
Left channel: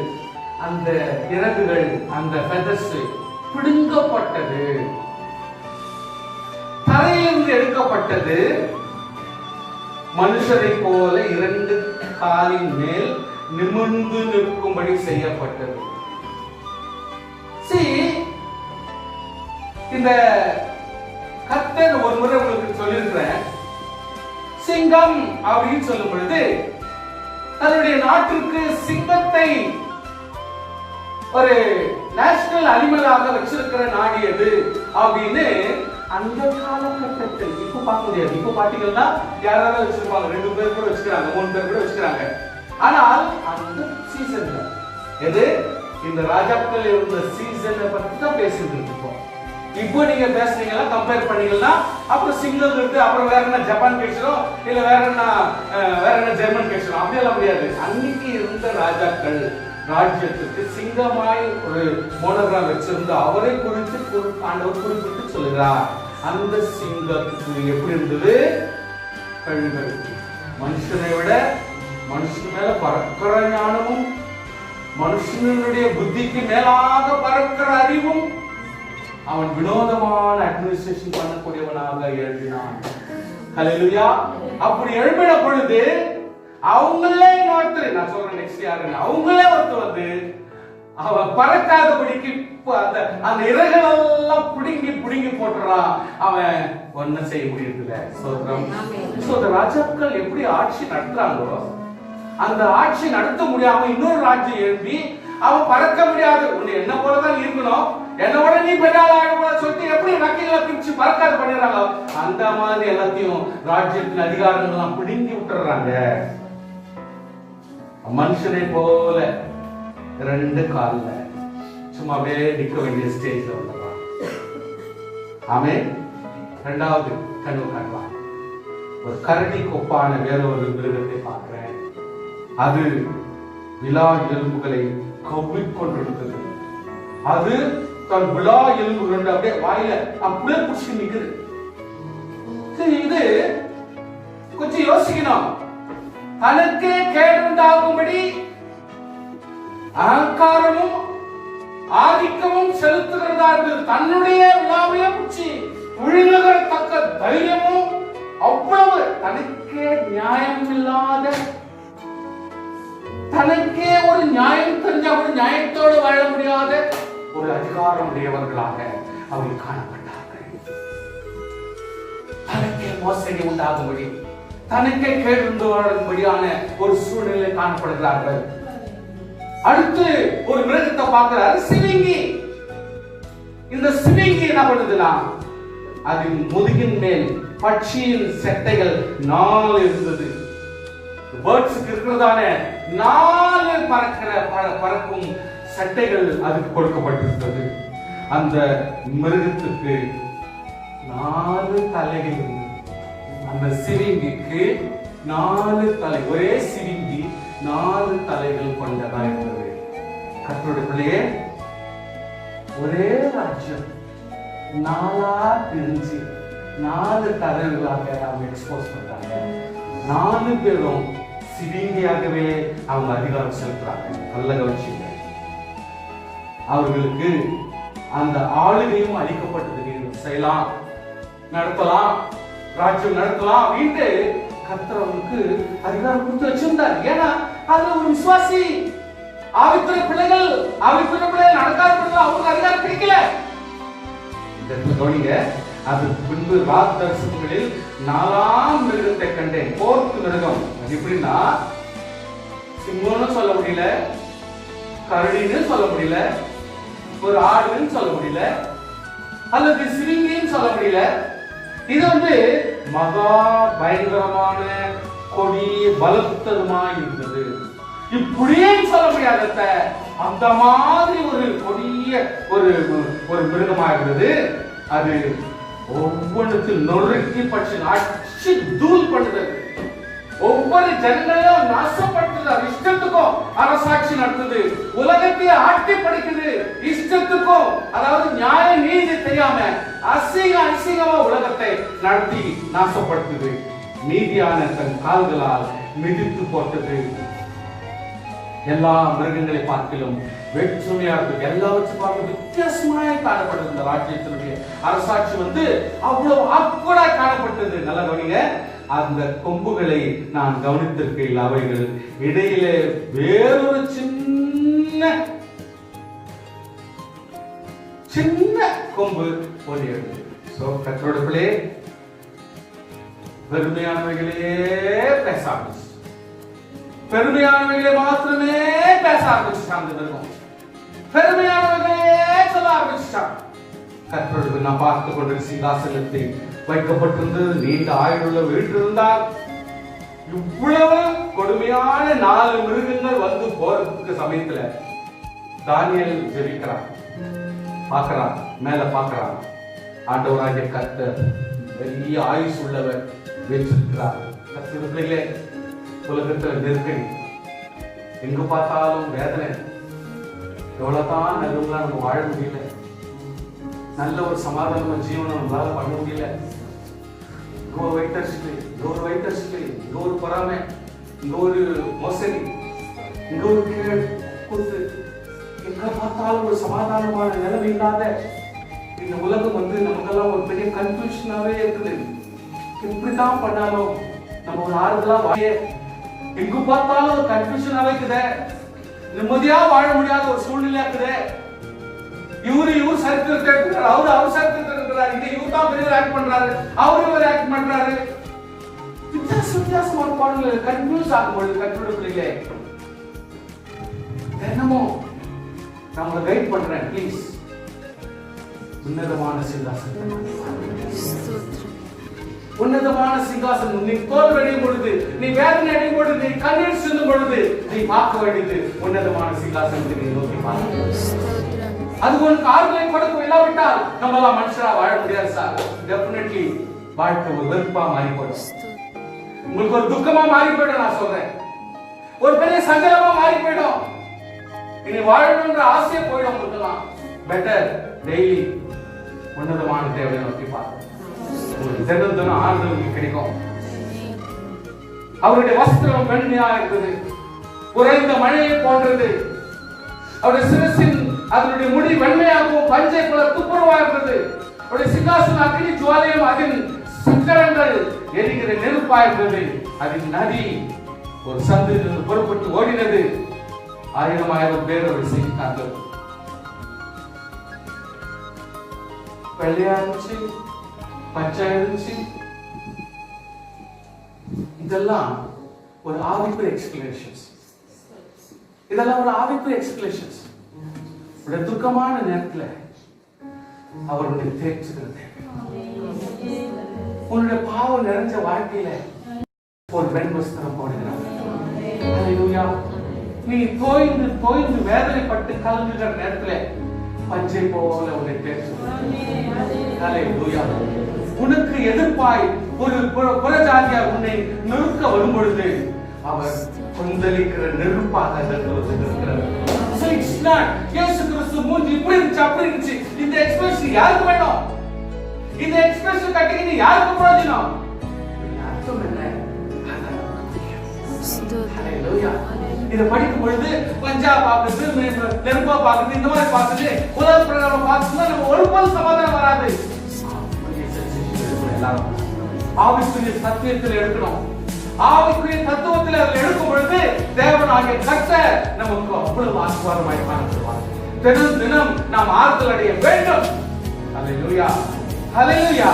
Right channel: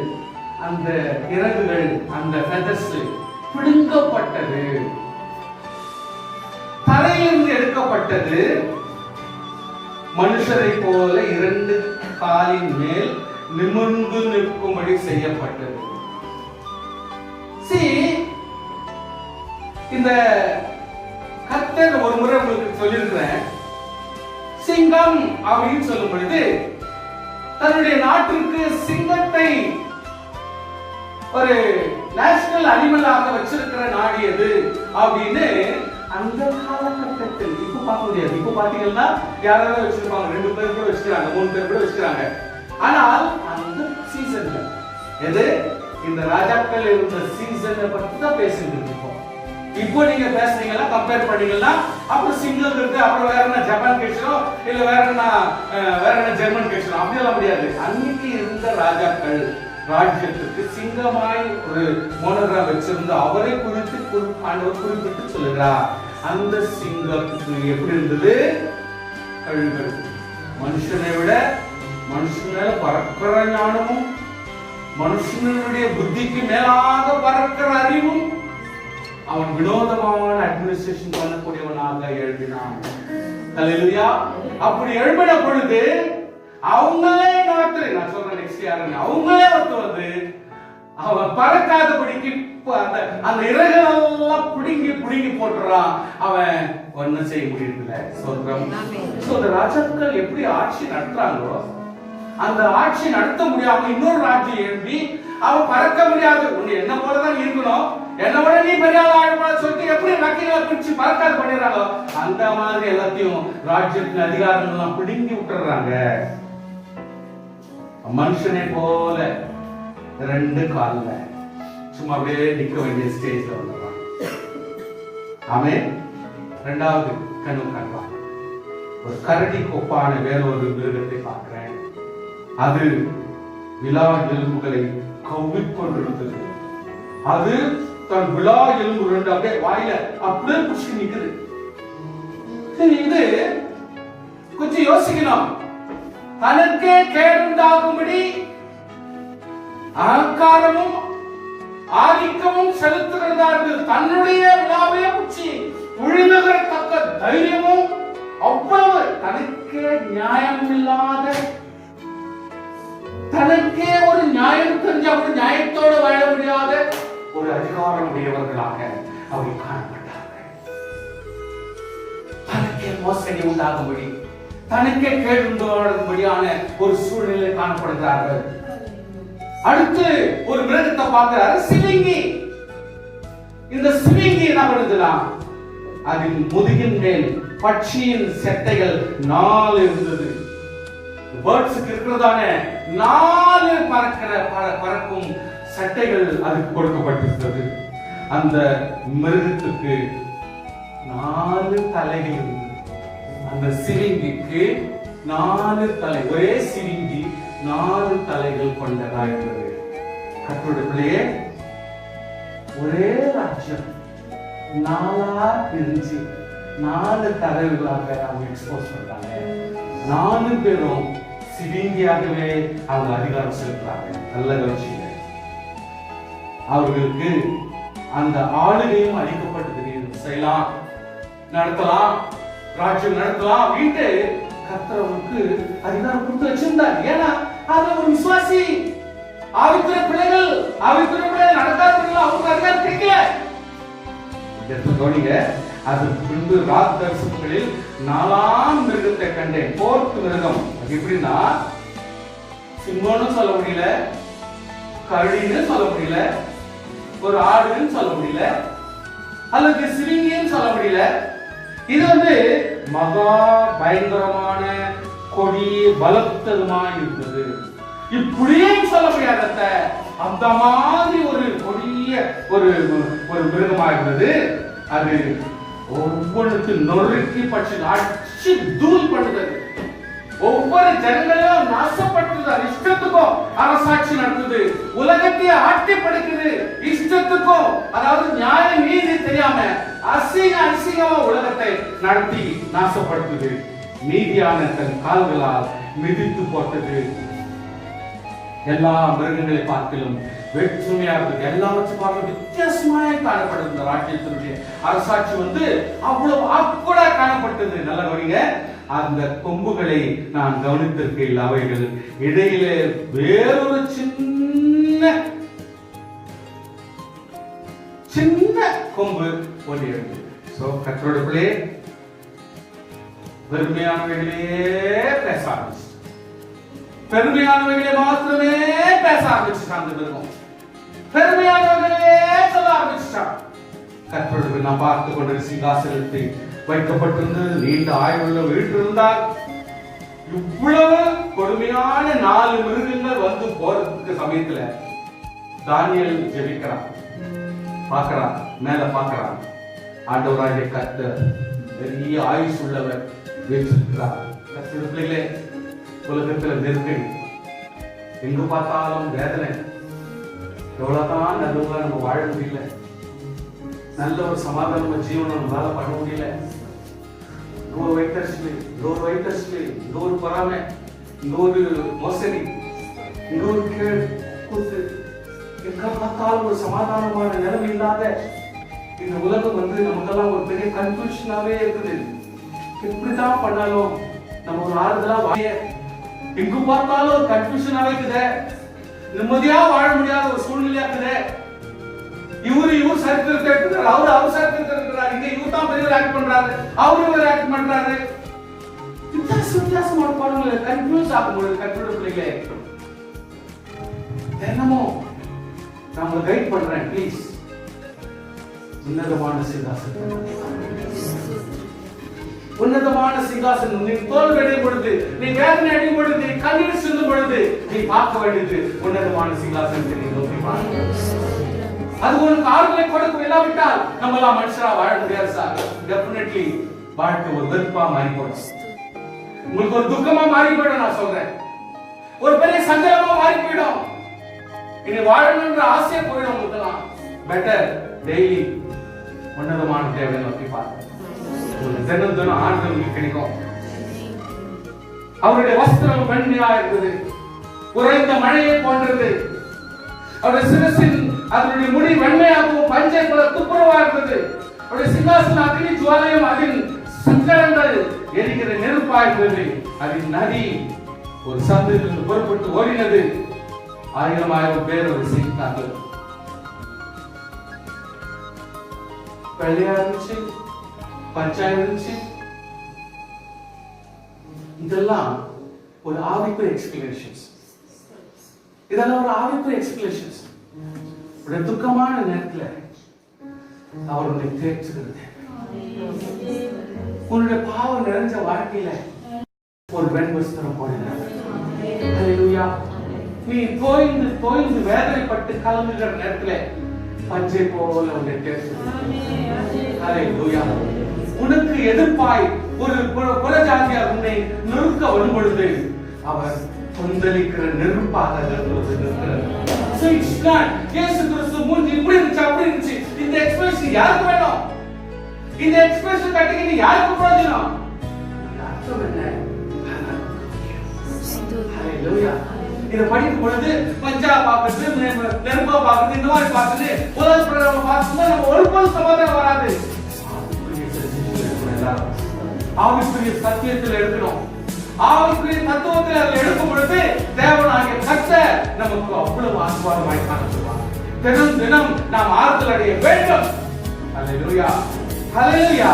அந்த இறகுகள், அந்த ஃபெதர்ஸ் பிடுங்கப்பட்டது, தலையிலிருந்து எடுக்கப்பட்டது. மனுஷரை போல 2 காலின் மேல் நிமிர்ந்து நிற்கும்படி செய்யப்பட்டது. இந்த கர்த்தர் ஒரு முறை உங்களுக்கு சொல்லியிருக்கிறேன். சிங்கம் அப்படின்னு சொல்லும் பொழுது அது தன்னுடைய நாட்டிற்கு சிங்கத்தை ஒரு நேஷனல் அனிமலாக வச்சிருக்கிற நாடு எது அப்படின்னு அந்த காலகட்டத்தில் இப்ப பார்க்க முடியாது. இப்ப பாத்தீங்கன்னா யாராவது வச்சிருப்பாங்க, 2 பேர் கூட வச்சுக்கிறாங்க, 3 பேர் கூட வச்சுக்கிறாங்க. ஆனால் அந்த சீசன்ல எது இந்த ராஜாக்கள் இருந்த சீசனை பத்தி தான் பேசிட்டு இருக்கோம். இப்போ நீங்க பேசுனீங்கன்னா கம்பேர் பண்ணீங்கன்னா அப்புறம் சிங்கிள் இருக்கு, அப்புறம் வேற என்ன ஜப்பான் பேசுறோம், இல்ல வேற என்ன ஜெர்மன் பேசுறோம், அப்படியெல்லாம் முடியாது. அன்னைக்கு இருந்த ராஜாக்கள் ராஜ்யத்துக்கு சிங்கமாய் ஒரு மோனரா வச்சிருந்த அவரை குறித்து ஆண்டவர் குறிப்பிட்டு சொல்லுகிறார். அந்த சிங்கத்துக்கு எப்படி இருந்தது? கழுகு. மனுஷனை விட மனுஷன் மேல பறக்கிற ஞானமும், மனுஷனுடைய புத்திக்கு மேலாக பறக்கிற அறிவும், அவன் வினோதமான அட்மினிஸ்ட்ரேஷன் பண்ணக்கூடியவனாக எழுதினான். ஹல்லேலூயா. அப்படி எழுப்பின பொழுது அவங்களே ஒருத்தர், நான் சொல்றேன் நெக்ஸ்ட் யாருங்க, அவங்களே ஒருத்தர் வந்து அவன் பறக்காதபடிக்கு அந்த இறகுகள் எல்லாம் புடுங்கி போட்டுறான். அவன் ஒன்னும் செய்ய முடியல. சொல்றோம். ராஜாக்கள் எப்படி ஆட்சி நடத்துறாங்களோ அந்த ஆட்சி நடத்த முடியாம இன்னொரு ராஜ்யம் எழுப்பி அவன் பறக்க முடியாது, உன்னை என்ன போலதான் இருக்கணும், என்னோட நீ பெரிய ஆள் சொல்லிட்டு எப்படி வக்கீல பிரிச்சு பறக்காது பண்ணிடுறாங்க. அந்த மாதிரி எல்லாத்தையும் ராஜ்யத்தின் அதிகாரங்கள் பிடுங்கி விட்டுறாங்க. மனுஷனை போல 2 கால்ல சும்மா அப்படியே நிக்க வேண்டிய ஸ்டேஜ்ல வந்துடுறாங்க. ஆமென். 2வது கனவு காண்றான். ஒரு கரடி கொப்பான வேறொரு மிருகத்தை பார்க்கிறேன். அது விலா எலும்புகளை கவ்விக்கொண்டிருந்தது. அது தன் விலா எலும்புகள் அப்படியே வாயில அப்படியே புடிச்சு நிக்குது. இது கொஞ்சம் யோசிக்கணும். தனக்கே கேடுண்டாகும்படி அகங்காரமும் ஆதிக்கமும் செலுத்துகிறதா இருந்தது. தன்னுடைய விழாவையே பிடிச்சி விழுங்குகிற தக்க தைரியமும், அவ்வளவு தனக்கே நியாயம் இல்லாத, தனக்கே ஒரு நியாயம் தெரிஞ்ச ஒரு நியாயத்தோடு வாழ முடியாத ஒரு அதிகாரம் உடையவர்களாக அவர்கள் காணப்பட்டார்கள். தனக்கே மோசடி உண்டாகும்படி, தனக்கே கேடும்படியான ஒரு சூழ்நிலை காணப்படுகிறார்கள். அடுத்து ஒரு மிருகத்தை பார்க்கிறார், சிவிங்கி. இந்த சிவிங்கி என்ன பண்ணுதுன்னா, அதன் முதுகின் மேல் பட்சியின் செட்டைகள் 4 இருந்தது. பேர்ட்ஸுக்கு இருக்கிறதான 4 பறக்கும் சட்டைகள் அதுக்கு கொடுக்கப்பட்டிருந்தது. அந்த மிருகத்துக்கு 4 தலைகள் இருந்தது. அந்த சிவிங்கிக்கு 4 தலை, ஒரே சிவிங்கி 4 தலைகள் கொண்டதாக இருந்தது. கர்த்தருடைய ஒரே ராஜ்யம் 4 பிரிஞ்சு 4 தலைகளாக அவங்க எக்ஸ்போஸ் பண்றாங்க. 4 பேரும் சிவிங்கியாகவே அவங்க அதிகாரம் செலுத்துறாங்க. நல்ல கவனிச்சீங்க. அவர்களுக்கு அந்த ஆளுகையும் அளிக்கப்பட்டது. செய்யலாம், நடத்தலாம், ராஜ்யம் நடத்தலாம் அப்படின்ட்டு கர்த்தருக்கு அதிகாரம் கொடுத்து வச்சிருந்தார். ஏன்னா அது ஒரு விசுவாசி, ஆவிக்குரிய பிள்ளைகள், ஆவிக்குரிய பிள்ளைகள் நடத்தாதவர்கள் அவங்க அதிகாரம் கிடைக்கல. கவனிங்க. அதற்கு பின்பு ராத் தரிசனங்களில் 4ஆம் மிருகத்தை கண்டேன். 4th மிருகம். அது எப்படின்னா, சிங்கம்னு சொல்ல முடியல, கரடின்னு சொல்ல முடியல, ஒரு ஆடுன்னு சொல்ல முடியல, அல்லது சிவிங்கின்னு சொல்ல முடியல. இது வந்து மகா பயங்கரமான கொடி பலத்ததுமாய் இருந்தது. இப்படியே சொல்ல முடியாத அந்த மாதிரி ஒரு கொடிய ஒரு மிருகமாக இருந்தது. அது ஒவ்வொன்றுக்கு நொறுக்கி பற்றி அடிச்சு தூள் பண்ணுறது. ஒவ்வொரு ஜனங்களையும் நாசப்படுத்துது. இஷ்டத்துக்கும் அரசாட்சி நடத்துது. உலகத்தையே ஆட்டி படைக்குது இஷ்டத்துக்கும். அதாவது நியாய நீதி தெரியாம அசிங்கமா உலகத்தை நடத்தி நாசப்படுத்துது. நீதியான தன் கால்களால் மிதித்து போட்டது. எல்லா மிருகங்களை பார்க்கலும் வேற்றுமையாக எல்லாவற்றும் பார்க்க வித்தியாசமாய் காணப்பட்டது. இந்த ராஜ்யத்தினுடைய அரசாட்சி வந்து அவ்வளவு ஆக்கோடா காணப்பட்டது. நல்ல கவனிங்க. அந்த கொம்புகளை நான் கவனித்திருக்கையில் அவைகள் இடையிலே வேறொரு சின்ன கொம்பு ஒன்றியது. கற்றோடுகளே வெறுமையானவைகளே பேசாமல் பெருமையானவைகளை மாத்திரமே பேச ஆரம்பிச்சுட்டாங்க. மிருகம் பெருமையானவைகளே சொல்ல ஆரம்பிச்சுட்டான். கர்த்தருடைய நான் பார்த்து கொண்டு சிங்காசனத்தை வைக்கப்பட்டிருந்து நீண்ட ஆயுள்ள வீட்டிருந்தால் இவ்வளவு கொடுமையான 4 மிருகங்கள் வந்து போறதுக்கு சமயத்துல தானியேல் ஜெபிக்கிறான், பார்க்கிறான், மேல பார்க்கிறான். ஆண்டவராகிய கர்த்தர் பெரிய ஆயுஷ் உள்ளவர் வீற்றிருக்கிறார். கர்த்தருடைய பிள்ளைகளே, உலகத்துல நெருக்கடி, எங்கு பார்த்தாலும் வேதனை, எவ்வளவுதான் நடுவுல நம்ம வாழ முடியல, நல்ல ஒரு சமாதான ஜீவனம் நம்மளால பண்ண முடியல. இங்க ஒரு வைத்தறிச்சல், இங்க ஒரு வைத்தறிச்சல், இங்க ஒரு பொறாமை, இங்க ஒரு மோசடி, இங்க ஒரு கேடு கூத்து, எங்க பார்த்தாலும் ஒரு சமாதானமான நிலைமை இல்லாத இந்த உலகம் வந்து நமக்கெல்லாம் ஒரு பெரிய கன்ஃபியூஷனாவே இருக்குது. எப்படிதான் பண்ணாலும் நம்ம ஒரு ஆறுதலா வாழ, எங்கு பார்த்தாலும் ஒரு கன்ஃபியூஷனாவே இருக்குது, நிம்மதியா வாழ முடியாத ஒரு சூழ்நிலையா இருக்குது. இவர் சரித்திரத்தை எடுக்கிறார், அவர் சரித்திரத்தை எடுக்கிறார், இங்க இவர் தான் பெரிய ஆக்ட் பண்றாரு, அவரு ஆக்ட் பண்றாரு. வித்தியாசமான பாடல்கள் கன்ஃபியூஸ் ஆகும்போது கற்றுட பிள்ளைகளே, தினமும் நம்மளை கைட் பண்றேன். ப்ளீஸ், உன்னதமான சிங்காசனம், உன்னதமான சிங்காசனம். நீ தோல்வி அடையும் பொழுது, நீ வேதனை அடையும் பொழுது, நீ கண்ணீர் சொல்லும் பொழுது, நீ பார்க்க வேண்டியது உன்னதமான சிங்காசனத்தை நீ நோக்கி பார்க்க. அது உனக்கு ஆறுதலை கொடுக்க இல்லாவிட்டால் நம்மளாம் மனுஷரா வாழ முடியாது சார். டெஃபினெட்லி வாழ்க்கை ஒரு வெறுப்பா மாறி போயிடும், உங்களுக்கு ஒரு துக்கமா மாறி போயிடும். நான் சொல்றேன், ஒரு பெரிய சங்கடமா மாறி போயிடும். இனி வாழணும்ன்ற ஆசையே போயிடும் உங்களுக்குலாம். பெட்டர் டெய்லி உன்னதமான தேவை நோக்கி பார்க்க, தினம் தினம் ஆறுதல் கிடைக்கும். அவருடைய வஸ்திரம் வெண்மையா இருந்தது, உறைந்த மழையை போன்றது. அவருடைய சிரசின் அதனுடைய முடி வெண்மையாகவும் பஞ்சை போல துப்புரவா இருந்தது. அவருடைய சிங்காசன அக்னி ஜுவாலையும் அதில் சிக்கலங்கள் எரிகிற நெருப்பா இருந்தது. அதில் நதி ஒரு சந்திலிருந்து புறப்பட்டு ஓடினது. 1000 பேர் ஒரு சிங்காசனம் வெள்ளையா இருந்துச்சு, பச்சை இருந்துச்சு. இதெல்லாம் ஒரு ஆவிக்குரிய எக்ஸ்பிளேஷன்ஸ். இதெல்லாம் ஒரு ஆவிக்குரிய எக்ஸ்பிளேஷன்ஸ். துக்கமான நேரத்துல அவருடைய தேர்ச்சுகிறது. உன்னுடைய பாவம் நிறைஞ்ச வாழ்க்கையில ஒரு பெண் வஸ்திரம் போடுகிறார். அல்லேலூயா. நீ தோய்ந்து தோய்ந்து வேதனைப்பட்டு கலங்குகிற நேரத்துல பஞ்சை போல உன்னை தேர்ச்சுகிறது. அல்லேலூயா. உனக்கு எதிர்ப்பாய் ஒரு புறஜாதியார் உன்னை நெருக்க வரும் பொழுது அவர் கொந்தளிக்கிற நெருப்பாக இருக்கிறார். So it's not இயேசு கிறிஸ்து மூஞ்சி இப்படி இருந்துச்சு அப்படி இருந்துச்சு. இந்த எக்ஸ்பிரஷன் யாருக்கு வேணும்? இந்த எக்ஸ்பிரஷன் கட்டிக்கிட்டு யாருக்கு பிரயோஜனம்? அர்த்தம் என்ன? ஹalleluya. இத படிக்கும் பொழுது பஞ்சா பாக்குது, நெருப்பா பாக்குது, இந்த மாதிரி பாக்குது, உலக பிரகாரம் பாக்கும்போது நம்ம ஒருபோதும் சமாதானம் வராது. ஆவிக்குரிய சத்தியத்தில் எடுக்கணும். ஆவிக்குரிய தத்துவத்தில் அதை எடுக்கும் பொழுது தேவனாகிய கர்த்தர் நமக்கு அவ்வளவு ஆசீர்வாதமாய் காணப்படுவார். தினம் தினம் நாம் ஆறுதல் அடைய வேண்டும். ஹalleluya, ஹalleluya.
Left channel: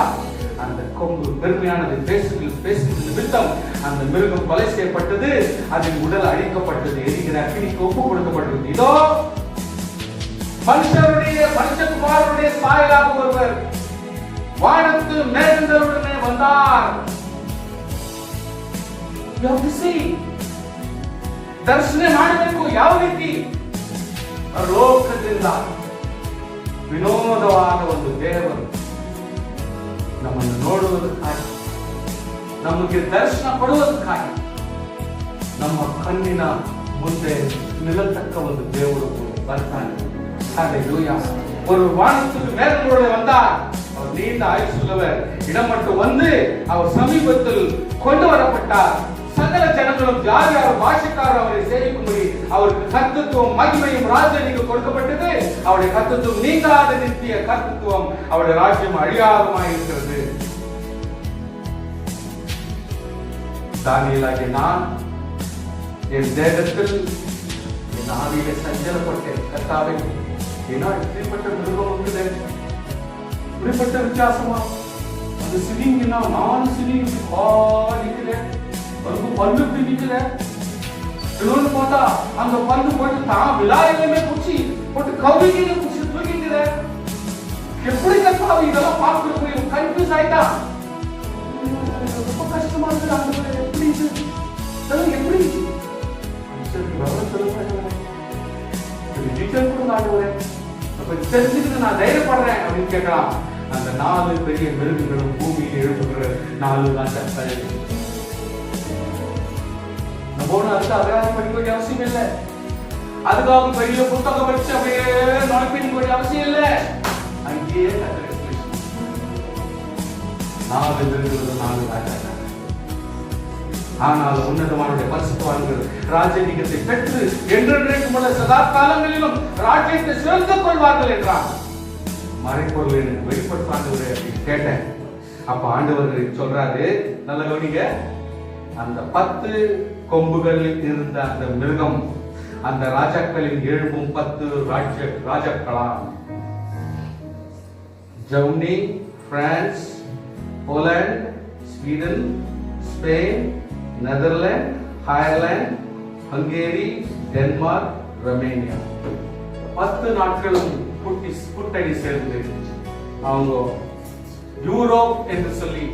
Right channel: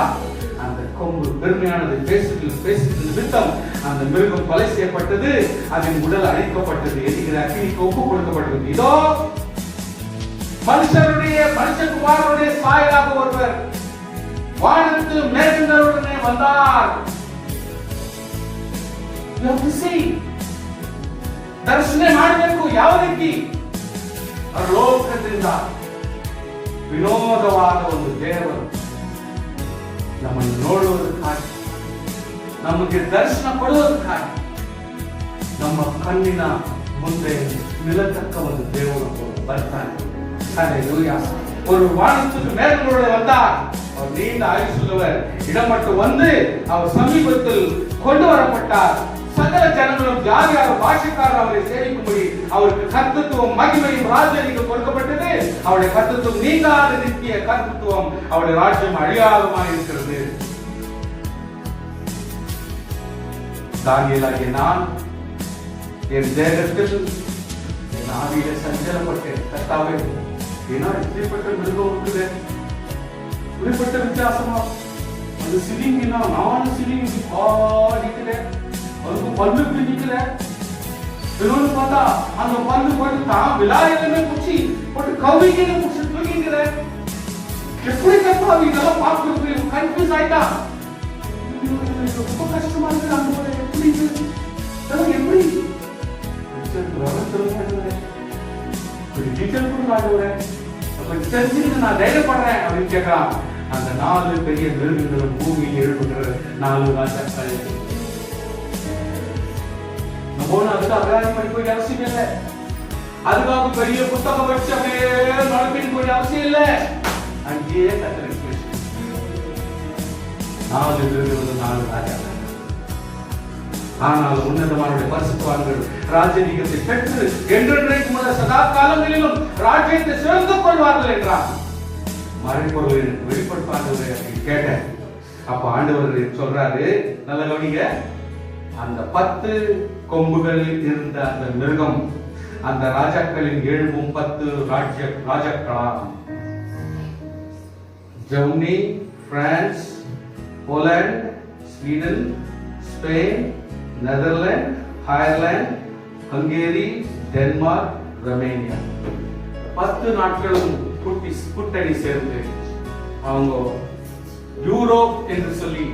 அந்த கொம்பு பெருமையானதை பேசுகிற நிமித்தம் அந்த மிருகம் கொலை செய்யப்பட்டது, அதன் உடல் அழிக்கப்பட்டது, எரிகிற அக்கினிக்கு ஒப்பு கொடுக்கப்பட்டது. இதோ மனுஷகுமாரனுடைய சாயலாக ஒருவர் வானத்து மேகங்களுடனே வந்தார். ದರ್ಶನ ಮಾಡಬೇಕು. ಯಾವ ರೀತಿ? ಲೋಕದಿಂದ ವಿನೋದವಾದ ಒಂದು ದೇವರು ನಮ್ಮನ್ನು ನೋಡುವುದಕ್ಕಾಗಿ, ನಮಗೆ ದರ್ಶನ ಕೊಡುವುದಕ್ಕಾಗಿ, ನಮ್ಮ ಕಣ್ಣಿನ ಮುಂದೆ ನಿಲ್ಲತಕ್ಕ ಒಂದು ದೇವರು ಬರ್ತಾನೆ. ஹல்லேலூயா. ஒரு வானத்துக்கு மேற்கொள்ள வந்தார். அவர் நீண்ட ஆயுசுள்ளவர். இடம் மட்டும் வந்து அவர் சமீபத்தில் கொண்டு வரப்பட்டார். சகல ஜனங்களும் யார் யார் பாஷைக்காரர் அவரை சேவிக்கும்படி அவருக்கு கர்த்தத்துவம் மகிமையும் ராஜ்யம் கொடுக்கப்பட்டது. அவருடைய கர்த்தத்துவம் நீங்காத நித்திய கர்த்தத்துவம், அவருடைய ராஜ்யம் அழியாதமாய் இருக்கிறது. தானியேலாகிய நான் என் தேகத்தில் என் ஆவியிலே சஞ்சலப்பட்டேன். கர்த்தாவே, ஏன்னா இப்படிப்பட்ட மிருகம் இருக்குது, இப்படிப்பட்ட வித்தியாசமா அந்த சிலிங்கினா 4 சிலிங்கி காலிக்கல, அதுக்கு பல்லு பிடிக்கல, இன்னொன்னு பார்த்தா அந்த பந்து போட்டு தான் விழாயிலுமே குச்சி போட்டு கவிக்கிட்டு குச்சி தூக்கிக்கிற. எப்படி கத்தாவி இதெல்லாம் பார்த்து கன்ஃபியூஸ் ஆயிட்டா. ரொம்ப கஷ்டமா இருக்கு. அந்த எப்படி எப்படி தெரிஞ்சுக்கிட்டு நான் தைரியப்படுறேன் அப்படின்னு கேட்கலாம். அந்த 4 பெரிய மிருகங்களும் பூமியில் எழுப்புகிற 4 ராஜாக்கள். நம்ம அதுக்கு அபிராயம் படிக்க வேண்டிய அவசியம் இல்லை. அதுக்காக பெரிய புத்தகம் வச்சு அப்படியே நுழைப்பிக்க வேண்டிய அவசியம் இல்லை. அங்கேயே கத்தருக்கு 4 மிருகங்களும் 4 ராஜாக்கள். ஆனால் உன்னதமானுடைய பரிசுத்தவான்கள் ராஜரீகத்தை பெற்று என்றென்றைக்கும் உள்ள சதா காலங்களிலும் ராஜ்யத்தை சிறந்து கொள்வார்கள் என்றார். மறைப்பொருள் வெளிப்படுத்தாண்டவரை கேட்டேன். அப்ப ஆண்டவர் சொல்றாரு, நல்ல கவனிங்க, அந்த 10 கொம்புகளில் இருந்த அந்த மிருகம் அந்த ராஜாக்களின் 7 ராஜாக்களாம். Germany, France, Poland, Sweden, Spain, Netherlands, Ireland, Hungary, Denmark, Romania 10 நாட்களும் கூட்டணி சேர்ந்து அவங்க யூரோப் என்று சொல்லி,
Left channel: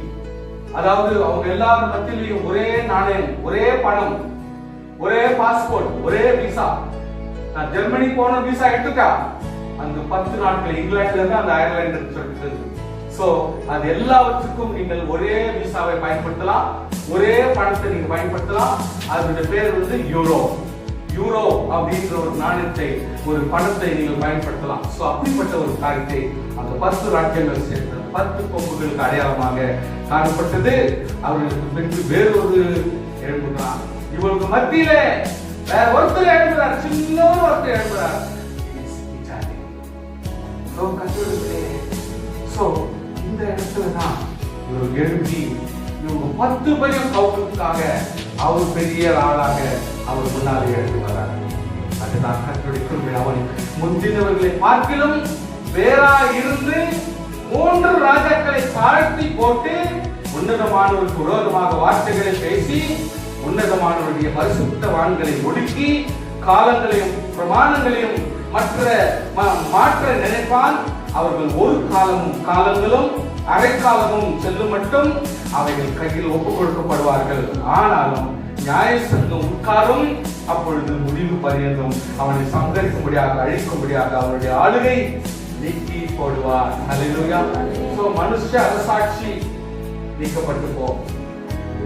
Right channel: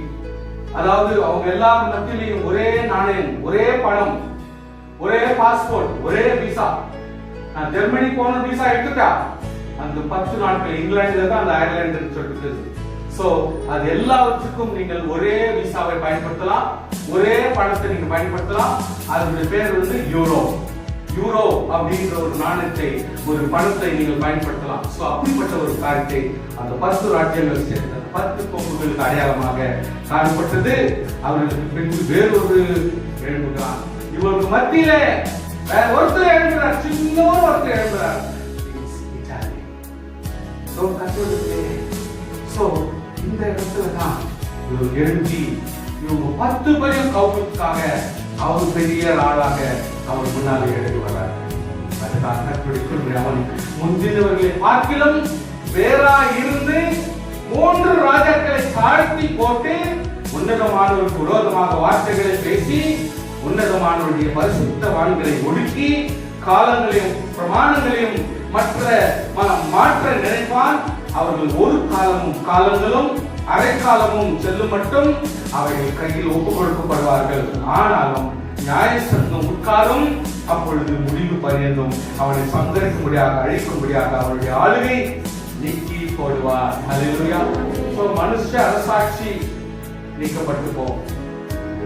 அதாவது அவங்க எல்லாரும் மத்தியிலையும் ஒரே நாணயம், ஒரே பணம், ஒரே பாஸ்போர்ட், ஒரே விசா. நான் ஜெர்மனி போன விசா எடுத்துட்டா அந்த 10 நாட்கள் இங்கிலாந்துல இருந்து அந்த அயர்லாந்து சொல்லிட்டு. சோ அது எல்லாவற்றுக்கும் நீங்கள் ஒரே விசாவை பயன்படுத்தலாம், ஒரே பணத்தை நீங்க பயன்படுத்தலாம். அதோட பேர் வந்து யூரோ. யூரோ அப்படின்ற ஒரு நாணயத்தை, ஒரு பணத்தை நீங்கள் பயன்படுத்தலாம். சோ அப்படிப்பட்ட ஒரு காரியத்தை அந்த 10 ராஜ்யங்கள் சேர்ந்த 10 கொம்புகளுக்கு அடையாளமாக காணப்பட்டது. அவர்களுக்கு பின்பு வேறொரு எழுப்புகிறார். இவருக்கு மத்தியில ஒருத்தர் எழுப்புறார், சின்ன ஒருத்தர் எழுப்புறார். இந்த இடத்துலதான் இவர் எழுதி இவங்க 10 பேரும் கவுக்கிறதுக்காக அவர் பெரிய ஆளாக அவர் முன்னாலே எழுதி வர்றார். அதுதான் கற்றுடைய அவன் முந்தினவர்களை பார்க்கிலும் வேறா இருந்து 3 ராஜாக்களை தாழ்த்தி போட்டு உன்னதமானவருக்கு விரோதமாக வார்த்தைகளை பேசி உன்னதமானவருடைய பரிசுத்தவான்களை ஒடுக்கி காலங்களையும் பிரமாணங்களையும் மாற்ற நினைப்பான். அவர்கள் ஒரு காலங்களும் அரைக்காலமும் செல்லும் மட்டும் அவைகள் கையில் ஒப்புக் கொடுக்கப்படுவார்கள். ஆனாலும் நியாயசங்கம் உட்காரும், அப்பொழுது முடிவு பரியந்தும் அவனை சங்கரிக்கும்படியாக அழிக்கும்படியாக அவருடைய ஆளுகை நீக்கி போடுவார். ஹல்லேலூயா. மனுஷ அரசாட்சி நீக்கப்பட்டு போம்,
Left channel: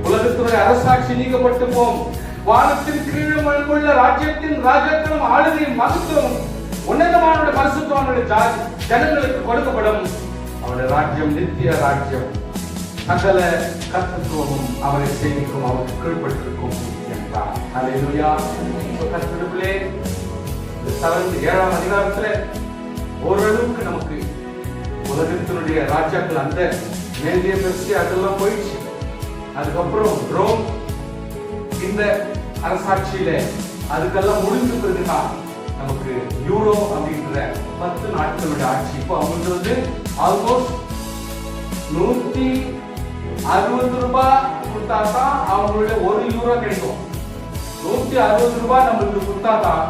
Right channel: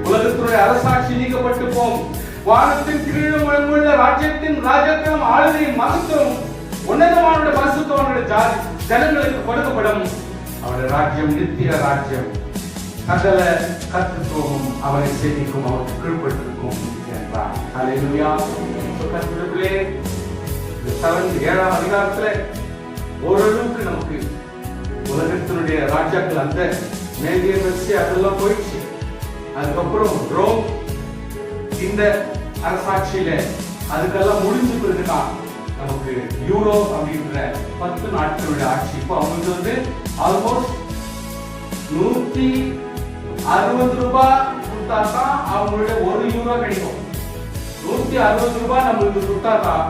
உலகத்துடைய அரசாட்சி நீக்கப்பட்டு போம். வானத்தின் கீழும் உள்ள ராஜ்யத்தின் ராஜ்யத்திலும் ஆளுகையும் மகத்துவம் உன்னதமான பரிசுத்தவானுடைய ஜனங்களுக்கு கொடுக்கப்படும். அவருடைய ராஜ்யம் நித்திய ராஜ்யம், சகல கர்த்தத்துவமும் அவரை சேமிக்கும், அவருக்கு கீழ்பட்டிருக்கும் என்றார். ஹல்லேலூயா. கர்த்தருக்குள்ளே இந்த 7ஆம் அதிகாரத்துல ஓரளவுக்கு நமக்கு உலகத்தினுடைய ராஜாக்கள் அந்த மேலிய பெருசி அதெல்லாம் போயிடுச்சு. அதுக்கப்புறம் ரோம் இந்த அரசாட்சியில அதுக்கெல்லாம் முடிஞ்ச பிறகுதான் நமக்கு யூரோ அப்படின்ற 10 நாட்களுடைய ஆட்சி. இப்போ அவங்க வந்து ஆல்மோஸ்ட் 160 ரூபாய் கொடுத்தாதான் அவங்களுடைய 1 யூரோ கிடைக்கும். 160 ரூபாய் நம்மளுக்கு கொடுத்தாதான்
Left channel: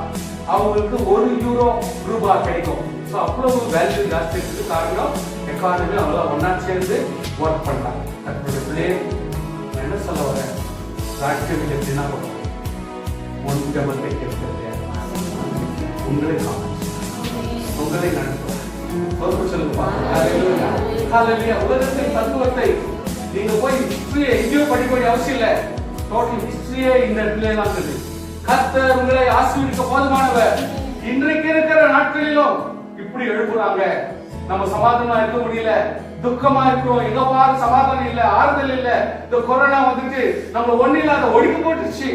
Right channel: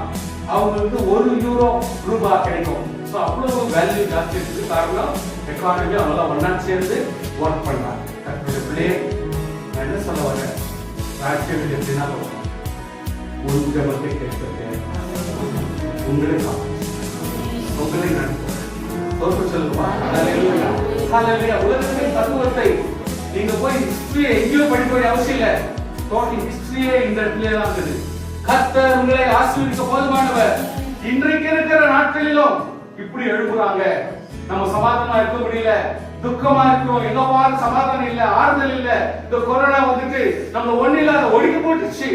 அவங்களுக்கு 1 யூரோ ரூபாய் கிடைக்கும். ஸோ அவ்வளவு வேல்யூ ஜாஸ்தி இருக்குது. காரணம் எக்கானமி அவங்களாம் ஒன்னா சேர்ந்து ஒர்க் பண்றாங்க. தன்னுடைய பிள்ளை நான் என்ன சொல்ல வரேன், ராஜ்யத்தில் எப்படின்னா ஒரு ஜபத்தை கேட்கிறது உங்களை சொல்லுவா. உலகத்தின் தத்துவத்தை நீங்க போய் ஹிஸ்டரியை எங்கேயோ படிக்க வேண்டிய அவசியம் இல்லை. டோட்டல் ஹிஸ்டரியே இந்த இடத்துல தான் இருக்குது. கர்த்தர் உங்களை ஆசீர்வதிக்க போதுமானவர். இன்றைக்கு இருக்கிற நாட்களிலும் இப்படி எழுப்புறாங்க. நம்ம சமாதானமா இருக்க முடியல, துக்கமா இருக்கிறோம், எங்க பாரு சமாதானம் இல்ல, ஆறுதல் இல்ல. இந்த கொரோனா வந்துட்டு நம்ம ஒண்ணு இல்லாத ஒடுக்கி போட்டுச்சு.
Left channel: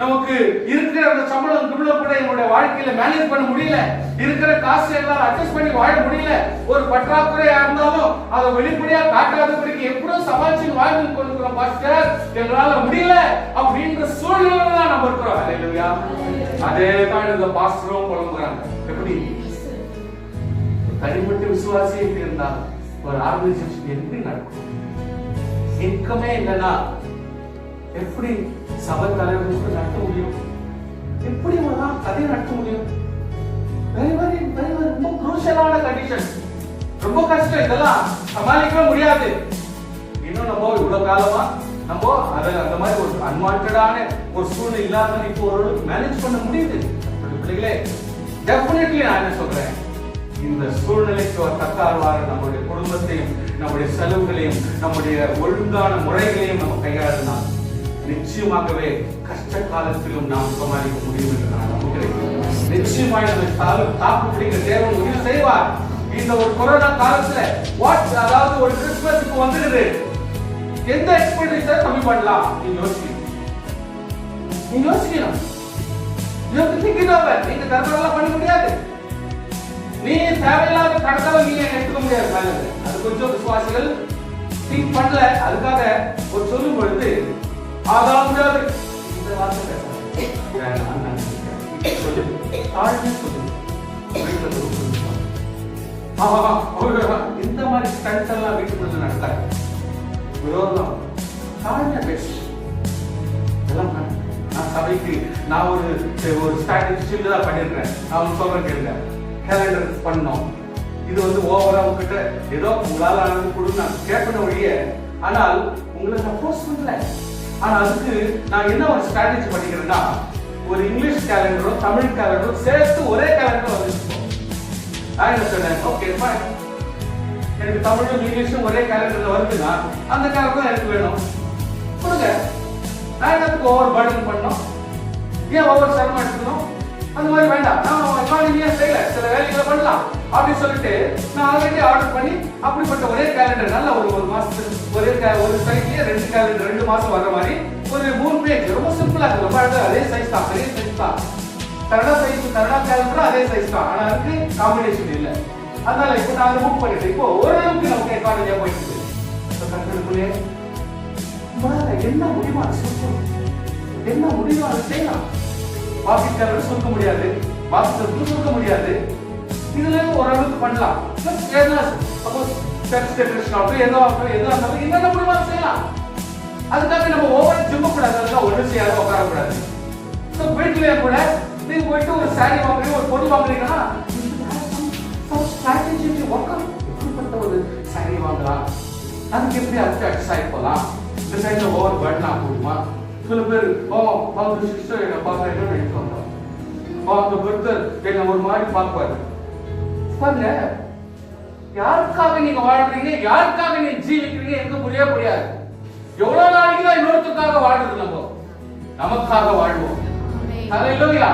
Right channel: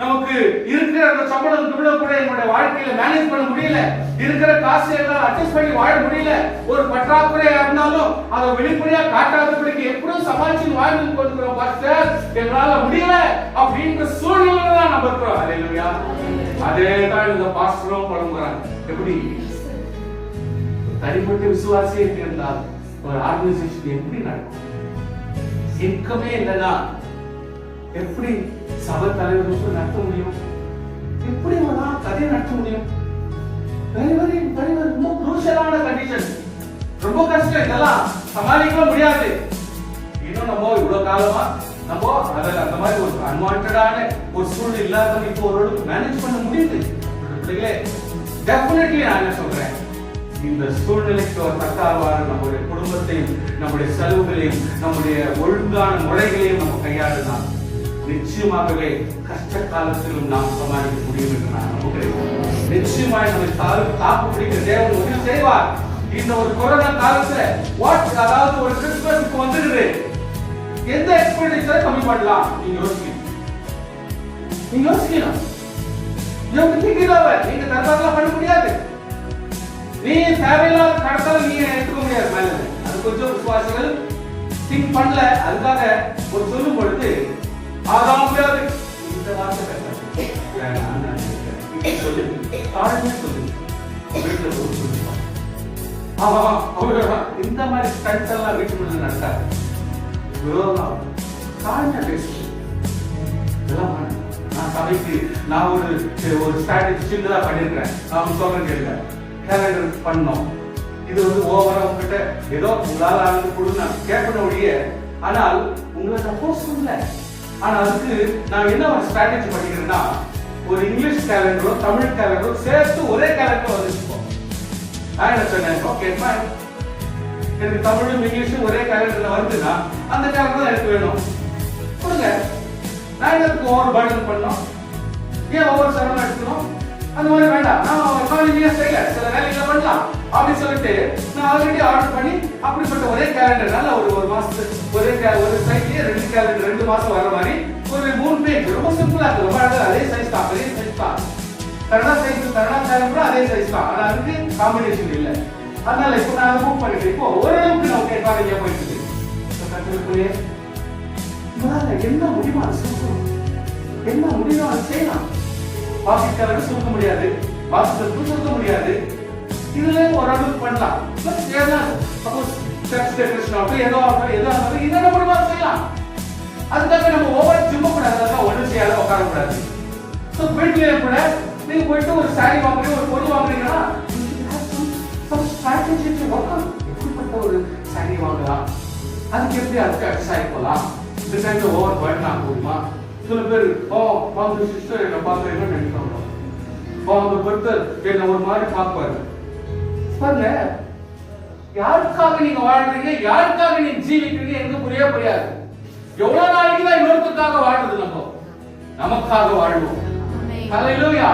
நமக்கு இருக்கிற அந்த சம்பளம் கூட என்னோட வாழ்க்கையில மேனேஜ் பண்ண முடியல, இருக்கிற காசு எல்லாம் அட்ஜஸ்ட் பண்ணி வாழ முடியல. ஒரு பற்றாக்குறையா இருந்தாலும் அதை வெளிப்படையா காட்டாதபடிக்கு எப்படியும் சமாளிச்சு வாழ்ந்து கொண்டிருக்கிறோம். பாஸ்டர் எங்களால முடியல அப்படின்ற சூழ்நிலை தான் நம்ம இருக்கிறோம். ஹல்லேலூயா. அதே தான் இந்த பாஸ்டரும் புலம்புறாங்க. எப்படி தனிப்பட்ட விசுவாசியை இருந்தால் ஒரு ஆர்கனைசேஷன் எப்படி நடக்கும்? இன்கமே இல்லைன்னா எப்படி சபை தலைவர்களுக்கு நடத்த முடியும்? முடியும்? ரொம்ப குரூஷியலான கண்டிஷன், ரொம்ப கஷ்டம், இதெல்லாம் சமாளிக்க முடியாது. இன்னும் நம்ம இவ்வளவு காலமா நம்ம அதில் அந்த மாதிரி ஒரு அன்வான்டான ஒரு சூழ்நிலை இல்லாத இப்போ ஓரளவுக்கு மேனேஜ் பண்ண முடியுது. பிள்ளைகளே, டெஃபினெட்லி நான் என்ன சொல்றேன், இந்த சூழ்நிலைக்கு ஒரு தக்கார்வாறு நம்முடைய குடும்பத்தையும் நம்முடைய செலவுகளையும் நம்முடைய ஒழுங்கான முறைகளையும் நம்ம கையாடினால் நிச்சயமாகவே கஷ்ட காலத்திலும் நாம் சமாளிக்க முடியும் என்று நான் நம்புகிறேன். நிச்சயமாக நம்மை தாக்கு பிடிக்க தேவன் உதவி செய்வார். இந்த ஒரு கொரோனா காலத்துல அதாவது ஒரு கிறிஸ்துமஸ்க்கு வந்துடுது, எந்த எக்ஸ்பெண்டிச்சர் கம்மி பண்ணலாம் நீங்க யோசிக்கணும். நீங்க தரலாம் பண்ண முடியாது. நீ தேவையில்லாத கடத்தால நீங்க எடுத்துக்க முடியாது. நல்லது, அது கொஞ்சம் விசுவாசிகள் திங்க் பண்ணல. அதுக்காக ஒரு சொல்லும் பொழுது ஆகாம முடியாது இந்த வார்த்தை இந்த மாதிரி ஸ்டண்ட்ஸ் எல்லாம் வீட்டுக்குள்ள நடக்காது. விரோதம் தாழ்மையா பேசு. நான் சபைக்கு நான் ஒரு ஸ்ட்ராட்டஜி சின்னதா பண்ணிருக்கேன். அவன் சொல்ற கேளுங்க, கேலண்டர் பண்ணோம். இது ஓவரா உங்ககிட்ட ஏதோ உங்களால ஆனது கூட நான் கேட்கணும் ஒழிய, ஆனால் உங்களை சப்போஸ் பண்ணல. ஆனா அதுக்கு நான் என்ன ஒரு ஸ்ட்ராட்டஜி பண்ணிக்கிறேன்னா, ஒரு இங்கிலீஷ் கேலண்டரும் தமிழ் கேலண்டரும் சேர்த்து ஒரே கேலண்டர் வந்துருப்போம். நான் என்ன சொன்னேன், ஓகே எனக்கு தமிழும் இங்கிலீஷும் ஒரே கேலண்டர்ல வருதுன்னா அந்த கேலண்டர் தான் எனக்கு வேணும், கொடுங்க. நான் எனக்கு ஓவர் பர்டன் பண்ணோம், ஏன் ஓவர் சிரமம் எடுக்கணும்? அந்த மாதிரி வேண்டாம், நான் எக்கானமியா செய்யல, சில வேலைகளை பண்ணலாம் அப்படின்னு சொல்லிட்டு நான் ஆல்ரெடி ஆர்டர் பண்ணி அப்படிப்பட்ட ஒரே கேலண்டர் நல்ல ஒரு மாசத்துக்கு ஒரு சைஸ்லயே 2 கேலண்டர் 2 மாசம் வர மாதிரி ஒரு 3 பேஜ் ரொம்ப சிம்பிளா இருக்கு. ரொம்ப அழகா அதே சைஸ் தான், அதே சைஸ் தான். கன்னடா கேலண்டர் அதே சைஸ் தான், ஆனா அதுக்கு காம்பினேஷன் இல்லை. அதனால இப்போ நான் புக் பண்ணிட்டு இப்போ ஓரளவுக்கு நமக்கு எக்கானமியா போயிட்டு இருக்கு. என்ன முடியுமோ அதை சுருக்கணும், என்ன முடியுமோ அதை செய்யலாம். வாசித்தவரை சுருக்க முடியாது, வாசித்தவருக்கு சுருக்க முடியாது. இதுல ஓரளவுக்கு பண்ணலாம். என்னென்ன முடியுமோ செய்யலாம். அதுக்காக நம்ம ஓவர் ஜிம்ம கூடாது, அதெல்லாம் ஒன்றும் செய்யாத உட்கார கூடாது. வீட்டுல கூட நீங்க போயிட்டு ஒரு சாரி வாங்குறீங்க, ஒரு பொருள் வாங்குறீங்கன்னா எப்படிப்பட்ட ஒரு சாரி வாங்கலாம், அதுக்கு எப்படி அட்ஜஸ்ட் ஆகி போகலாம், இந்த டைம்ல ஓவர் பர்டன் ஆகுமா? சில பேர் அந்த சிஸ்டர் என்ன பார்த்தா என்ன நினைப்பாங்க, அந்த பர்தர் என்ன ஒரு மாதிரி பார்ப்பாரு. பாருங்க, யாருக்காக நீங்க வாழ்றீங்க, யாருக்காக நீங்க ஜீவிக்கிறீங்க எனக்கு புரியாது. எவ்வளவு நாளைக்கு தான் இன்னொருத்தருக்காக வாழ்றது? நம்ம நமக்காக வாழ்வோம். ஹல்லேலூயா,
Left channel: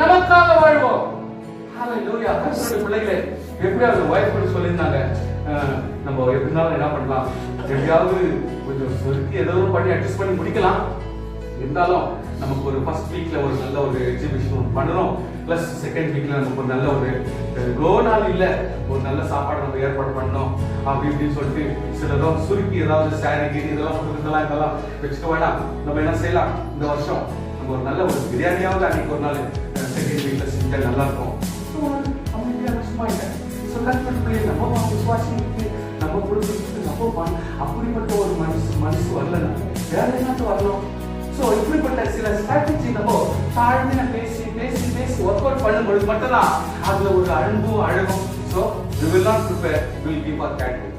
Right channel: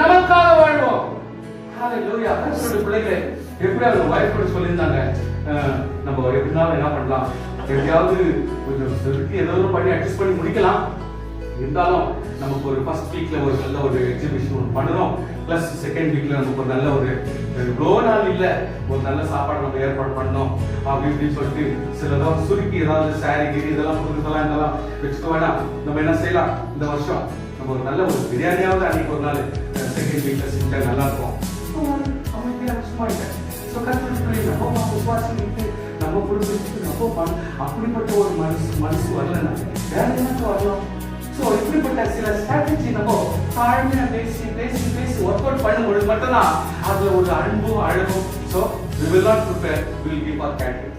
நமக்காக வாழ்வோம். ஹல்லேலூயா. கர்த்தருடைய பிள்ளைகளே, எப்படியாவது வாய்ப்பு கூட சொல்லியிருந்தாங்க, நம்ம எப்படினாலும் என்ன பண்ணலாம், எப்படியாவது கொஞ்சம் செலுத்தி ஏதோ பண்ணி அட்ஜஸ்ட் பண்ணி முடிக்கலாம். இருந்தாலும் நமக்கு ஒரு ஃபர்ஸ்ட் வீக்ல ஒரு நல்ல ஒரு எக்ஸிபிஷன் பண்ணுறோம், பிளஸ் செகண்ட் வீக்ல நமக்கு ஒரு நல்ல ஒரு இவ்வளோ நாள் இல்லை ஒரு நல்ல சாப்பாடு நம்ம ஏற்பாடு பண்ணோம் அப்படின்னு சொல்லிட்டு சிலதோ சுருக்கி ஏதாவது சாரி கீரி இதெல்லாம் இதெல்லாம் வச்சுக்க வேண்டாம். நம்ம என்ன செய்யலாம், இந்த வருஷம் நம்ம ஒரு நல்ல ஒரு பிரியாணியாவது அன்னைக்கு ஒரு நாள் செகண்ட் வீக்ல செஞ்சா நல்லா இருக்கும். நம்ம விசுவாசிக்கு நம்ம குடும்பத்துக்கு நம்ம அப்படிப்பட்ட ஒரு மனசு வரலன்னா வேற என்ன வரலாம்? இப்படிப்பட்ட சில ஸ்ட்ராட்டஜி நம்ம தாழ்மையா பேசி பேசி பேசி ஒர்க் அவுட் பண்ணும்போது மட்டும்தான் அது ஒரு அன்பும் அழகும். So we will not prepare, we will give our candidate.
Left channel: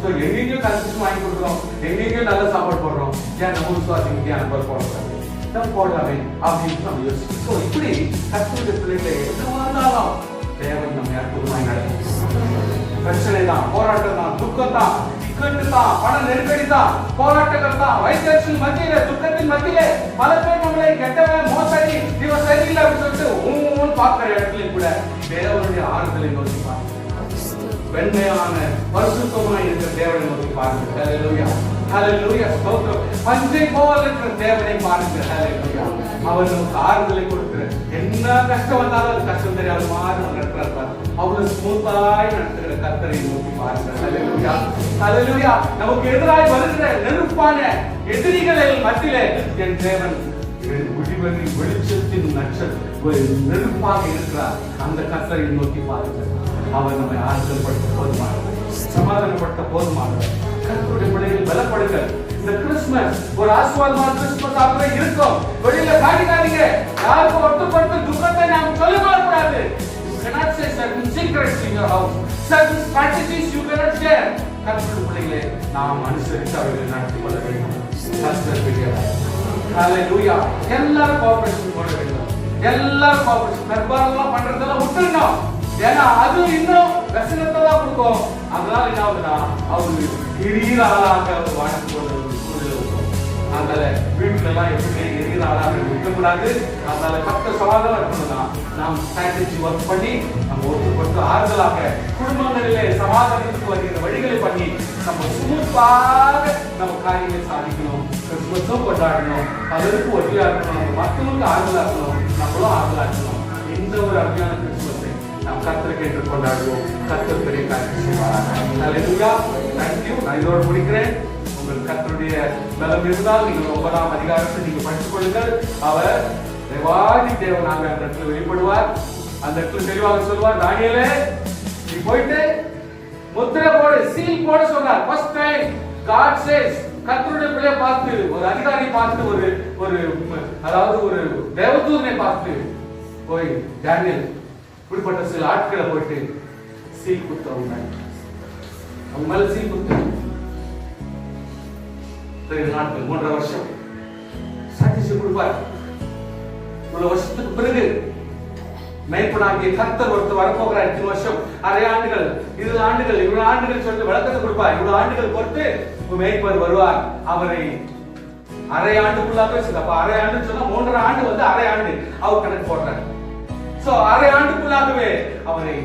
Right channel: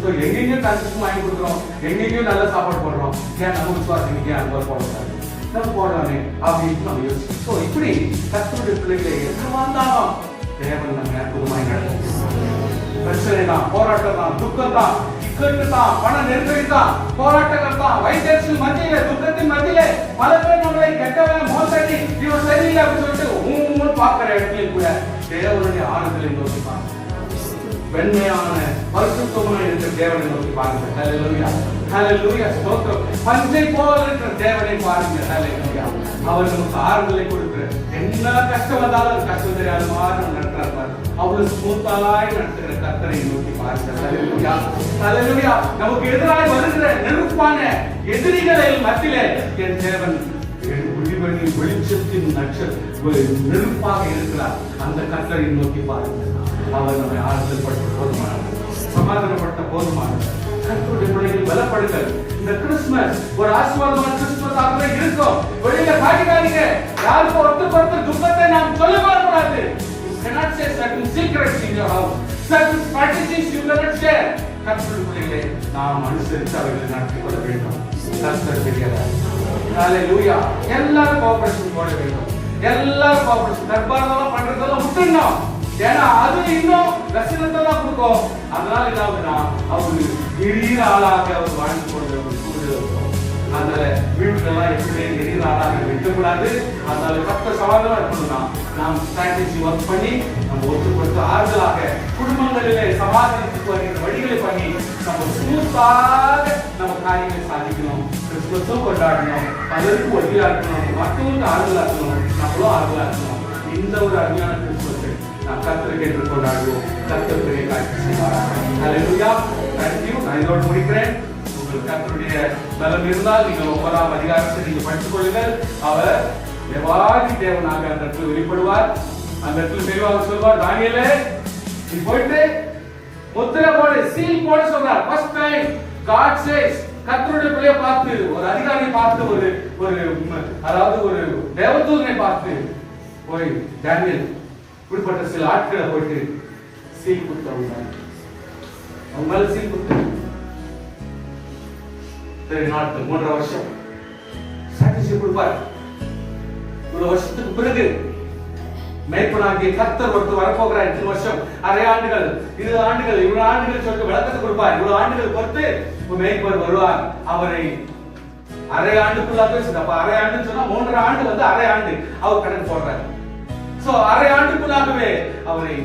So எங்கெங்கேயும் கன்செஷன் வாங்கி கொடுக்குறோம், எங்கெங்கேயும் நல்ல சாப்பாடு போடுறோம், ஏன் நம்ம விசுவாசிக்கு ஏன் அன்பா போடுறாங்க, நம்ம போடுறாங்க அப்படின்னு நம்ம யோசிச்சோம். ஸோ இப்படி கர்த்தருடைய பிள்ளைகளை எங்க வந்தாலும் தேவன் நம்ம அற்புதமாய் நடக்கும். பிரச்சனை தான், போராட்டம் தான், துக்கம் தான், இக்கட்டு தான், பண நெருக்கடி தான், போராட்டங்கள் தான், வைத்தறிச்சல் மத்தியிலே, துக்கத்தின் மத்தியிலே பல பேர் நம்மளை கெட்டவன் மோசடி இவன் சரியில்லை அப்படின்னு சொல்லிட்டு பார்க்கிற இடத்துலையும் கூட தேவனுடைய ஆறுதலை நோக்கி பாருங்க, வெண்மையான பரிசுத்தமாய் இருக்கிற தேவனை நோக்கி பாருங்க. ஹல்லேலூயா, ஹல்லேலூயா, ஸ்தோத்திரம். பஞ்சை போல இருக்கிற தேவனை பாருங்க. ஹல்லேலூயா. அவர் நமக்கு ஆறுதலை கொடுக்கிற என்ன கஷ்டம் வந்தாலும் கஷ்டம் தெரியாத மாதிரி நடத்துறாரு. அவ்வளவு ஸ்மூத்தாய் நடத்துகிற கர்த்தரை நோக்கி பாருங்க. ஹல்லேலூயா, ஹல்லேலூயா. நமக்கு எதிராய் வருகிற நெருப்பான எதிரிகளின் மத்தியிலே என் தேவன் வெளிச்சத்தின் நெருப்பாக இருக்கிறார். அந்த கர்த்தரை நோக்கி பாருங்க. அவர் நம்மை ஆறுதல் பட்ட போதுமானவர், சமாதானப்பட்ட போதுமானவர், கர்த்தருடைய பிள்ளைகள் பலப்படுங்கள். இந்த கிறிஸ்துமஸ் ஒரு ஆசீர்வாதமான கிறிஸ்துமஸ் ஆக இருக்கும். வெளியில காட்டிக்காதீங்க. யாருக்கும் ஒருத்தருக்கு துக்கத்தை நாம் சொல்லவே கூடாது. You cannot say certain secrets in your house. Certain strategies you cannot share. கர்த்தருடைய பிள்ளைகளே, நாம் அனுசரித்து அவர்களை நடத்தி கொள்ள வேண்டும். கர்த்தர் பெரியவர். ஹalleluya. எல்லாரும் கோஆபரேஷன் போட வேண்டும். எல்லாரும் கோஆபரேஷன் தர்பாரெல்லாம் பண்றதெல்லாம் விட்டுறணும். ஏன்னா அது இன்னும் ரசனத்தை தான் கொடுக்கும். அதனால என்ன ஆகுதுன்னா அவரு எரியிற ஆளாக அவர் வாழ்ந்து கொண்டு சூழ்நிலை இருக்கும். அதனால வீட்டுல எல்லாம் எப்படி எரியிற ஆளாக இருக்கக்கூடாது. அதனால கத்த சவாலாக இருக்கணும்னா நாம் ஸ்ட்ராட்டஜி ஒர்க் பண்ணி நம்ம ஒத்துக்கொடுத்து ஆறுதலாக குடும்பங்களிலே சமாதானத்துக்கு வருகிற வழிகளை பண்ணி நம்ம ஸ்மூத்தாக நம்ம காரியங்களை சாதிக்கணும். கிறிஸ்துமஸும் கொண்டாடணும். பலருக்கு உதவியா இருக்கணும். மற்றவங்களுக்கு ஆறுதலா இருக்கணும். நம்மளும் ஆறுதலா இருக்கணும். இந்த ஒரு அருமையான கிறிஸ்துமஸை நாம் கர்த்தரை கேட்டு கொண்டாடுவோம். கர்த்தர் பெரிய காரியம் செய்வார். ஹalleluya. Thank you. நான் இதோடு முடிக்கிறேன். உங்களுக்கு கர்த்தருடைய பலம் இருந்தால் நீங்கள் 9ஆம் அதிகாரத்தை நீங்கள் படித்துக் கொள்ளுங்கள். அவர் தேவாதி தேவனாக அந்த இடத்துல வெளிப்படுவார். அந்த இடத்துல தெளிவாக சொல்வார், தானியேலே நீ போயிட்டு முத்திரை போடு, சீல் போட சொன்னார். ஃபர்ஸ்ட் டைம் God says, கர்த்தருடைய பிள்ளையை பார்த்து, ஒரு அதிகாரி பார்த்து, ஒரு அதாவது ஒரு தேவதூதனை பார்த்து போய் தானியேல் இப்படிப்பட்ட சில ஆட்களை போயிட்டு சீல் குத்தவங்க அவங்க மேல சீல் குத்து 3 நாட்கள் 3.5 வருஷம் சாட்சி கொடுப்பார். இவ்வளவு வருஷத்துக்கு பிறகு மேய்ப்பனாகிய கர்த்தர் ஒருத்தர் வரப்போகிறார். 2 வருஷம், அரை ஆண்டுகள், 20 ஆண்டுகள், இவ்வளவு ஆண்டுகள் சொல்லி விளக்கத்தை கொடுப்பார். இவ்வளவு ஆண்டுகள் பொறுத்து மேய்ப்பர் வருவார். அவரை அரை ஆண்டுக்குள்ளா பேசுது. அப்ப அரை ஆண்டுன்னு சொன்னா 3.5 ஆண்டு வந்து அரை ஆண்டு அவர் கணக்கு போடுறாரு. சோ அரை ஆண்டுக்குள்ளாகவே அவரை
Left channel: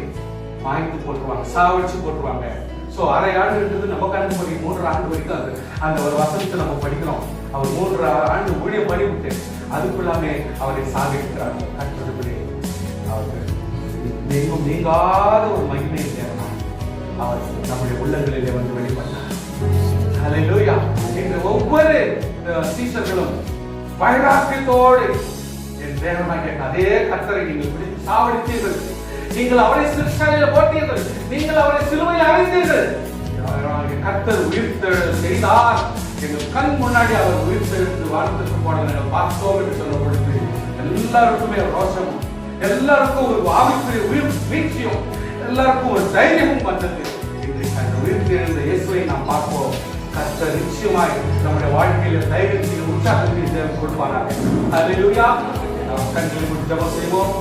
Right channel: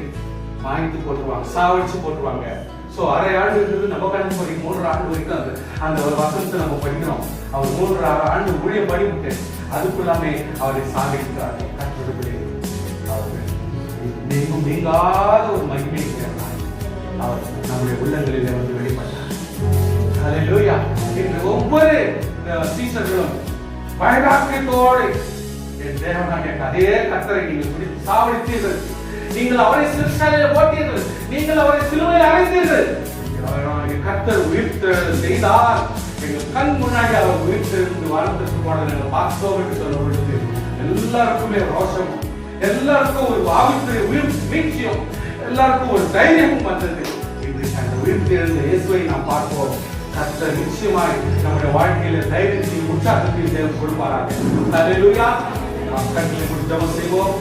வாங்கி போட்டுருவாங்க, சாவடிச்சு போட்டுருவாங்க. சோ அரை ஆண்டுன்றது நம்ம கணக்கு பண்ணி 3 ஆண்டு வரைக்கும் அந்த ஒரு வசனத்தை நம்ம படிக்கிறோம். அவர் 3 ஆண்டு ஊழிய படிவிட்டு அதுக்குள்ளாமே அவரை சாதிக்கிறார். கற்றுப்படி அவர் நீங்காத ஒரு மகிமை அவர் நம்முடைய உள்ளங்களிலே வந்து வெளிப்பட்டார். ஹalleluya. இன்று ஒவ்வொரு சீசர்களும் வைராக்கியத்தோடு என் தேவனாகிய அதே கர்த்தரை நீங்கள் பிடித்து சாவடித்தீர்கள். நீங்கள் அவரை சிலுவையில் போட்டீர்கள். நீங்கள் அவரை சிலுவையில் அறைந்தீர்கள். கர்த்தர் உயிர்த்தெழ செய்தார். எங்கள் கண் முன்னாடி அவர் உயிர்த்தெழுந்து வானத்திற்கு போன நாங்கள் பார்த்தோம் என்று சொல்லும் பொழுது எல்லாருக்குமே ரோஷமும், எல்லாருக்கும் ஒரு ஆவிக்குரிய உயிர் வீழ்ச்சியும், எல்லாருக்கும் ஒரு தைரியமும் வந்தது. இன்றைக்கு அந்த உயிர்த்தெழுந்த இயேசுவை நாம் பார்ப்போம். கர்த்தர் நிச்சயமாய் நம்முடைய வாழ்க்கையில தைரியத்தையும் உற்சாகத்தையும் தேவன் கொடுப்பாராக. ஹalleluya. நாம் கண்களை மூடி ஜெபம் செய்வோம்.